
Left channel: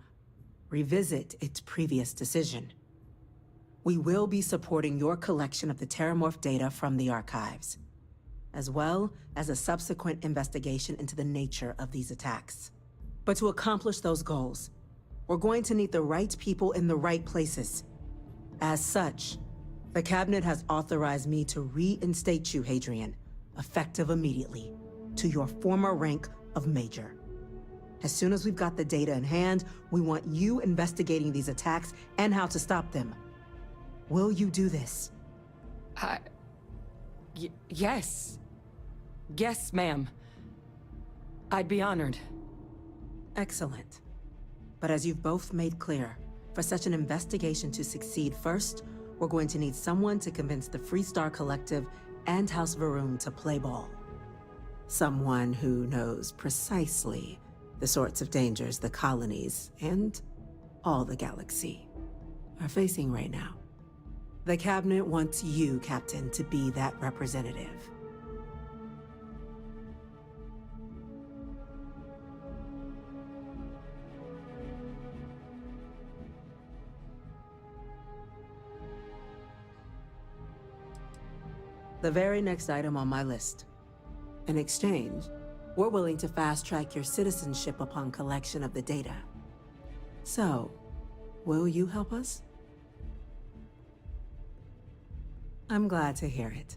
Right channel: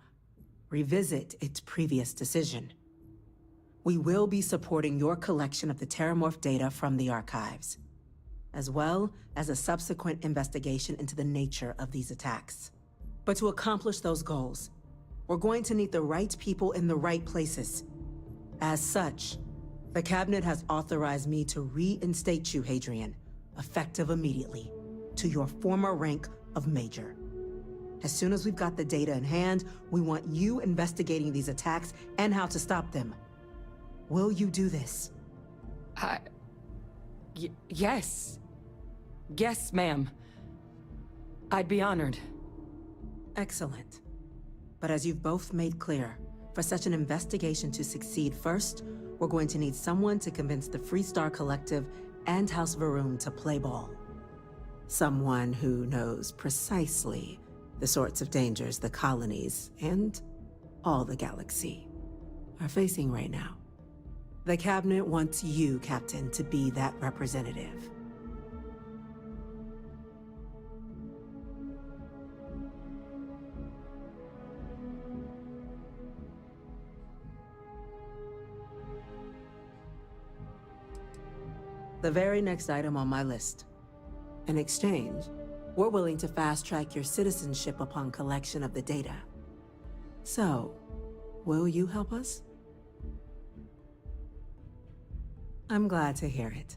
revisit its previous decision. We will be supporting your collection of the Terramorph data from the archives, as well as a subsequent investigation into the nature of these attacks. But to accomplish those goals, we're going to need the right people in the right places. As such, the Cabinet has authorized me to reinstate you, Hadrian, effective immediately, to your former rank of Major. As soon as we've got the data in hand, we want you investigating these attacks and how to stop them. Will you do this? Yes. Yes, ma'am. I'd be honored. Excellent. But as you've both made clear, for such an investigation to succeed first, we're going to need someone to convince the Freestar Collective and House Varun to play ball. Someone who knows precisely the sorts of dangers the colonies and all the galaxy are facing right now. The Cabinet wants you, Captain, to be that representative. The very next item on my list. In exchange, we're willing to fast-track your citizenship upon collection of the data. So, will you help us? I'm glad to hear it.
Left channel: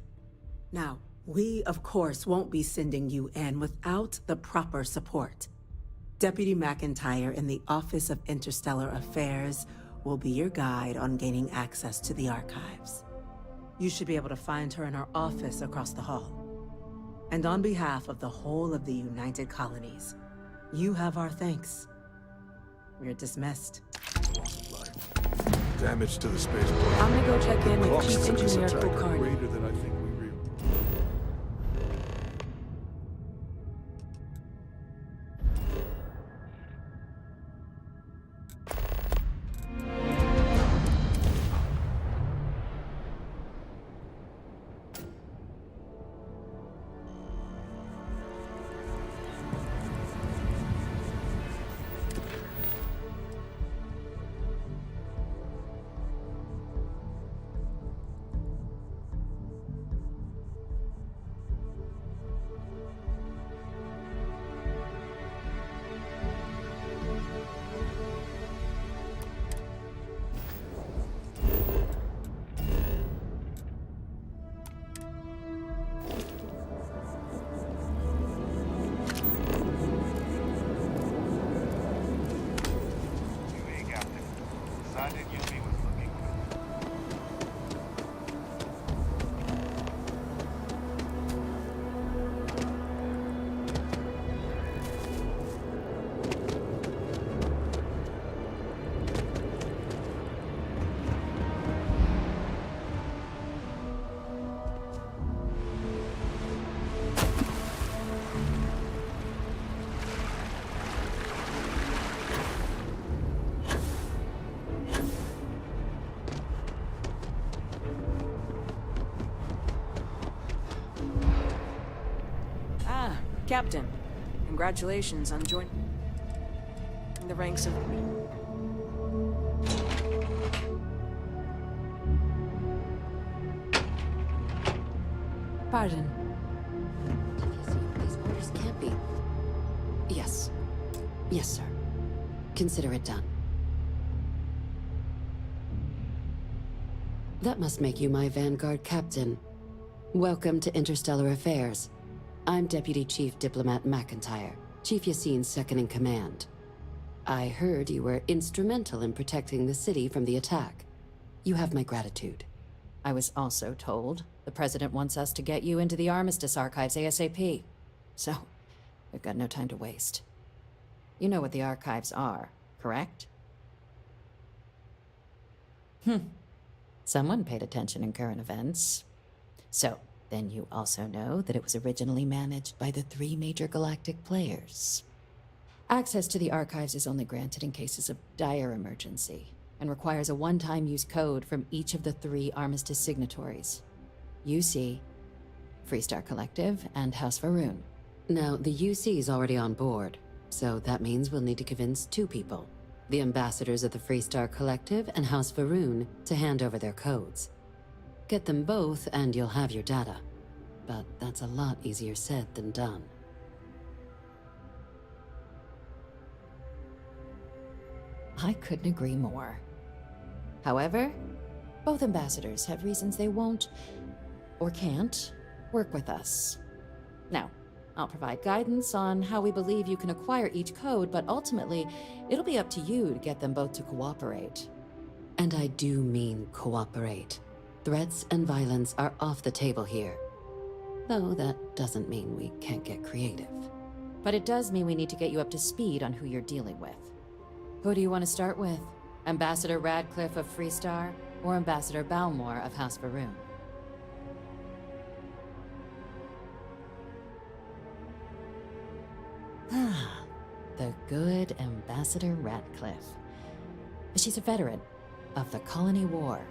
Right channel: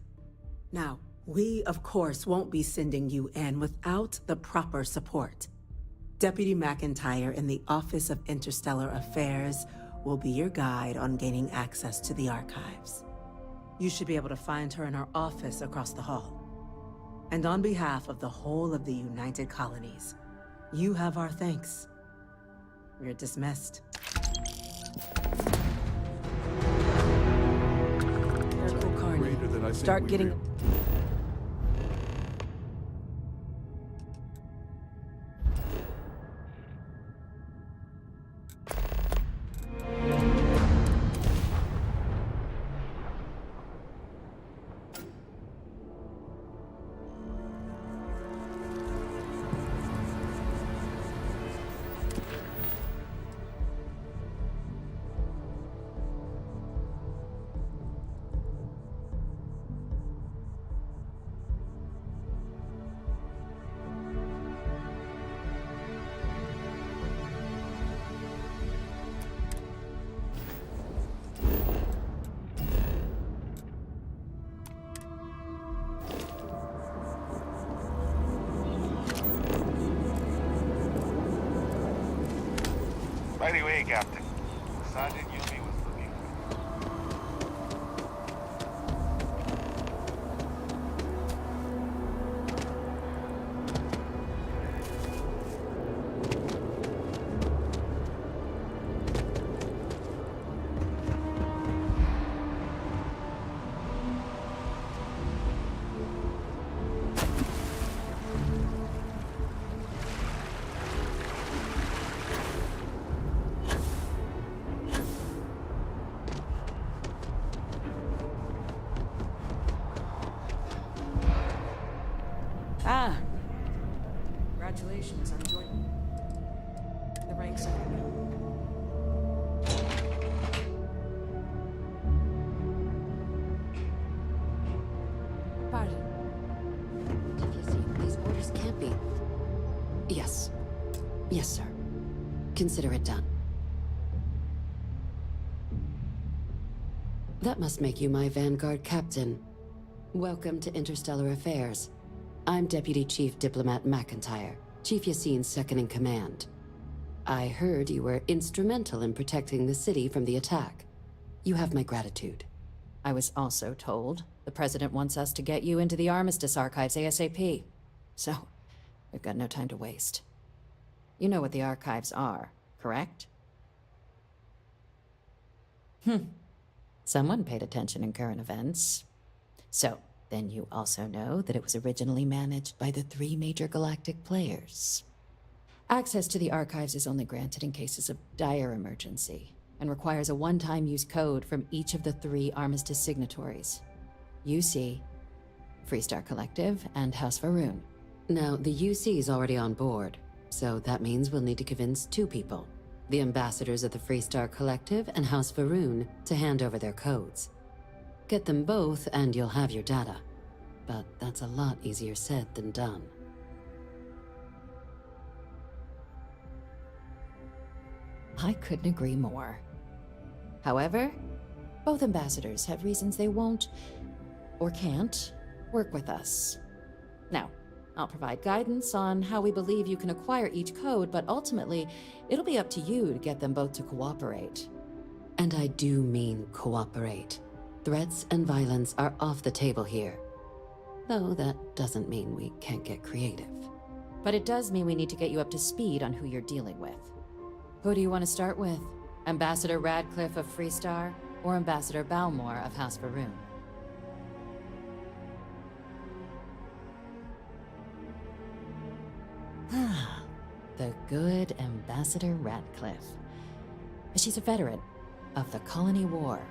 Now, we, of course, won't be sending you in without the proper support. Deputy McIntyre in the Office of Interstellar Affairs will be your guide on gaining access to the archives. You should be able to find her in her office across the hall. And on behalf of the whole of the United Colonies, you have our thanks. You're dismissed. Damage to the space. I'm gonna go check in with Clock Chief signals Engineer attack Kulkarni. greater than I think Start we getting... real- By the way, Captain, Sergeant Yumi was looking for you. Ah, Captain. Congratulations on joining the ranks of... Pardon. These orders can't be... Yes. Yes, sir. Consider it done. That must make you my Vanguard captain. Welcome to Interstellar Affairs. I'm Deputy Chief Diplomat McIntyre, Chief Yassine's second-in-command. I heard you were instrumental in protecting the city from the attack. You have my gratitude. I was also told the President wants us to get you into the Armistice archives ASAP. So, we've got no time to waste. You know what the archives are, correct? Someone paid attention in current events. So, then you also know that it was originally managed by the 3 major galactic players. Access to the archives is only granted in cases of dire emergency, and requires a one-time use code from each of the 3 Armistice signatories. UC, Freestar Collective, and House Varun. Now, the UC is already on board, so that means we'll need to convince 2 people. The ambassadors of the Freestar Collective and House Varun to hand over their codes. Get them both and you'll have your data. But that's a lot easier said than done. I couldn't agree more. However, both ambassadors have reasons they won't, or can't, work with us. Now, I'll provide guidance on how we believe you can acquire each code, but ultimately, it'll be up to you to get them both to cooperate. And I do mean cooperate. Threats and violence are off the table here. Though that doesn't mean we can't get creative. But it does mean we need to get you up to speed on who you're dealing with. Who do you want to start with? Ambassador Radcliffe of Freestar, or Ambassador Balmore of House Varun? Ah, the good Ambassador Radcliffe. She's a veteran of the Colony War,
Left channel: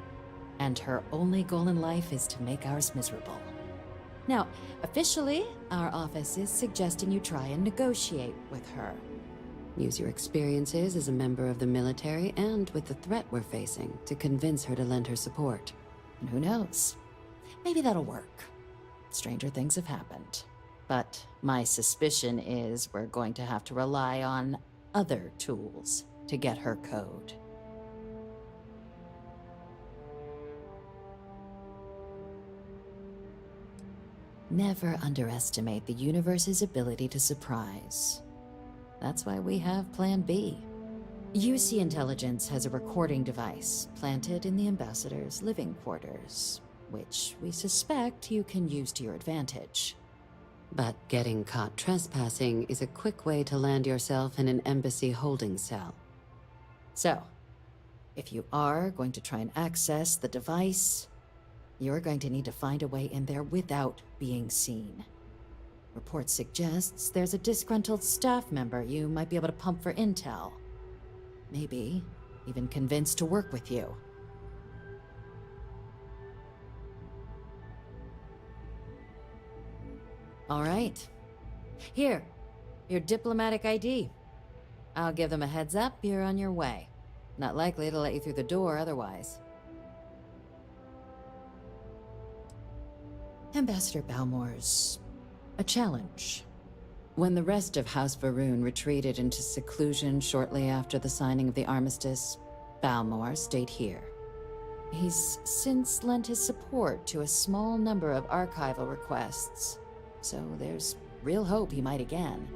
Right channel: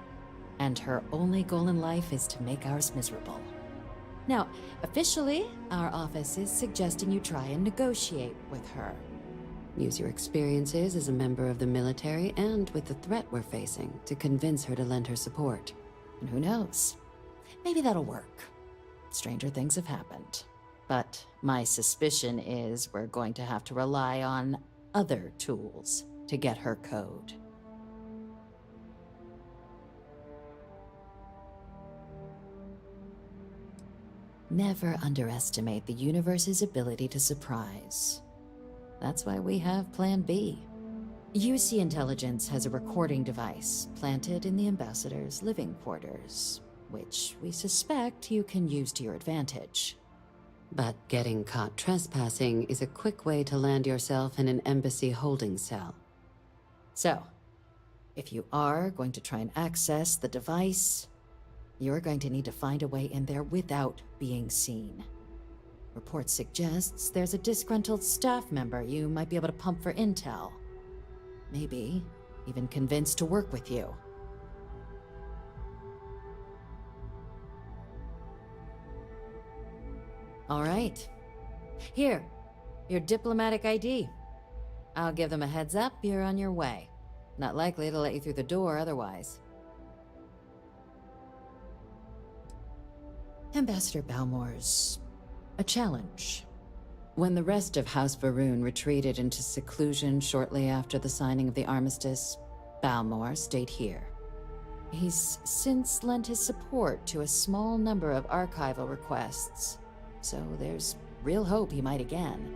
and her only goal in life is to make ours miserable. Now, officially, our office is suggesting you try and negotiate with her. Use your experiences as a member of the military and with the threat we're facing to convince her to lend her support. And who knows? Maybe that'll work. Stranger things have happened. But my suspicion is we're going to have to rely on other tools to get her code. Never underestimate the universe's ability to surprise. That's why we have Plan B. UC Intelligence has a recording device planted in the ambassador's living quarters, which we suspect you can use to your advantage. But getting caught trespassing is a quick way to land yourself in an embassy holding cell. So, if you are going to try and access the device, you're going to need to find a way in there without being seen. Report suggests there's a disgruntled staff member you might be able to pump for intel. Maybe even convince to work with you. All right. Here, your diplomatic ID. I'll give them a heads up you're on your way. Not likely to let you through the door otherwise. Ambassador Balmore's a challenge. When the rest of House Varun retreated into seclusion shortly after the signing of the armistice, Balmore stayed here. He's since lent his support to a small number of archival requests, so there's real hope he might again.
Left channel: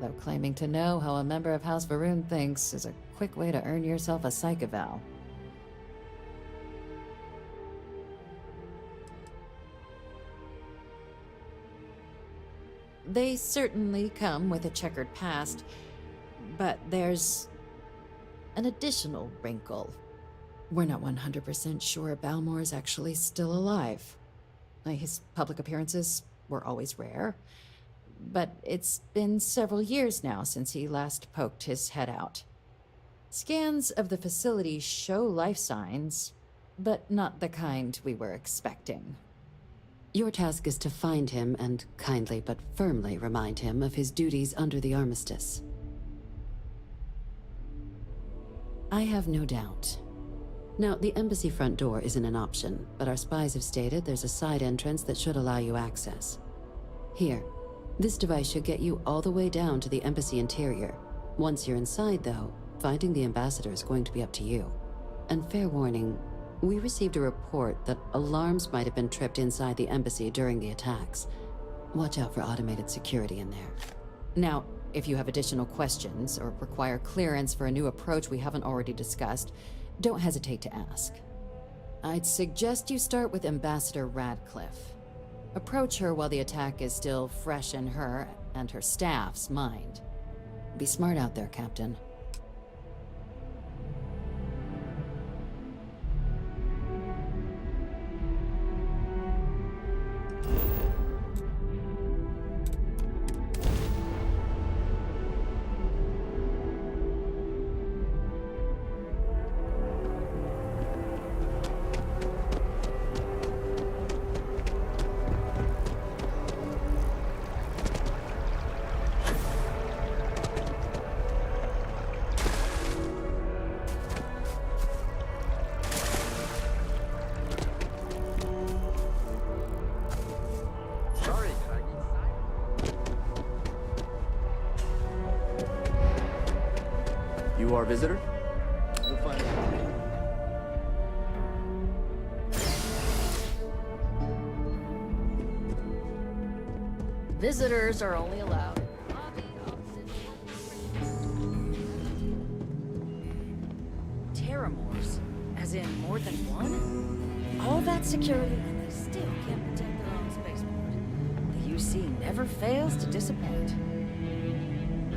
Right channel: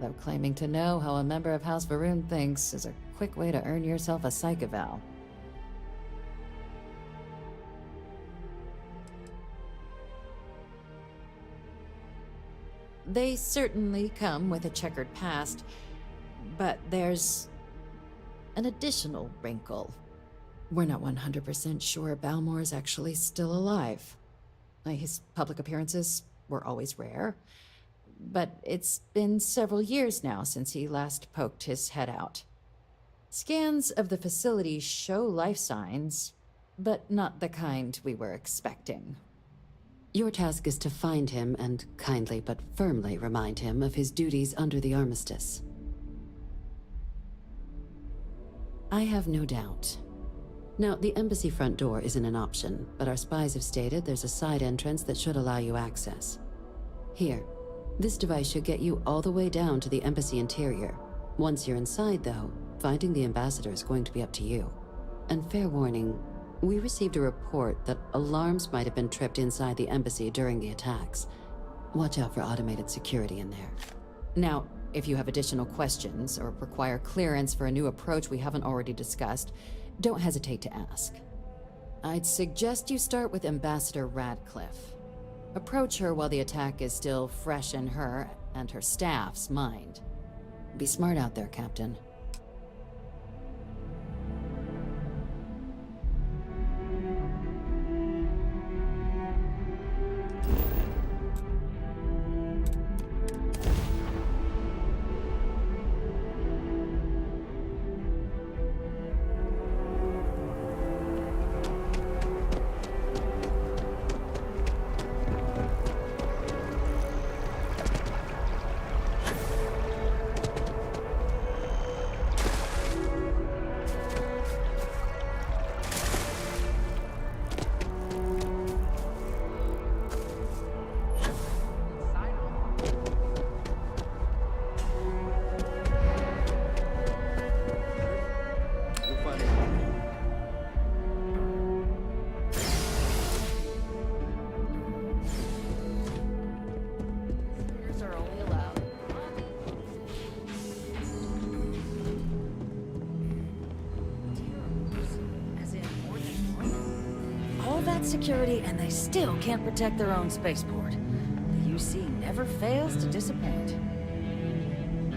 Though claiming to know how a member of House Varun thinks is a quick way to earn yourself a psych eval. They certainly come with a checkered past, but there's an additional wrinkle. We're not 100% sure Balmore's actually still alive. His public appearances were always rare, but it's been several years now since he last poked his head out. Scans of the facility show life signs, but not the kind we were expecting. Your task is to find him and kindly but firmly remind him of his duties under the armistice. I have no doubt. Now, the embassy front door isn't an option, but our spies have stated there's a side entrance that should allow you access. Here, this device should get you all the way down to the embassy interior. Once you're inside, though, finding the ambassador is going to be up to you. And fair warning, we received a report that alarms might have been tripped inside the embassy during the attacks. Watch out for automated security in there. Now, if you have additional questions or require clearance for a new approach we haven't already discussed, don't hesitate to ask. I'd suggest you start with Ambassador Radcliffe. Approach her while the attack is still fresh in her and her staff's mind. Be smart out there, Captain. Visitor? You'll find it. Visitors are only allowed. Terramors? As in more than one? All that security and they still can't protect their own spaceport. The UC never fails to disappoint.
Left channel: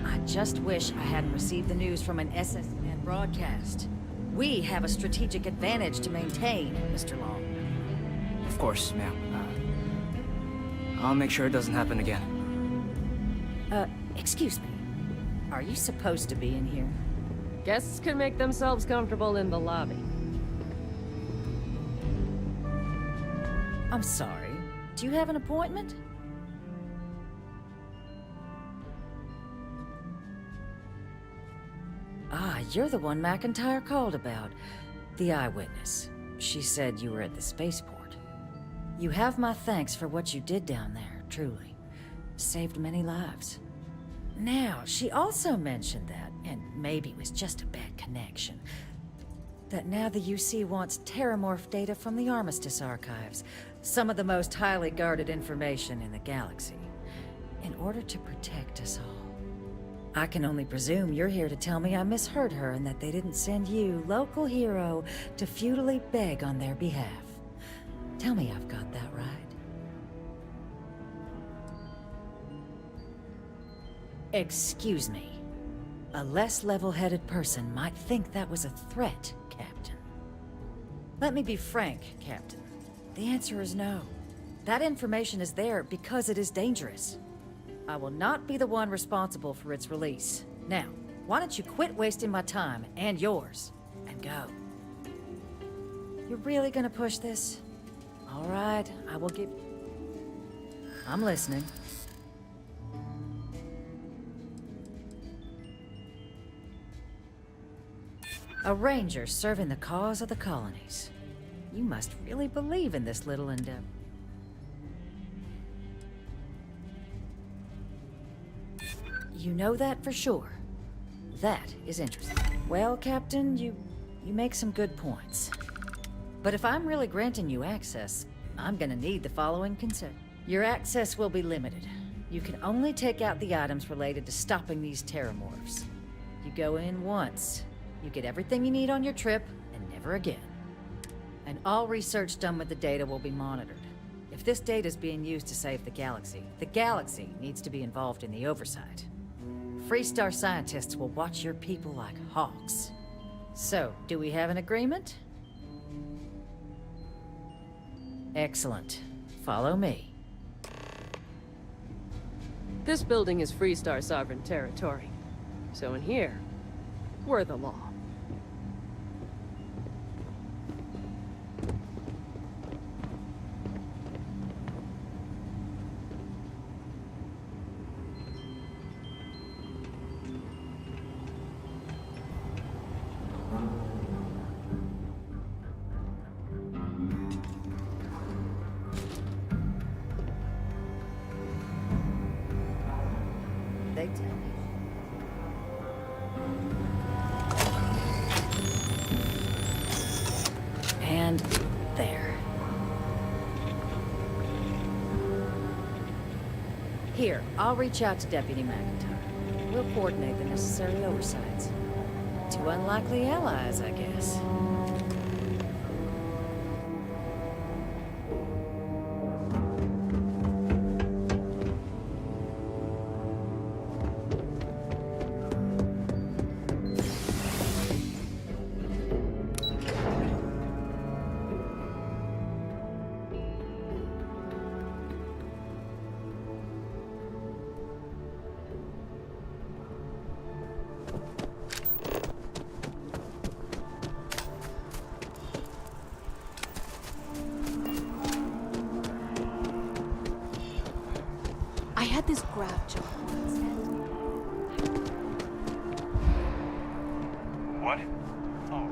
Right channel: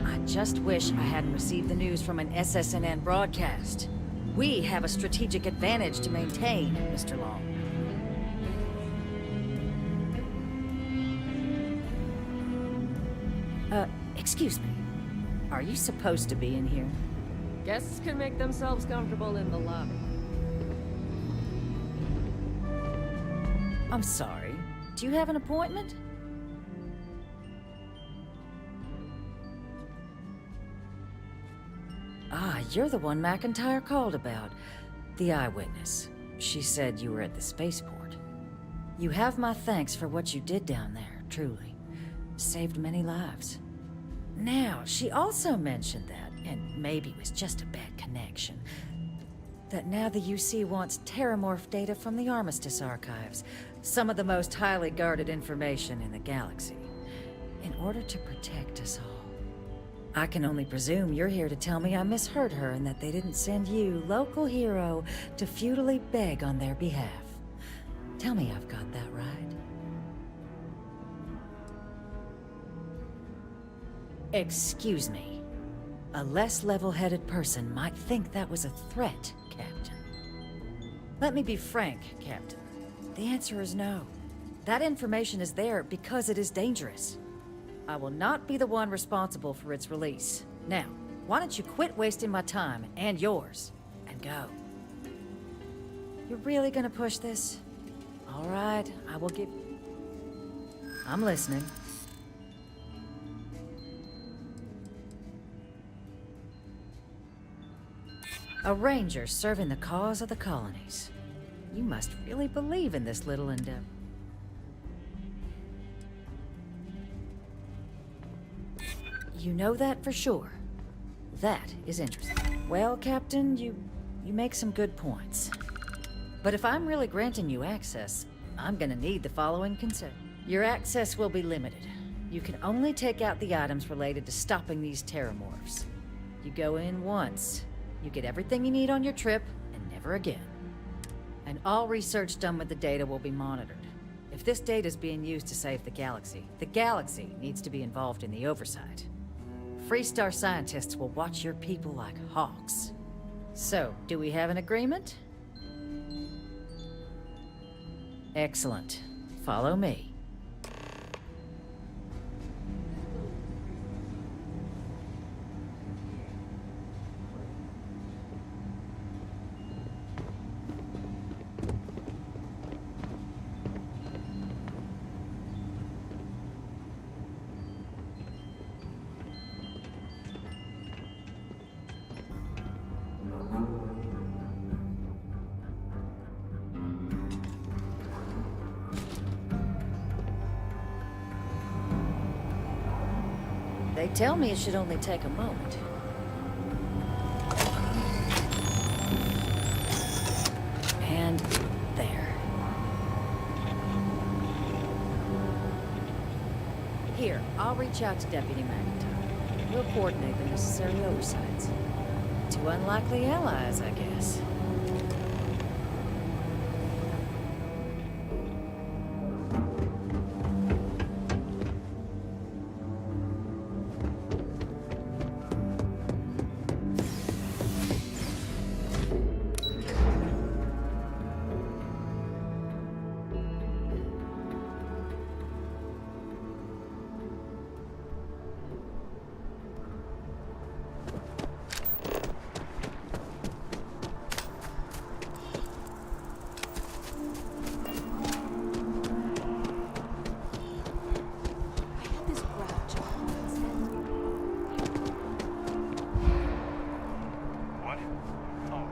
I just wish I hadn't received the news from an SSNN broadcast. We have a strategic advantage to maintain, Mr. Long. Of course, ma'am. I'll make sure it doesn't happen again. Excuse me. Are you supposed to be in here? Guests can make themselves comfortable in the lobby. I'm sorry. Do you have an appointment? Ah, you're the one McIntyre called about. The eyewitness. She said you were at the spaceport. You have my thanks for what you did down there, truly. Saved many lives. Now, she also mentioned that, and maybe it was just a bad connection, that now the UC wants terramorph data from the Armistice archives, Some of the most highly guarded information in the galaxy, in order to protect us all. I can only presume you're here to tell me I misheard her and that they didn't send you, local hero, to futilely beg on their behalf. Tell me I've got that right. Excuse me. A less level-headed person might think that was a threat, Captain. Let me be frank, Captain. The answer is no. That information is there because it is dangerous. I will not be the one responsible for its release. Now, why don't you quit wasting my time and yours, and go? You're really gonna push this? All right, I will give... I'm listening. A ranger serving the cause of the colonies. You must really believe in this little endeavor. You know that for sure. That is interesting. Well, Captain, you make some good points. But if I'm really granting you access, I'm gonna need the following consent. Your access will be limited. You can only take out the items related to stopping these terramorphs. You go in once. You get everything you need on your trip, and never again. And all research done with the data will be monitored. If this data is being used to save the galaxy needs to be involved in the oversight. Freestar scientists will watch your people like hawks. So, do we have an agreement? Excellent. Follow me. This building is Freestar sovereign territory. So in here, we're the law. They tell me it should only take a moment. And there. Here, I'll reach out to Deputy McIntyre. We'll coordinate the necessary oversights. Two unlikely allies, I guess. This grab job once and... What? Oh,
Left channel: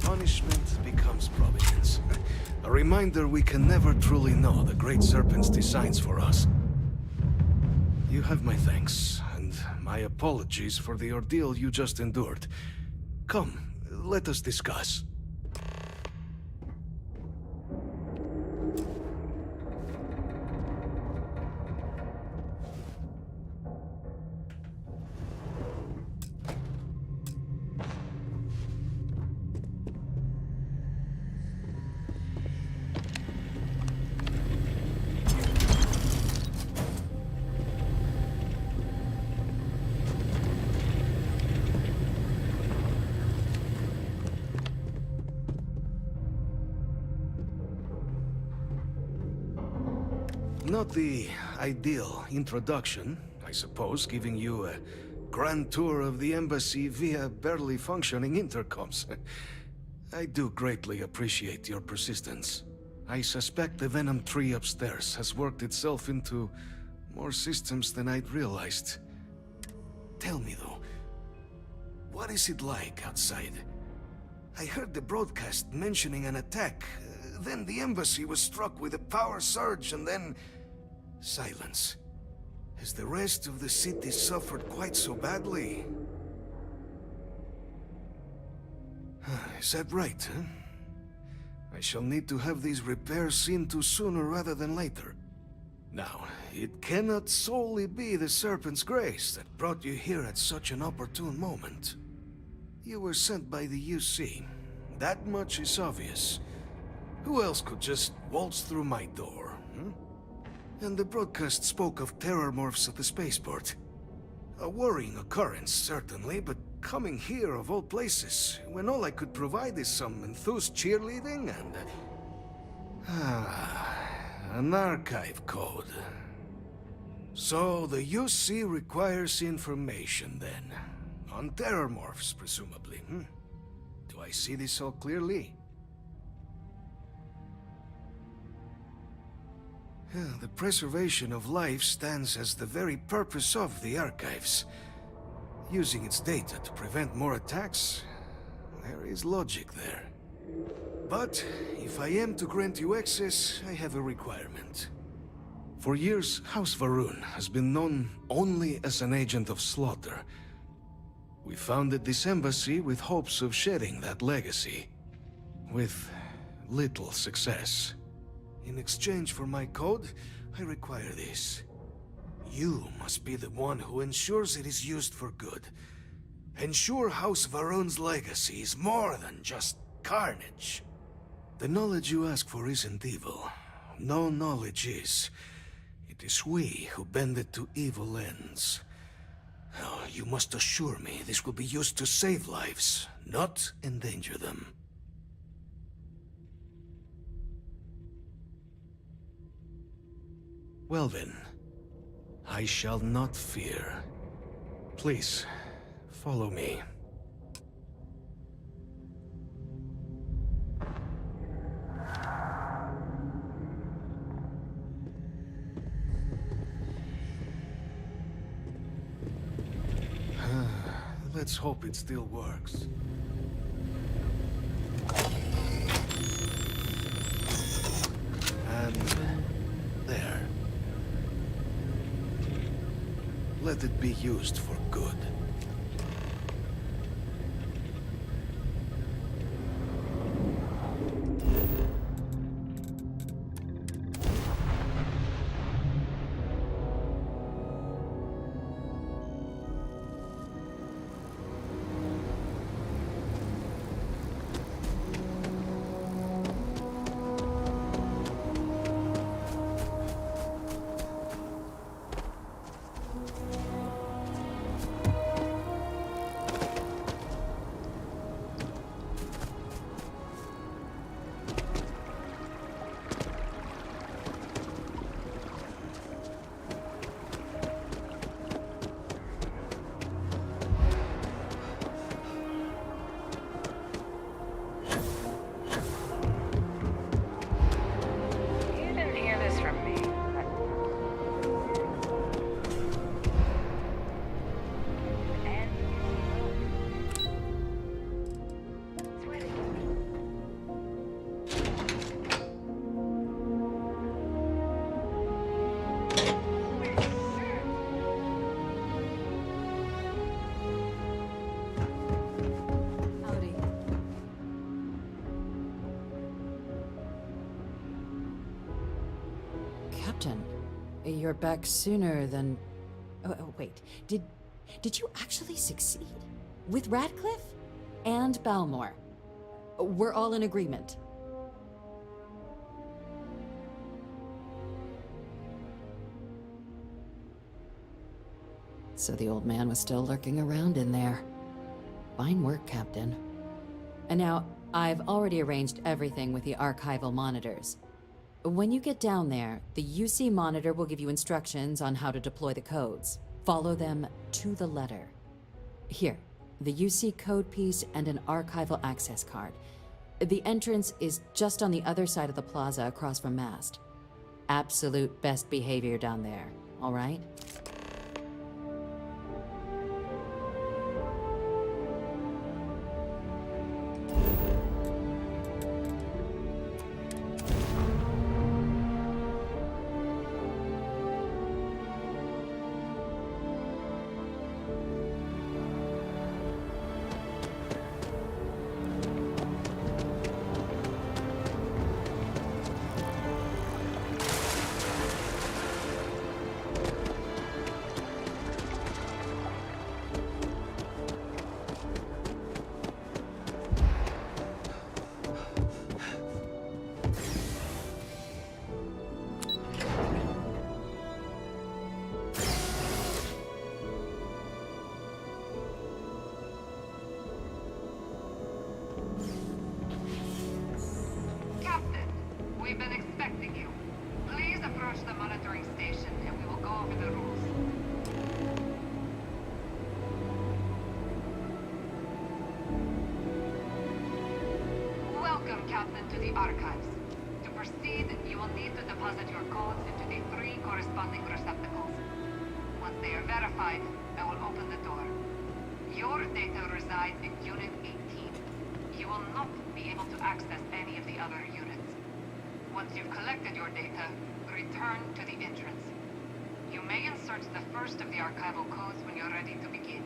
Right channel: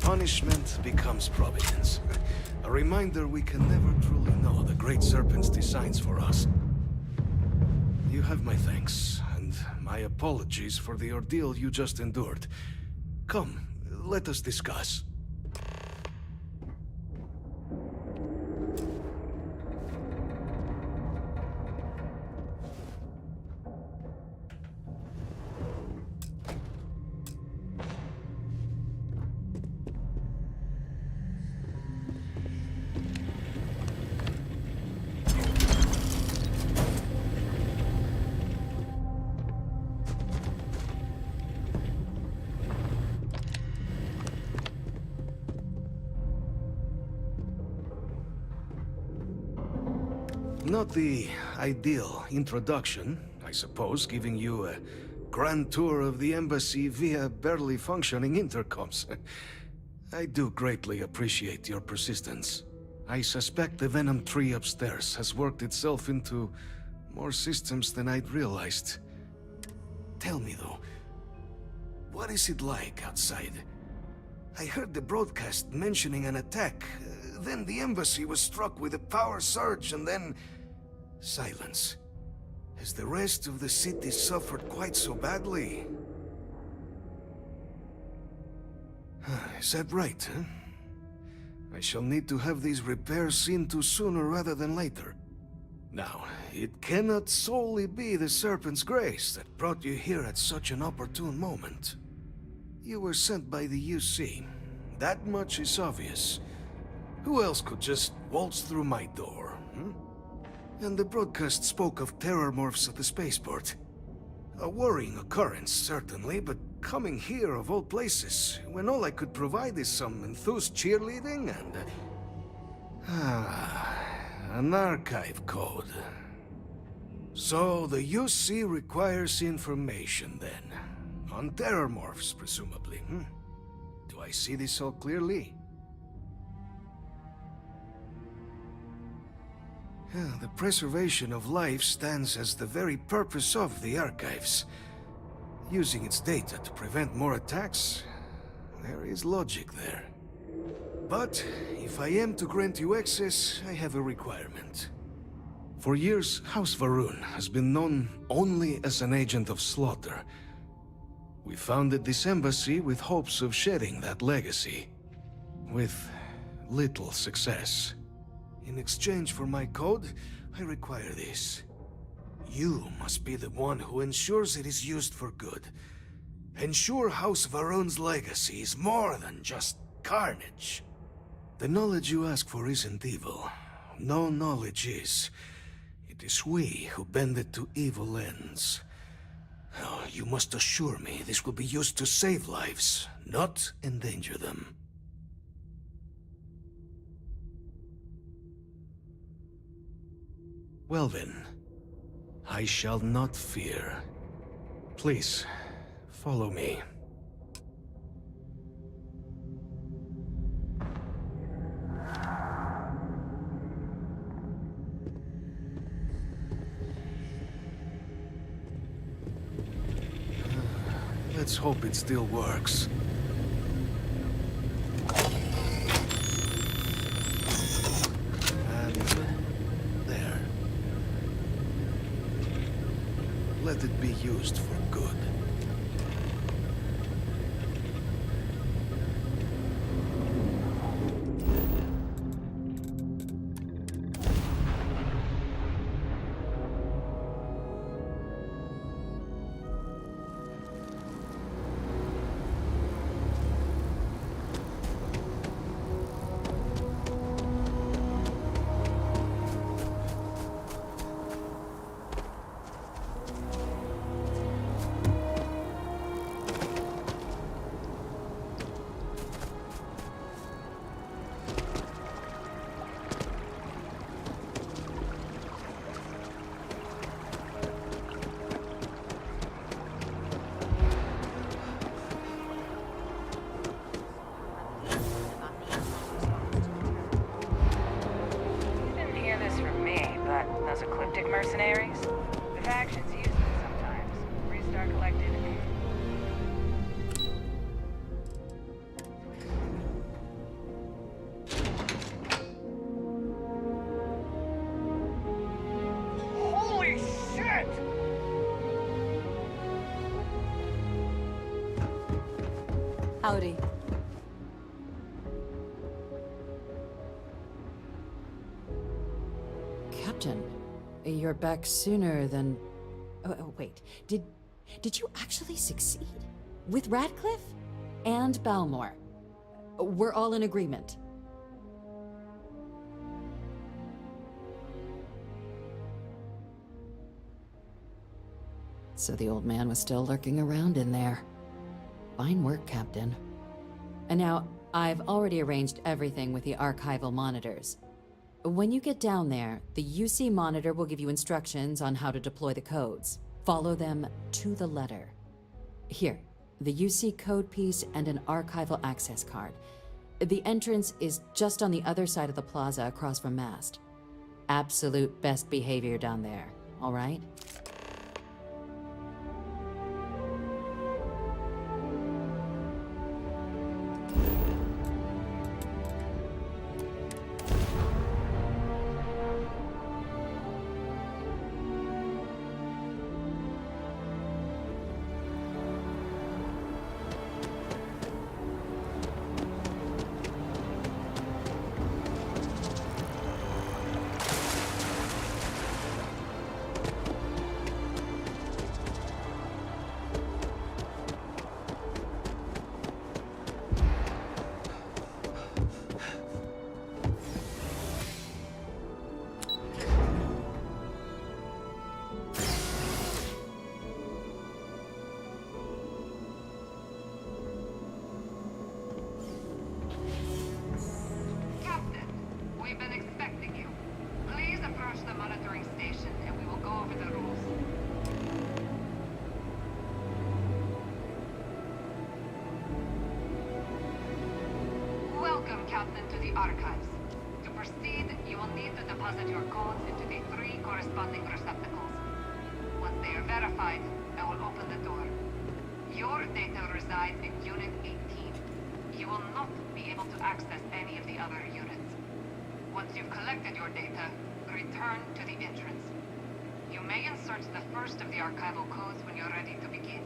Punishment becomes providence. A reminder we can never truly know the Great Serpent's designs for us. You have my thanks, and my apologies for the ordeal you just endured. Come, let us discuss. Not the ideal introduction, I suppose, giving you a grand tour of the embassy via barely functioning intercoms. I do greatly appreciate your persistence. I suspect the Venom tree upstairs has worked itself into more systems than I'd realized. Tell me though, what is it like outside? I heard the broadcast mentioning an attack, then the embassy was struck with a power surge, and then silence. Has the rest of the city suffered quite so badly? Is that right, huh? I shall need to have these repairs seen to sooner rather than later. Now, it cannot solely be the Serpent's grace that brought you here at such an opportune moment. You were sent by the UC. That much is obvious. Who else could just waltz through my door, hmm? And the broadcast spoke of terror morphs at the spaceport. A worrying occurrence, certainly, but coming here of all places, when all I could provide is some enthused cheerleading and... an archive code. So the UC requires information, then. On terror morphs, presumably, hmm? Do I see this all clearly? The preservation of life stands as the very purpose of the archives. Using its data to prevent more attacks, there is logic there. But if I am to grant you access, I have a requirement. For years, House Varun has been known only as an agent of slaughter. We founded this embassy with hopes of shedding that legacy, with little success. In exchange for my code, I require this. You must be the one who ensures it is used for good. Ensure House Varun's legacy is more than just carnage. The knowledge you ask for isn't evil. No knowledge is. It is we who bend it to evil ends. Oh, you must assure me this will be used to save lives, not endanger them. Well then, I shall not fear. Please, follow me. Let's hope it still works. And there. Let it be used for good. From me, but those ecliptic mercenaries? The factions use them sometimes. Freestar Collective and... Holy shit! Howdy. Captain, you're back sooner than... Oh, wait. Did you actually succeed? With Radcliffe? And Balmore? We're all in agreement. So the old man was still lurking around in there. Fine work, Captain. And now, I've already arranged everything with the archival monitors. When you get down there, the UC monitor will give you instructions on how to deploy the codes. Follow them to the letter. Here, the UC code piece and an archival access card. The entrance is just on the other side of the plaza across from Mast. Absolute best behavior down there, all right? We've been expecting you. Please approach the monitoring station and we will go over the rules. Welcome, Captain, to the Archives. To proceed, you will need to deposit your codes into the 3 corresponding receptacles. Once they are verified, I will open the door. Your data resides in Unit 18. You will not be able to access any of the other units. Once you've collected your data, return to the entrance. You may insert the first of the archival codes when you're ready to begin.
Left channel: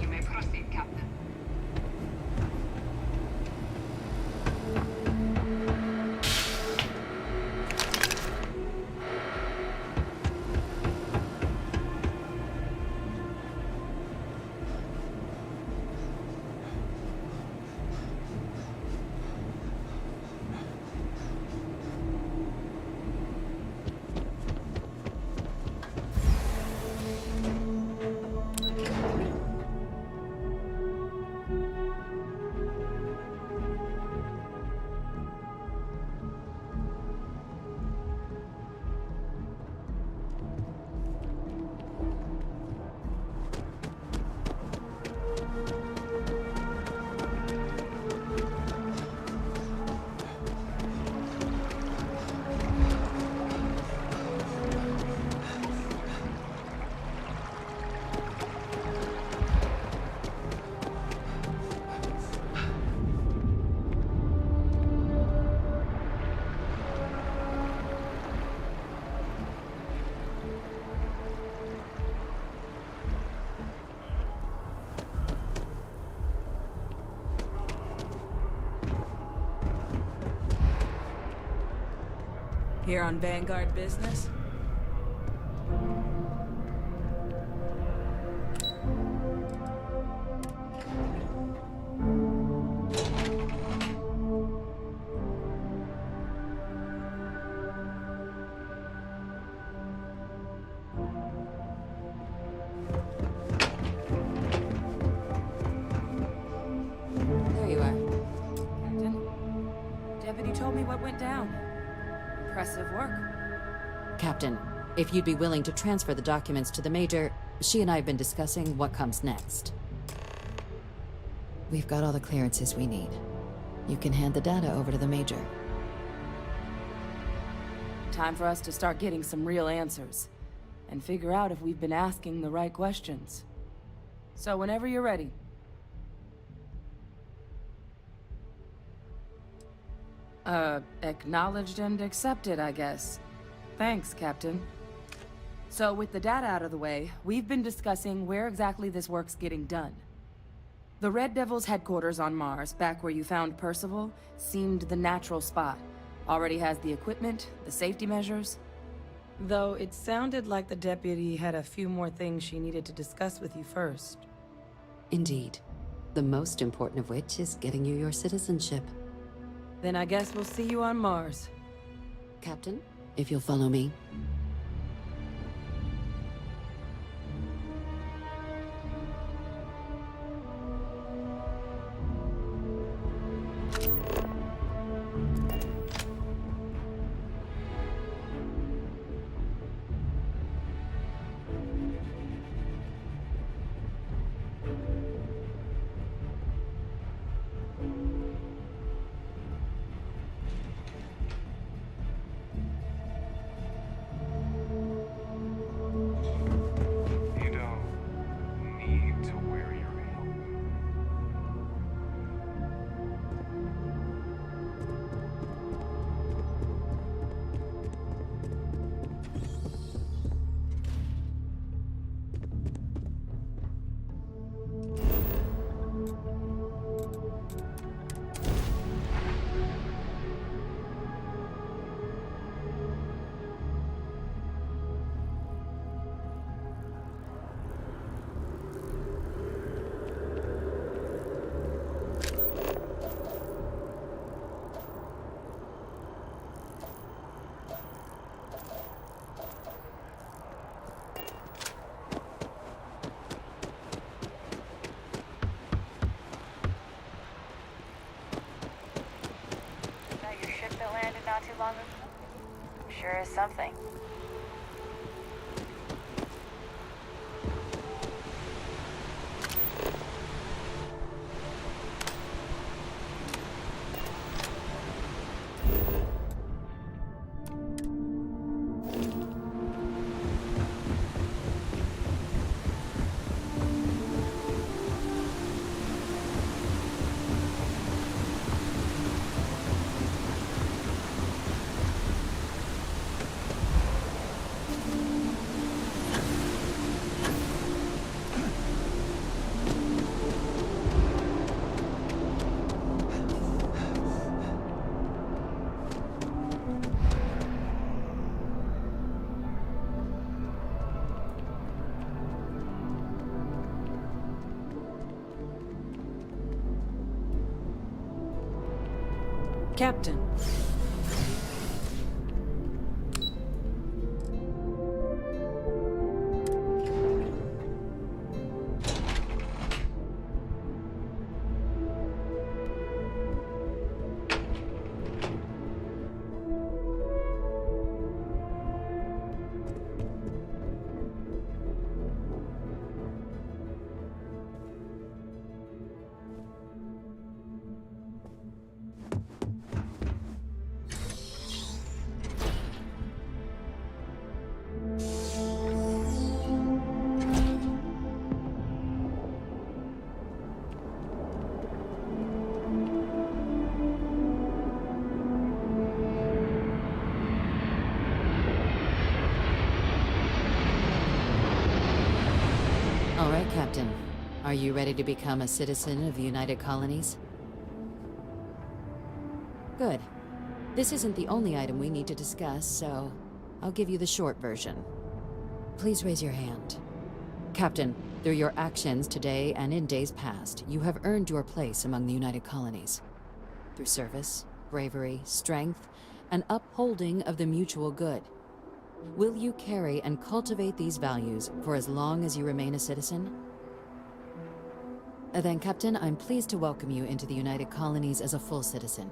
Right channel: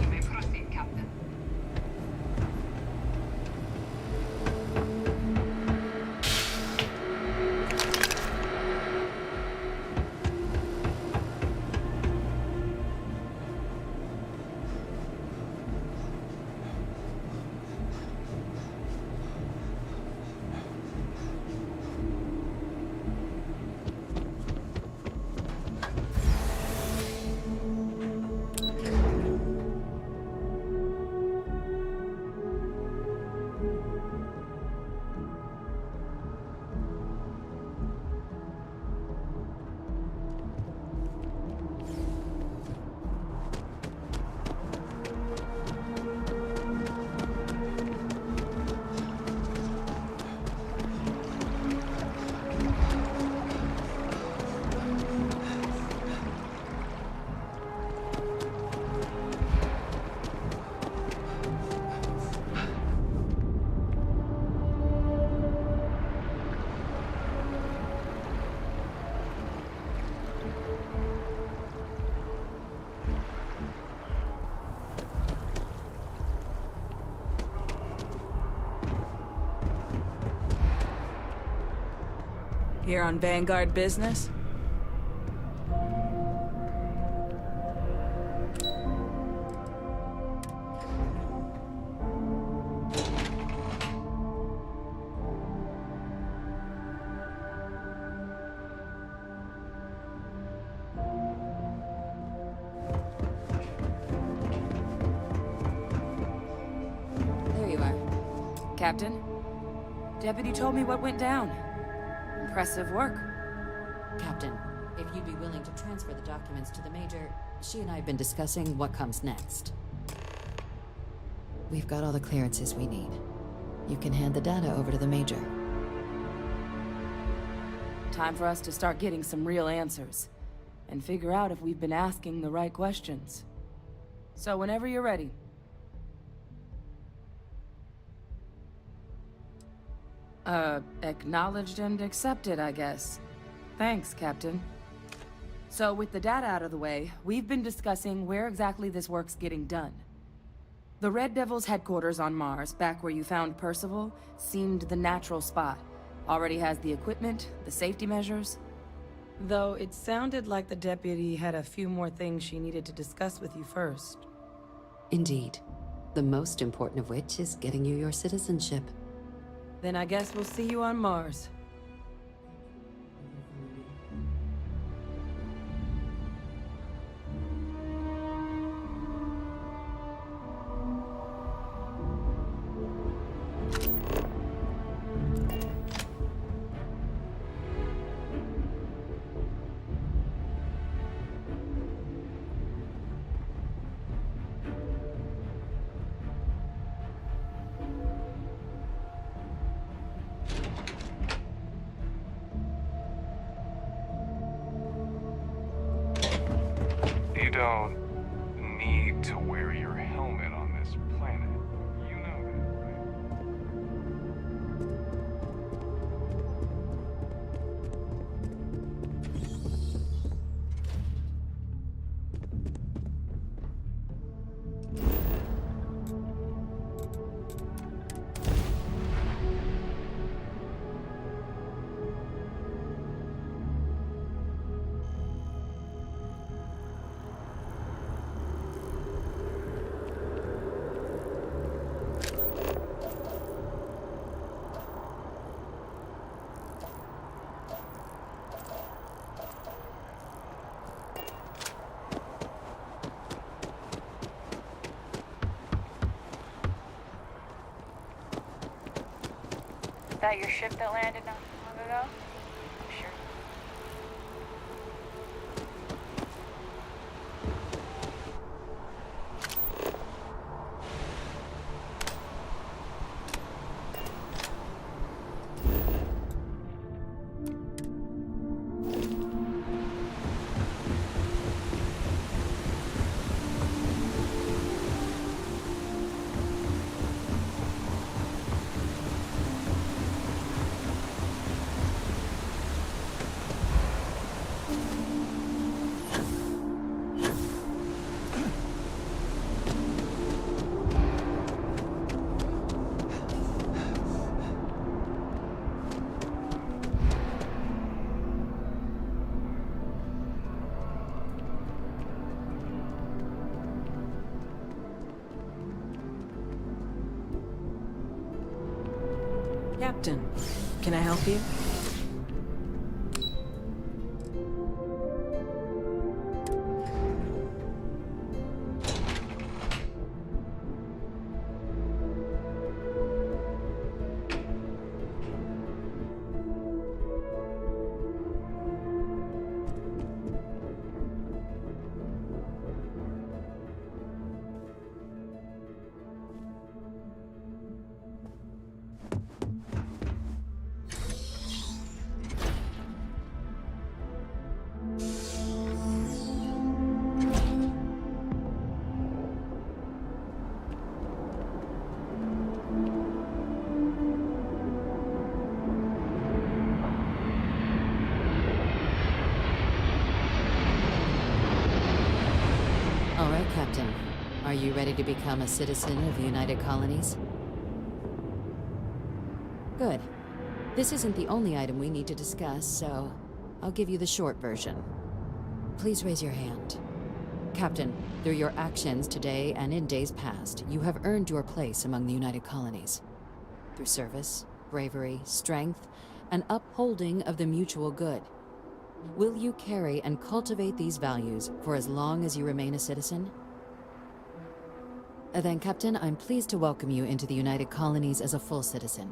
You may proceed, Captain. Here on Vanguard business? There you are. Captain, Deputy told me what went down. Impressive work. Captain, if you'd be willing to transfer the documents to the Major, she and I have been discussing what comes next. We've got all the clearances we need. You can hand the data over to the Major. Time for us to start getting some real answers. And figure out if we've been asking the right questions. So whenever you're ready. Acknowledged and accepted, I guess. Thanks, Captain. So with the data out of the way, we've been discussing where exactly this work's getting done. The Red Devil's headquarters on Mars, back where you found Percival, seemed the natural spot. Already has the equipment, the safety measures. Though it sounded like the deputy had a few more things she needed to discuss with you first. Indeed. The most important of which is getting you your citizenship. Then I guess we'll see you on Mars. Captain, if you'll follow me. You don't need to wear your helmet on this planet. You know that your ship that landed not too long ago? Sure is something. Captain, can I help you? All right, Captain. Are you ready to become a citizen of the United Colonies? Good. This isn't the only item we need to discuss, so I'll give you the short version. Please raise your hand. Captain, through your actions today and in days past, you have earned your place among the United Colonies. Through service, bravery, strength, and upholding of the mutual good. Will you carry and cultivate these values for as long as you remain a citizen? Then, Captain, I'm pleased to welcome you into the United Colonies as a full citizen.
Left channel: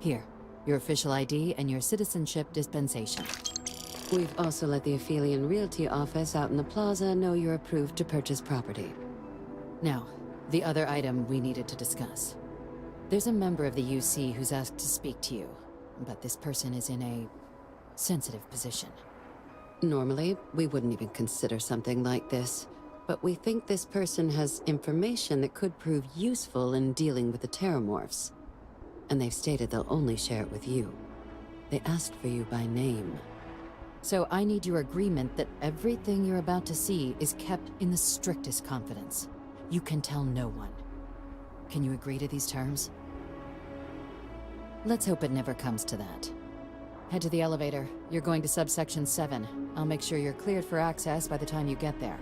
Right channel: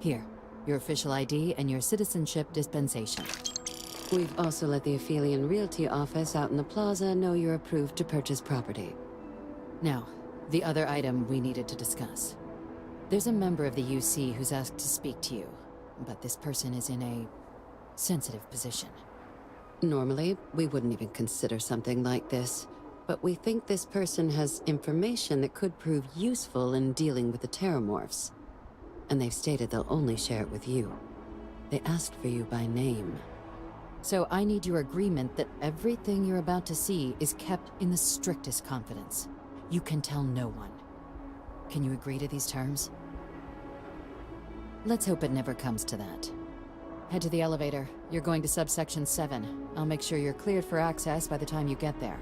Here, your official ID and your citizenship dispensation. We've also let the Aphelion Realty office out in the plaza know you're approved to purchase property. Now, the other item we needed to discuss. There's a member of the UC who's asked to speak to you, but this person is in a sensitive position. Normally, we wouldn't even consider something like this, but we think this person has information that could prove useful in dealing with the Terramorphs. And they've stated they'll only share it with you. They asked for you by name. So I need your agreement that everything you're about to see is kept in the strictest confidence. You can tell no one. Can you agree to these terms? Let's hope it never comes to that. Head to the elevator. You're going to subsection 7. I'll make sure you're cleared for access by the time you get there.